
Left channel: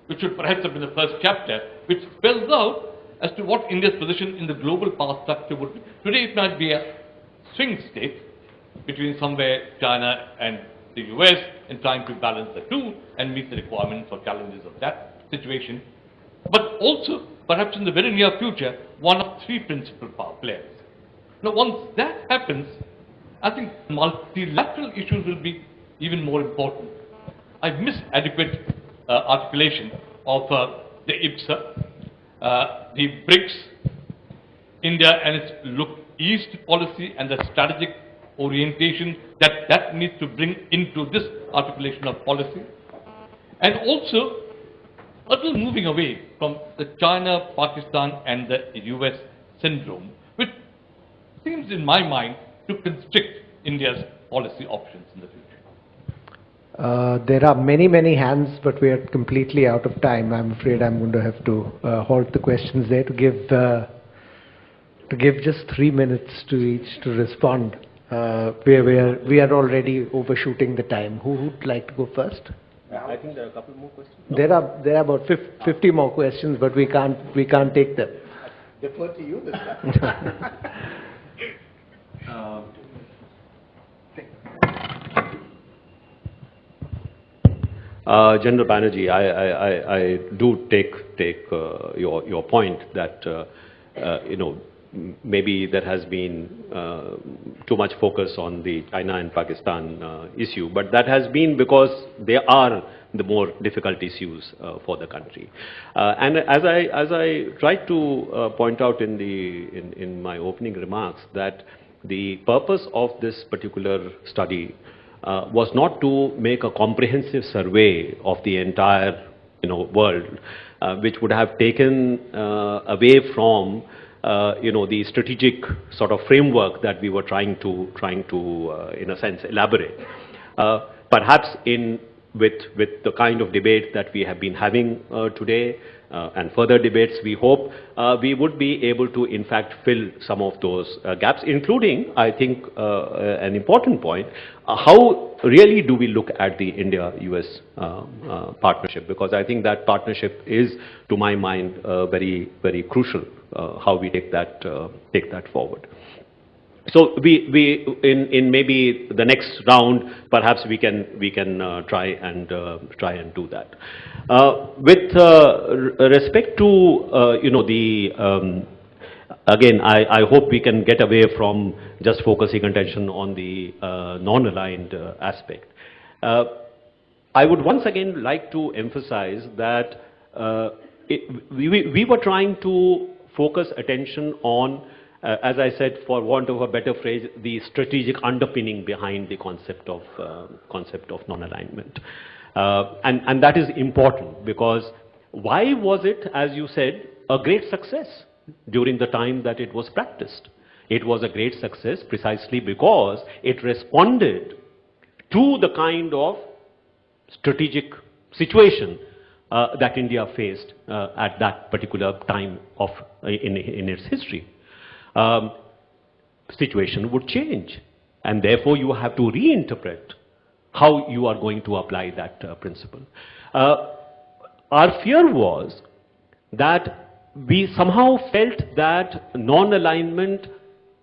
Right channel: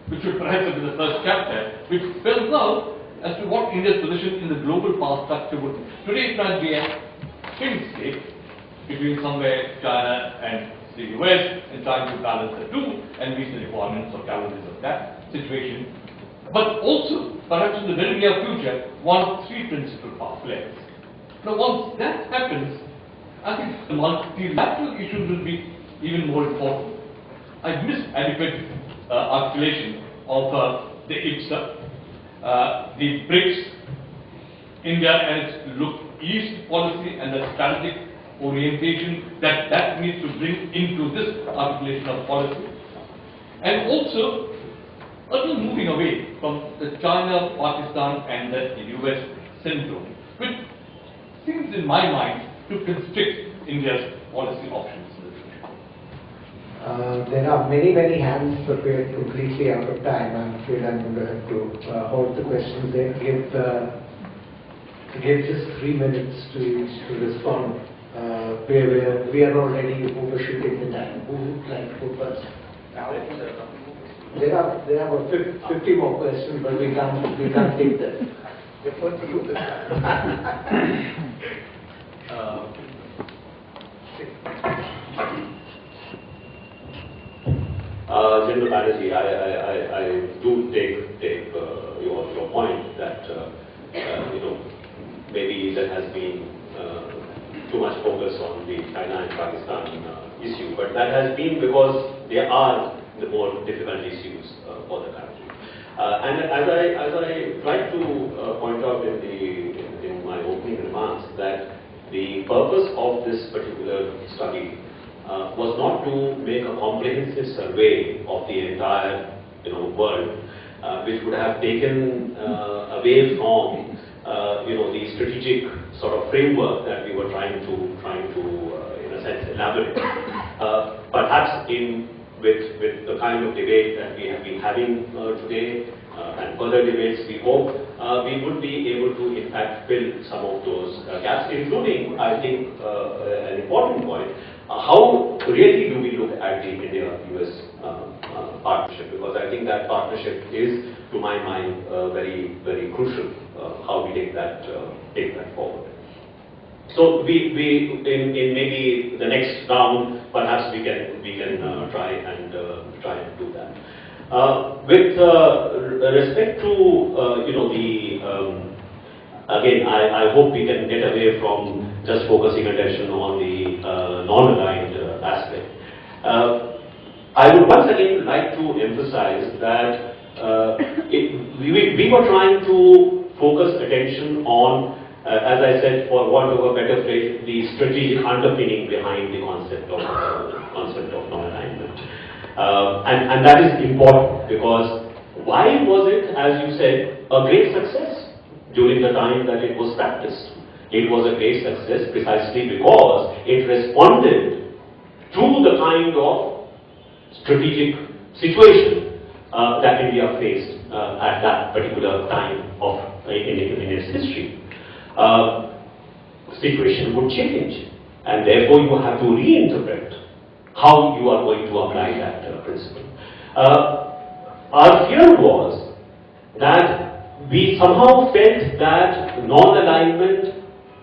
which should perhaps have been the first chapter, which spells out as to what India's position in the global power structure would be. Today it might be a swing state between somewhere China and the US and trying to balance the two and meet the requirements or challenges of that situation. But also, perhaps in the very near future, one of three principal power players. Now once that happens, I think the multilateral issues will be even more important. I missed adequate articulation of the IPSA, the BRICS, India and its look east policy and the strategic orientation that needs to bring into this articulation of policy. And also, a little moving away from the China, Pakistan and the US syndrome, which seems in my mind to constrict India's policy options. There are many hands, but we are completely out of time. I'm afraid I'm going to have to halt the questions there to give just 3 minutes to each to respond. We are already overshooting the time. Who would like to go first? There are about 50 more questions, but we can't take them. Defer to you. General Banerjee, I do take your point that maybe there has been too much focus on the China and Pakistan issue, but that has been because they are the more difficult issues for the country. And as I tried to point out in my opening remarks, that the purpose of this particular study was not to make a comprehensive survey of the entire world, which would have taken away from the strategic sort of framework that we were trying to in a sense elaborate. Perhaps with the kind of debate that we have been having today and further debates, we hope we would be able to in fact fill some of those gaps, including, I think, an important point, how really do we look at the India-US partnership, because I think that partnership is, to my mind, very crucial, how we take that forward. So we in maybe the next round, perhaps we can try and do that. With respect to again, I hope we can get away from just focusing attention on the non-aligned aspect. I would once again like to emphasize that we were trying to focus attention on, as I said, for want of a better phrase, the strategic underpinning behind the concept of non-alignment. And that is important, because why was it, as you said, a great success during the time that it was practiced? It was a great success precisely because it responded to the kind of strategic situation that India faced at that particular time in its history. Situation would change, and therefore you have to reinterpret how you are going to apply that principle. Our fear was that we somehow felt that non-alignment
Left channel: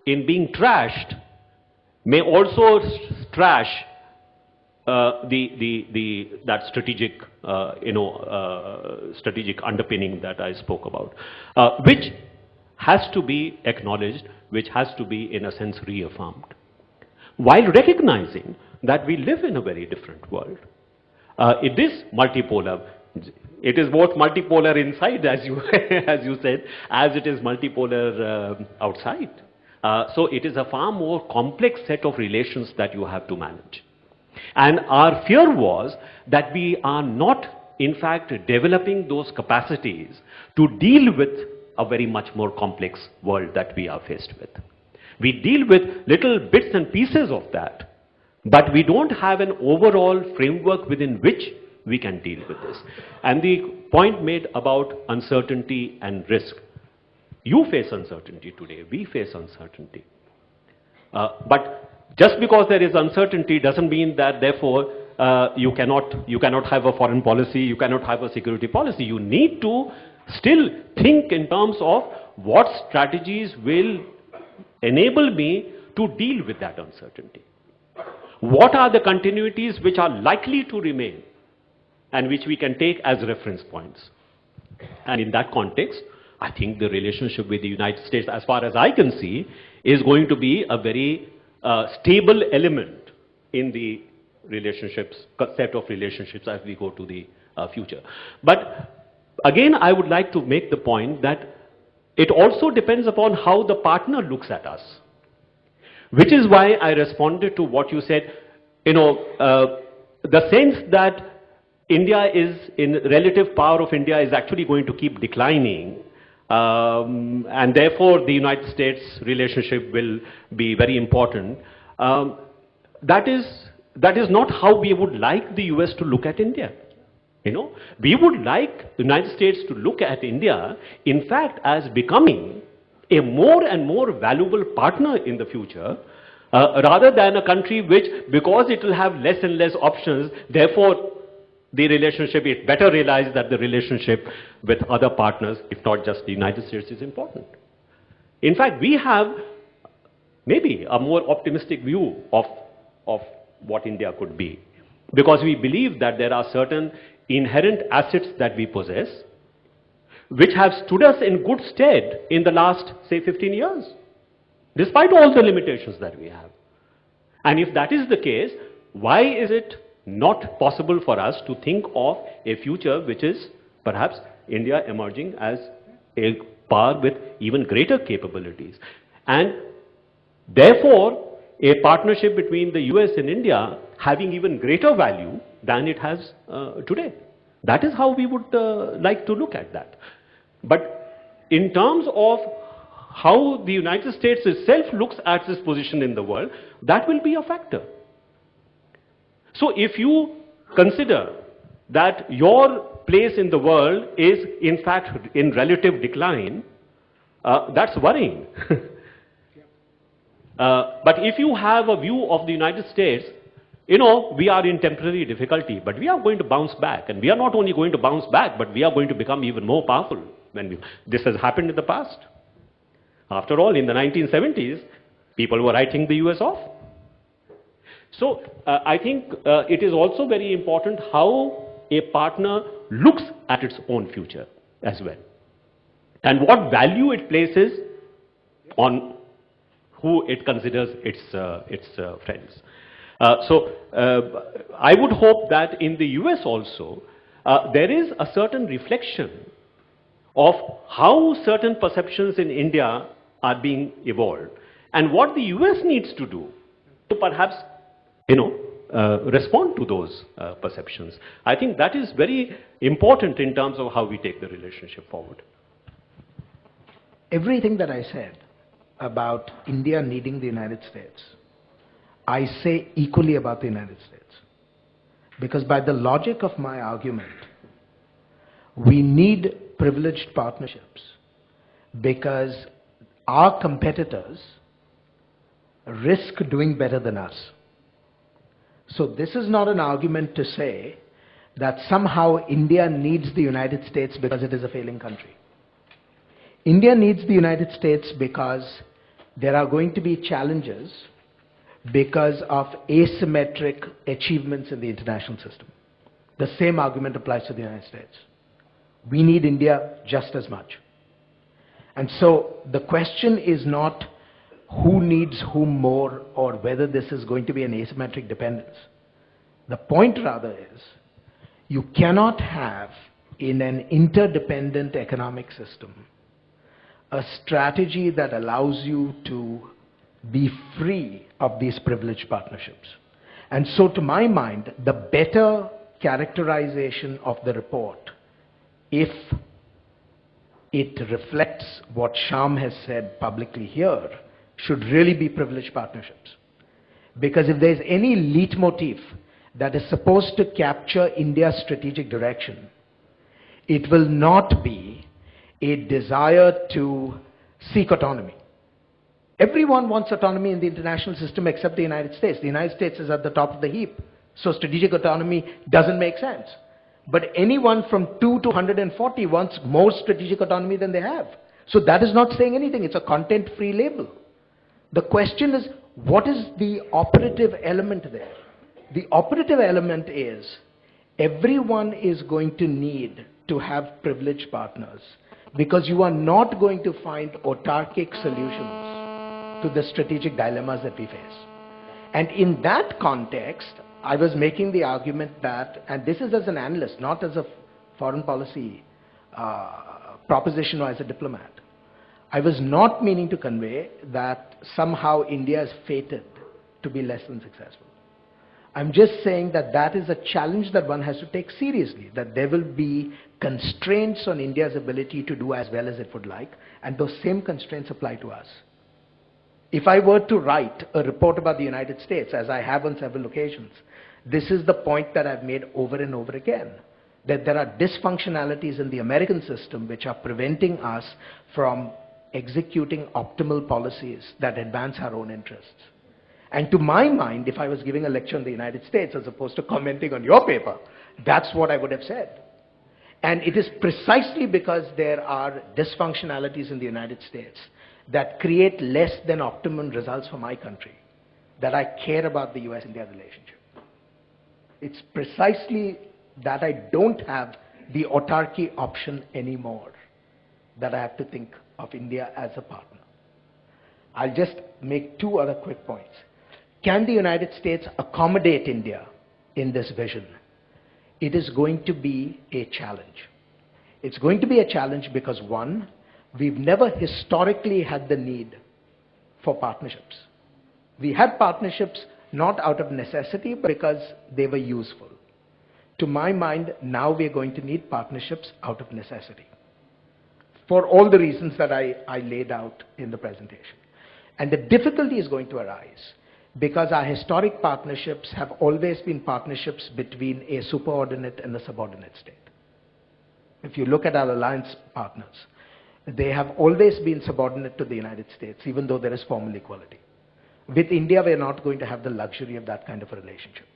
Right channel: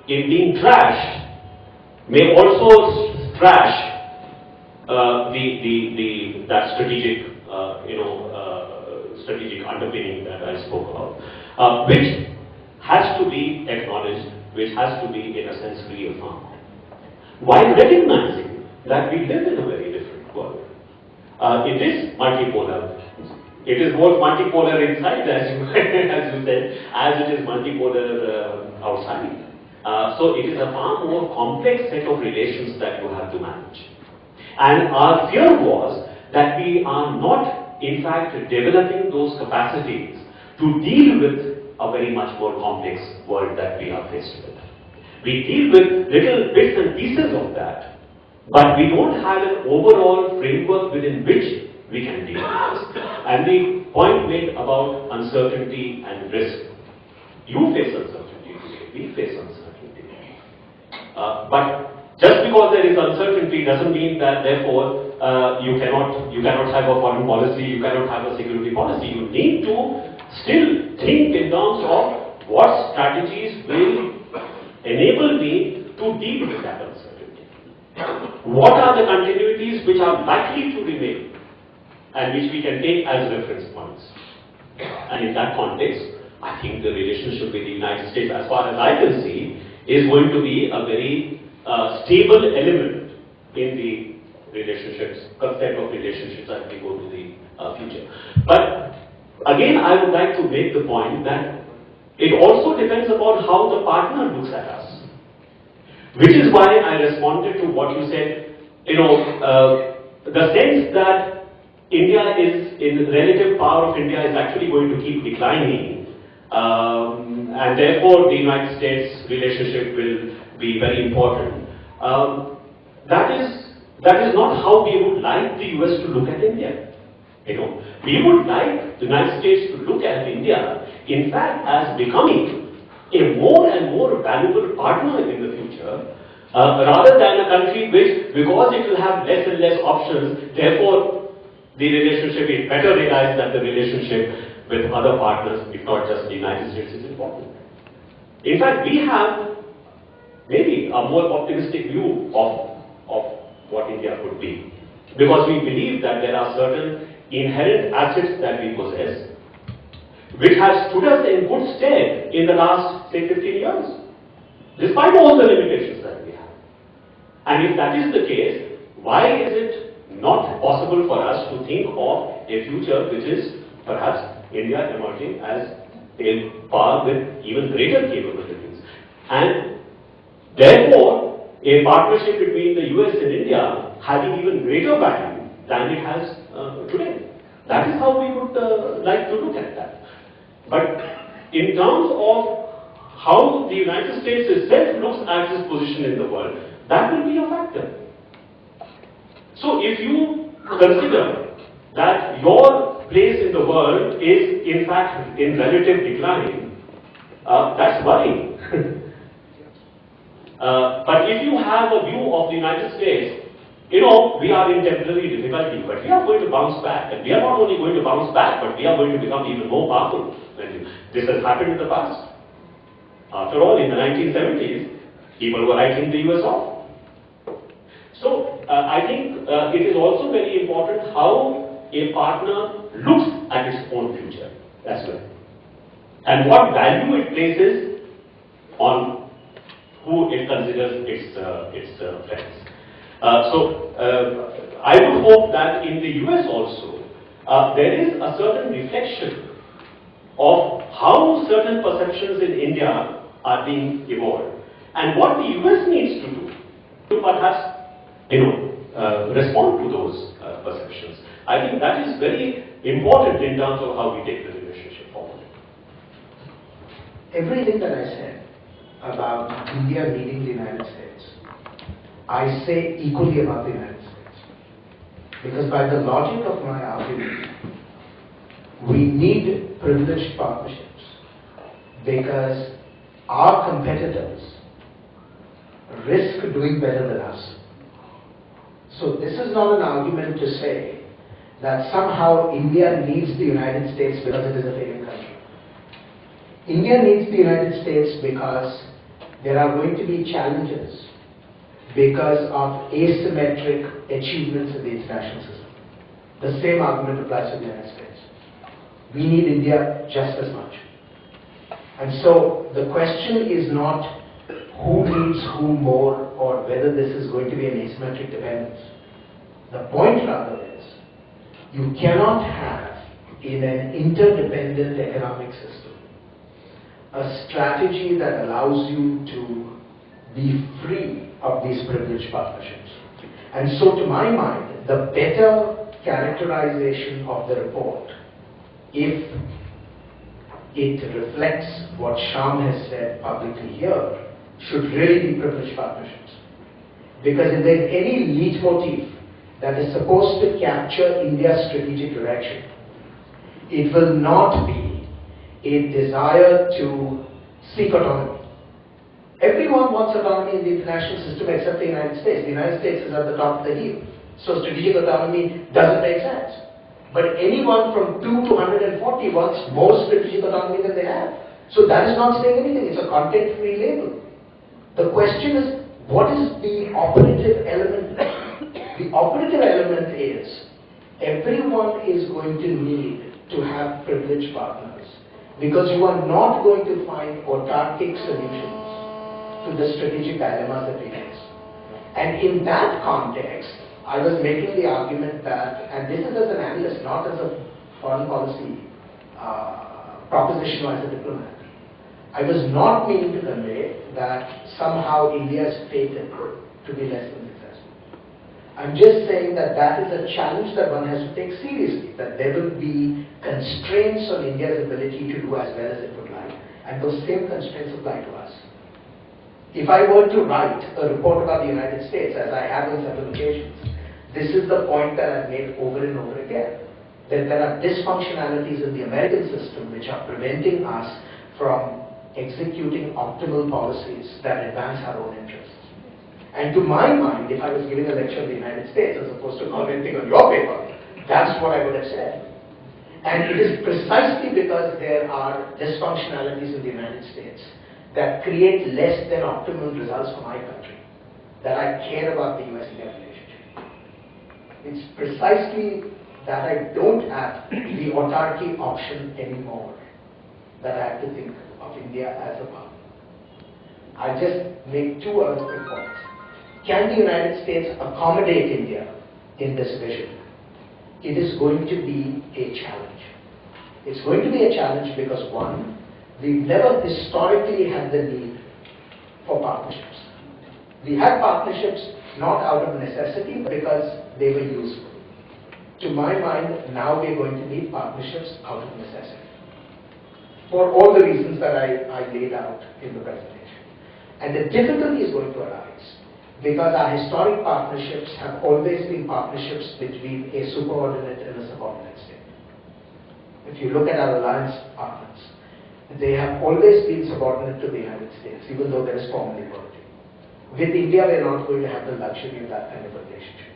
in being trashed may also trash that strategic strategic underpinning that I spoke about, which has to be acknowledged, which has to be in a sense reaffirmed, while recognizing that we live in a very different world. It is multipolar. It is both multipolar inside, as you said, as it is multipolar outside. So it is a far more complex set of relations that you have to manage. And our fear was that we are not in fact, developing those capacities to deal with a very much more complex world that we are faced with. We deal with little bits and pieces of that, but we don't have an overall framework within which we can deal with this. And the point made about uncertainty and risk. You face uncertainty today, we face uncertainty. But just because there is uncertainty doesn't mean that therefore you cannot have a foreign policy, you cannot have a security policy. You need to still think in terms of what strategies will enable me to deal with that uncertainty. What are the continuities which are likely to remain and which we can take as reference points? And in that context, I think the relationship with the United States, as far as I can see, is going to be a very stable element in the relationships, set of relationships as we go to the future. But again, I would like to make the point that it also depends upon how the partner looks at us. Which is why I responded to what you said, the sense that India is, in relative power of India is actually going to keep declining, and therefore the United States relationship will be very important. That is not how we would like the US to look at India. We would like the United States to look at India, in fact, as becoming a more and more valuable partner in the future, rather than a country which, because it will have less and less options, therefore the relationship, it better realize that the relationship with other partners, if not just the United States, is important. In fact, we have maybe a more optimistic view of what India could be, because we believe that there are certain inherent assets that we possess which have stood us in good stead in the last, say, 15 years, despite all the limitations that we have. And if that is the case, why is it not possible for us to think of a future which is perhaps India emerging as a power with even greater capabilities? And therefore, a partnership between the US and India having even greater value than it has today. That is how we would like to look at that. But in terms of how the United States itself looks at its position in the world, that will be a factor. So if you consider that your place in the world is in fact in relative decline, that's worrying. But if you have a view of the United States, we are in temporary difficulty, but we are going to bounce back. And we are not only going to bounce back, but we are going to become even more powerful. This has happened in the past. After all, in the 1970s, people were writing the US off. So, I think it is also very important how a partner looks at its own future as well. And what value it places on who it considers its friends. I would hope that in the US also, there is a certain reflection of how certain perceptions in India are being evolved and what the US needs to do to perhaps, respond to those perceptions. I think that is very important in terms of how we take the relationship forward. Everything that I said about India needing the United States, I say equally about the United States. Because by the logic of my argument, we need privileged partnerships because our competitors risk doing better than us. So this is not an argument to say that somehow India needs the United States because it is a failing country. India needs the United States because there are going to be challenges because of asymmetric achievements of the international system. The same argument applies to the United States. We need India just as much. And so the question is not who needs whom more or whether this is going to be an asymmetric dependence. The point rather is you cannot have in an interdependent economic system a strategy that allows you to be free of these privileged partnerships. And so to my mind, the better characterization of the report, if it reflects what Shyam has said publicly here, should really be privileged partnerships. Because if there's any leitmotif that is supposed to capture India's strategic direction, it will not be a desire to seek autonomy. Everyone wants autonomy in the international system except the United States. The United States is at the top of the heap. So strategic autonomy doesn't make sense. But anyone from 2 to 140 wants more strategic autonomy than they have. So that is not saying anything. It's a content-free label. The question is, what is the operative element there? The operative element is, everyone is going to need to have privileged partners, because you are not going to find autarkic solutions to the strategic dilemmas that we face. And in that context, I was making the argument that, and this is as an analyst, not as a foreign policy proposition or as a diplomat, I was not meaning to convey that somehow India is fated to be less than successful. I'm just saying that that is a challenge that one has to take seriously, that there will be constraints on India's ability to do as well as it would like, and those same constraints apply to us. If I were to write a report about the United States, as I have on several occasions, this is the point that I've made over and over again, that there are dysfunctionalities in the American system which are preventing us from executing optimal policies that advance our own interests. And to my mind, if I was giving a lecture in the United States as opposed to commenting on your paper, that's what I would have said. And it is precisely because there are dysfunctionalities in the United States that create less than optimum results for my country that I care about the US-India relationship. It's precisely that I don't have the autarky option anymore that I have to think of India as a partner. I'll just make two other quick points. Can the United States accommodate India in this vision? It is going to be a challenge. It's going to be a challenge because, one, we've never historically had the need for partnerships. We had partnerships not out of necessity, but because they were useful. To my mind, now we are going to need partnerships out of necessity, for all the reasons that I laid out in the presentation. And the difficulty is going to arise because our historic partnerships have always been partnerships between a superordinate and a subordinate state. If you look at our alliance partners, they have always been subordinate to the United States, even though there is formal equality. With India, we are not going to have the luxury of that kind of relationship.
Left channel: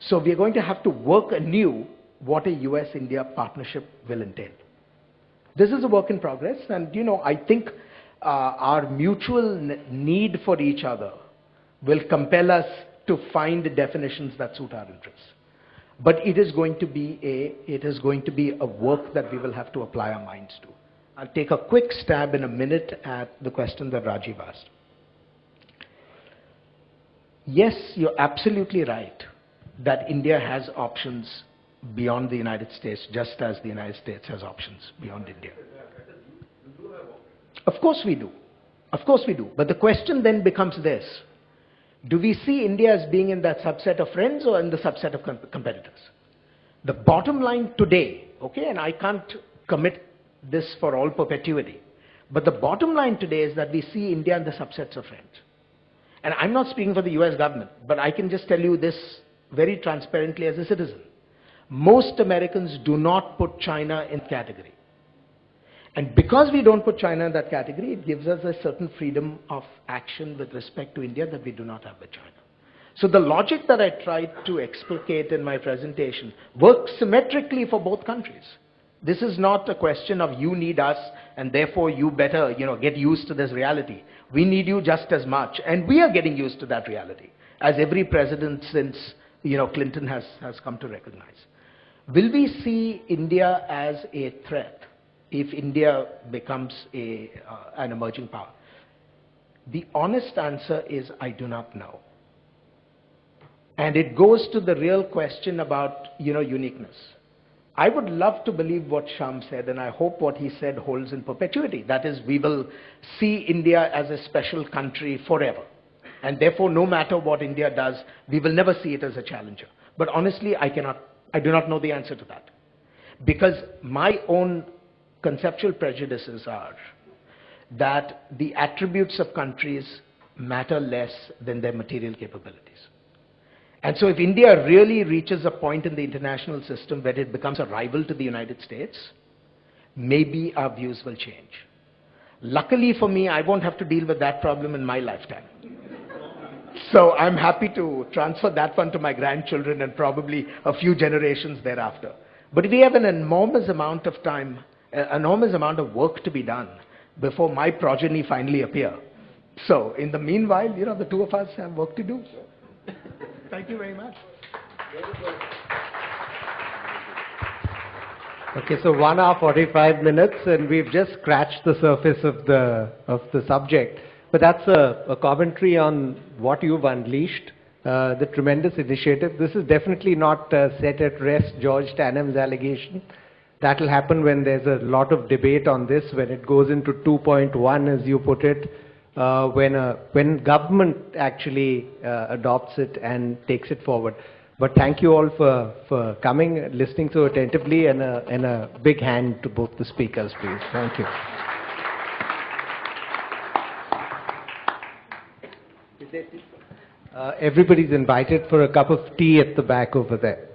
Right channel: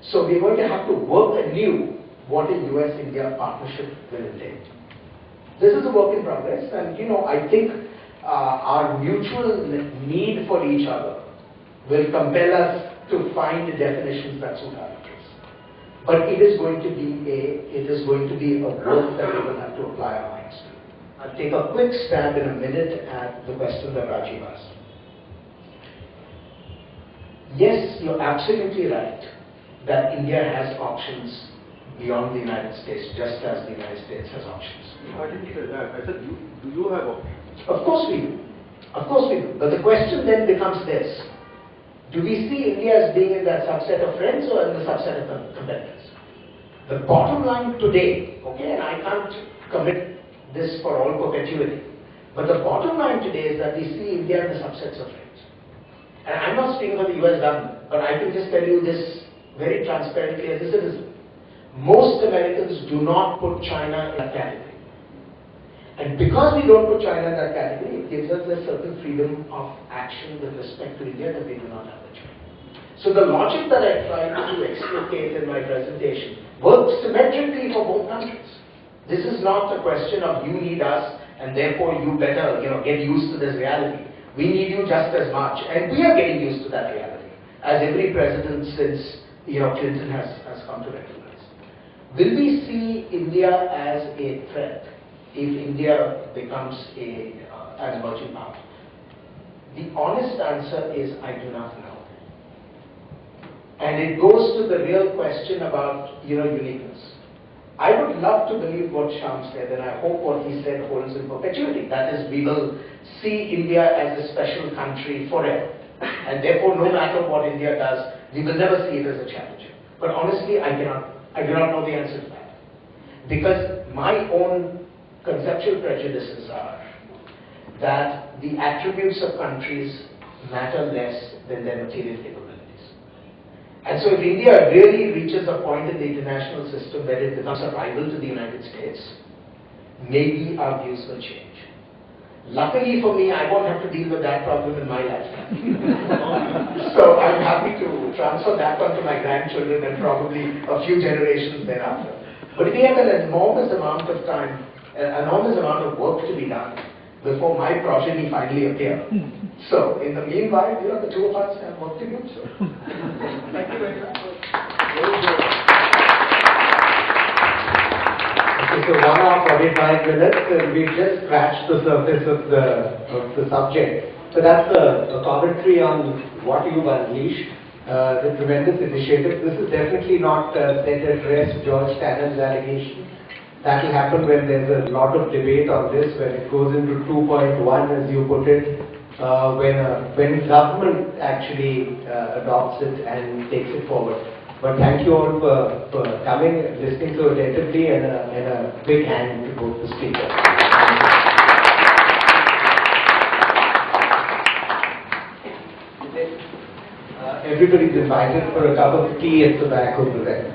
So we are going to have to work anew what a US-India partnership will entail. This is a work in progress, and I think our mutual need for each other will compel us to find the definitions that suit our interests. But it is going to be a work that we will have to apply our minds to. I'll take a quick stab in a minute at the question that Rajiv asked. Yes, you're absolutely right that India has options beyond the United States, just as the United States has options beyond I didn't say that. I said, do you have options? Of course we do. Of course we do. But the question then becomes this. Do we see India as being in that subset of friends or in the subset of competitors? The bottom line today, okay, and I can't commit this for all perpetuity, but the bottom line today is that we see India in the subsets of friends. And I'm not speaking for the US government, but I can just tell you this very transparently as a citizen. Most Americans do not put China in a category. And because we don't put China in that category, it gives us a certain freedom of action with respect to India that we do not have with China. So the logic that I tried to explicate in my presentation works symmetrically for both countries. This is not a question of you need us and therefore you better get used to this reality. We need you just as much, and we are getting used to that reality, as every president since Clinton has come to recognize. Will we see India as a threat if India becomes an emerging power? The honest answer is I do not know. And it goes to the real question about uniqueness. I would love to believe what Shyam said, and I hope what he said holds in perpetuity. That is, we will see India as a special country forever. And therefore, no matter what India does, we will never see it as a challenger. But honestly, I I do not know the answer to that. Because my own conceptual prejudices are that the attributes of countries matter less than their material capabilities. And so if India really reaches a point in the international system where it becomes a rival to the United States, maybe our views will change. Luckily for me, I won't have to deal with that problem in my lifetime. So I'm happy to transfer that one to my grandchildren and probably a few generations thereafter. But we have an enormous amount of time, an enormous amount of work to be done before my progeny finally appear. So in the meanwhile, the two of us have work to do. So thank you very much. Okay, so 1 hour 45 minutes, and we've just scratched the surface of the subject. But that's a commentary on what you've unleashed, the tremendous initiative. This is definitely not set at rest George Tannen's allegation. That will happen when there's a lot of debate on this, when it goes into 2.1, as you put it, when government actually adopts it and takes it forward. But thank you all for coming, listening so attentively, and a big hand to both the speakers. Thank you. Everybody's invited for a cup of tea at the back over there.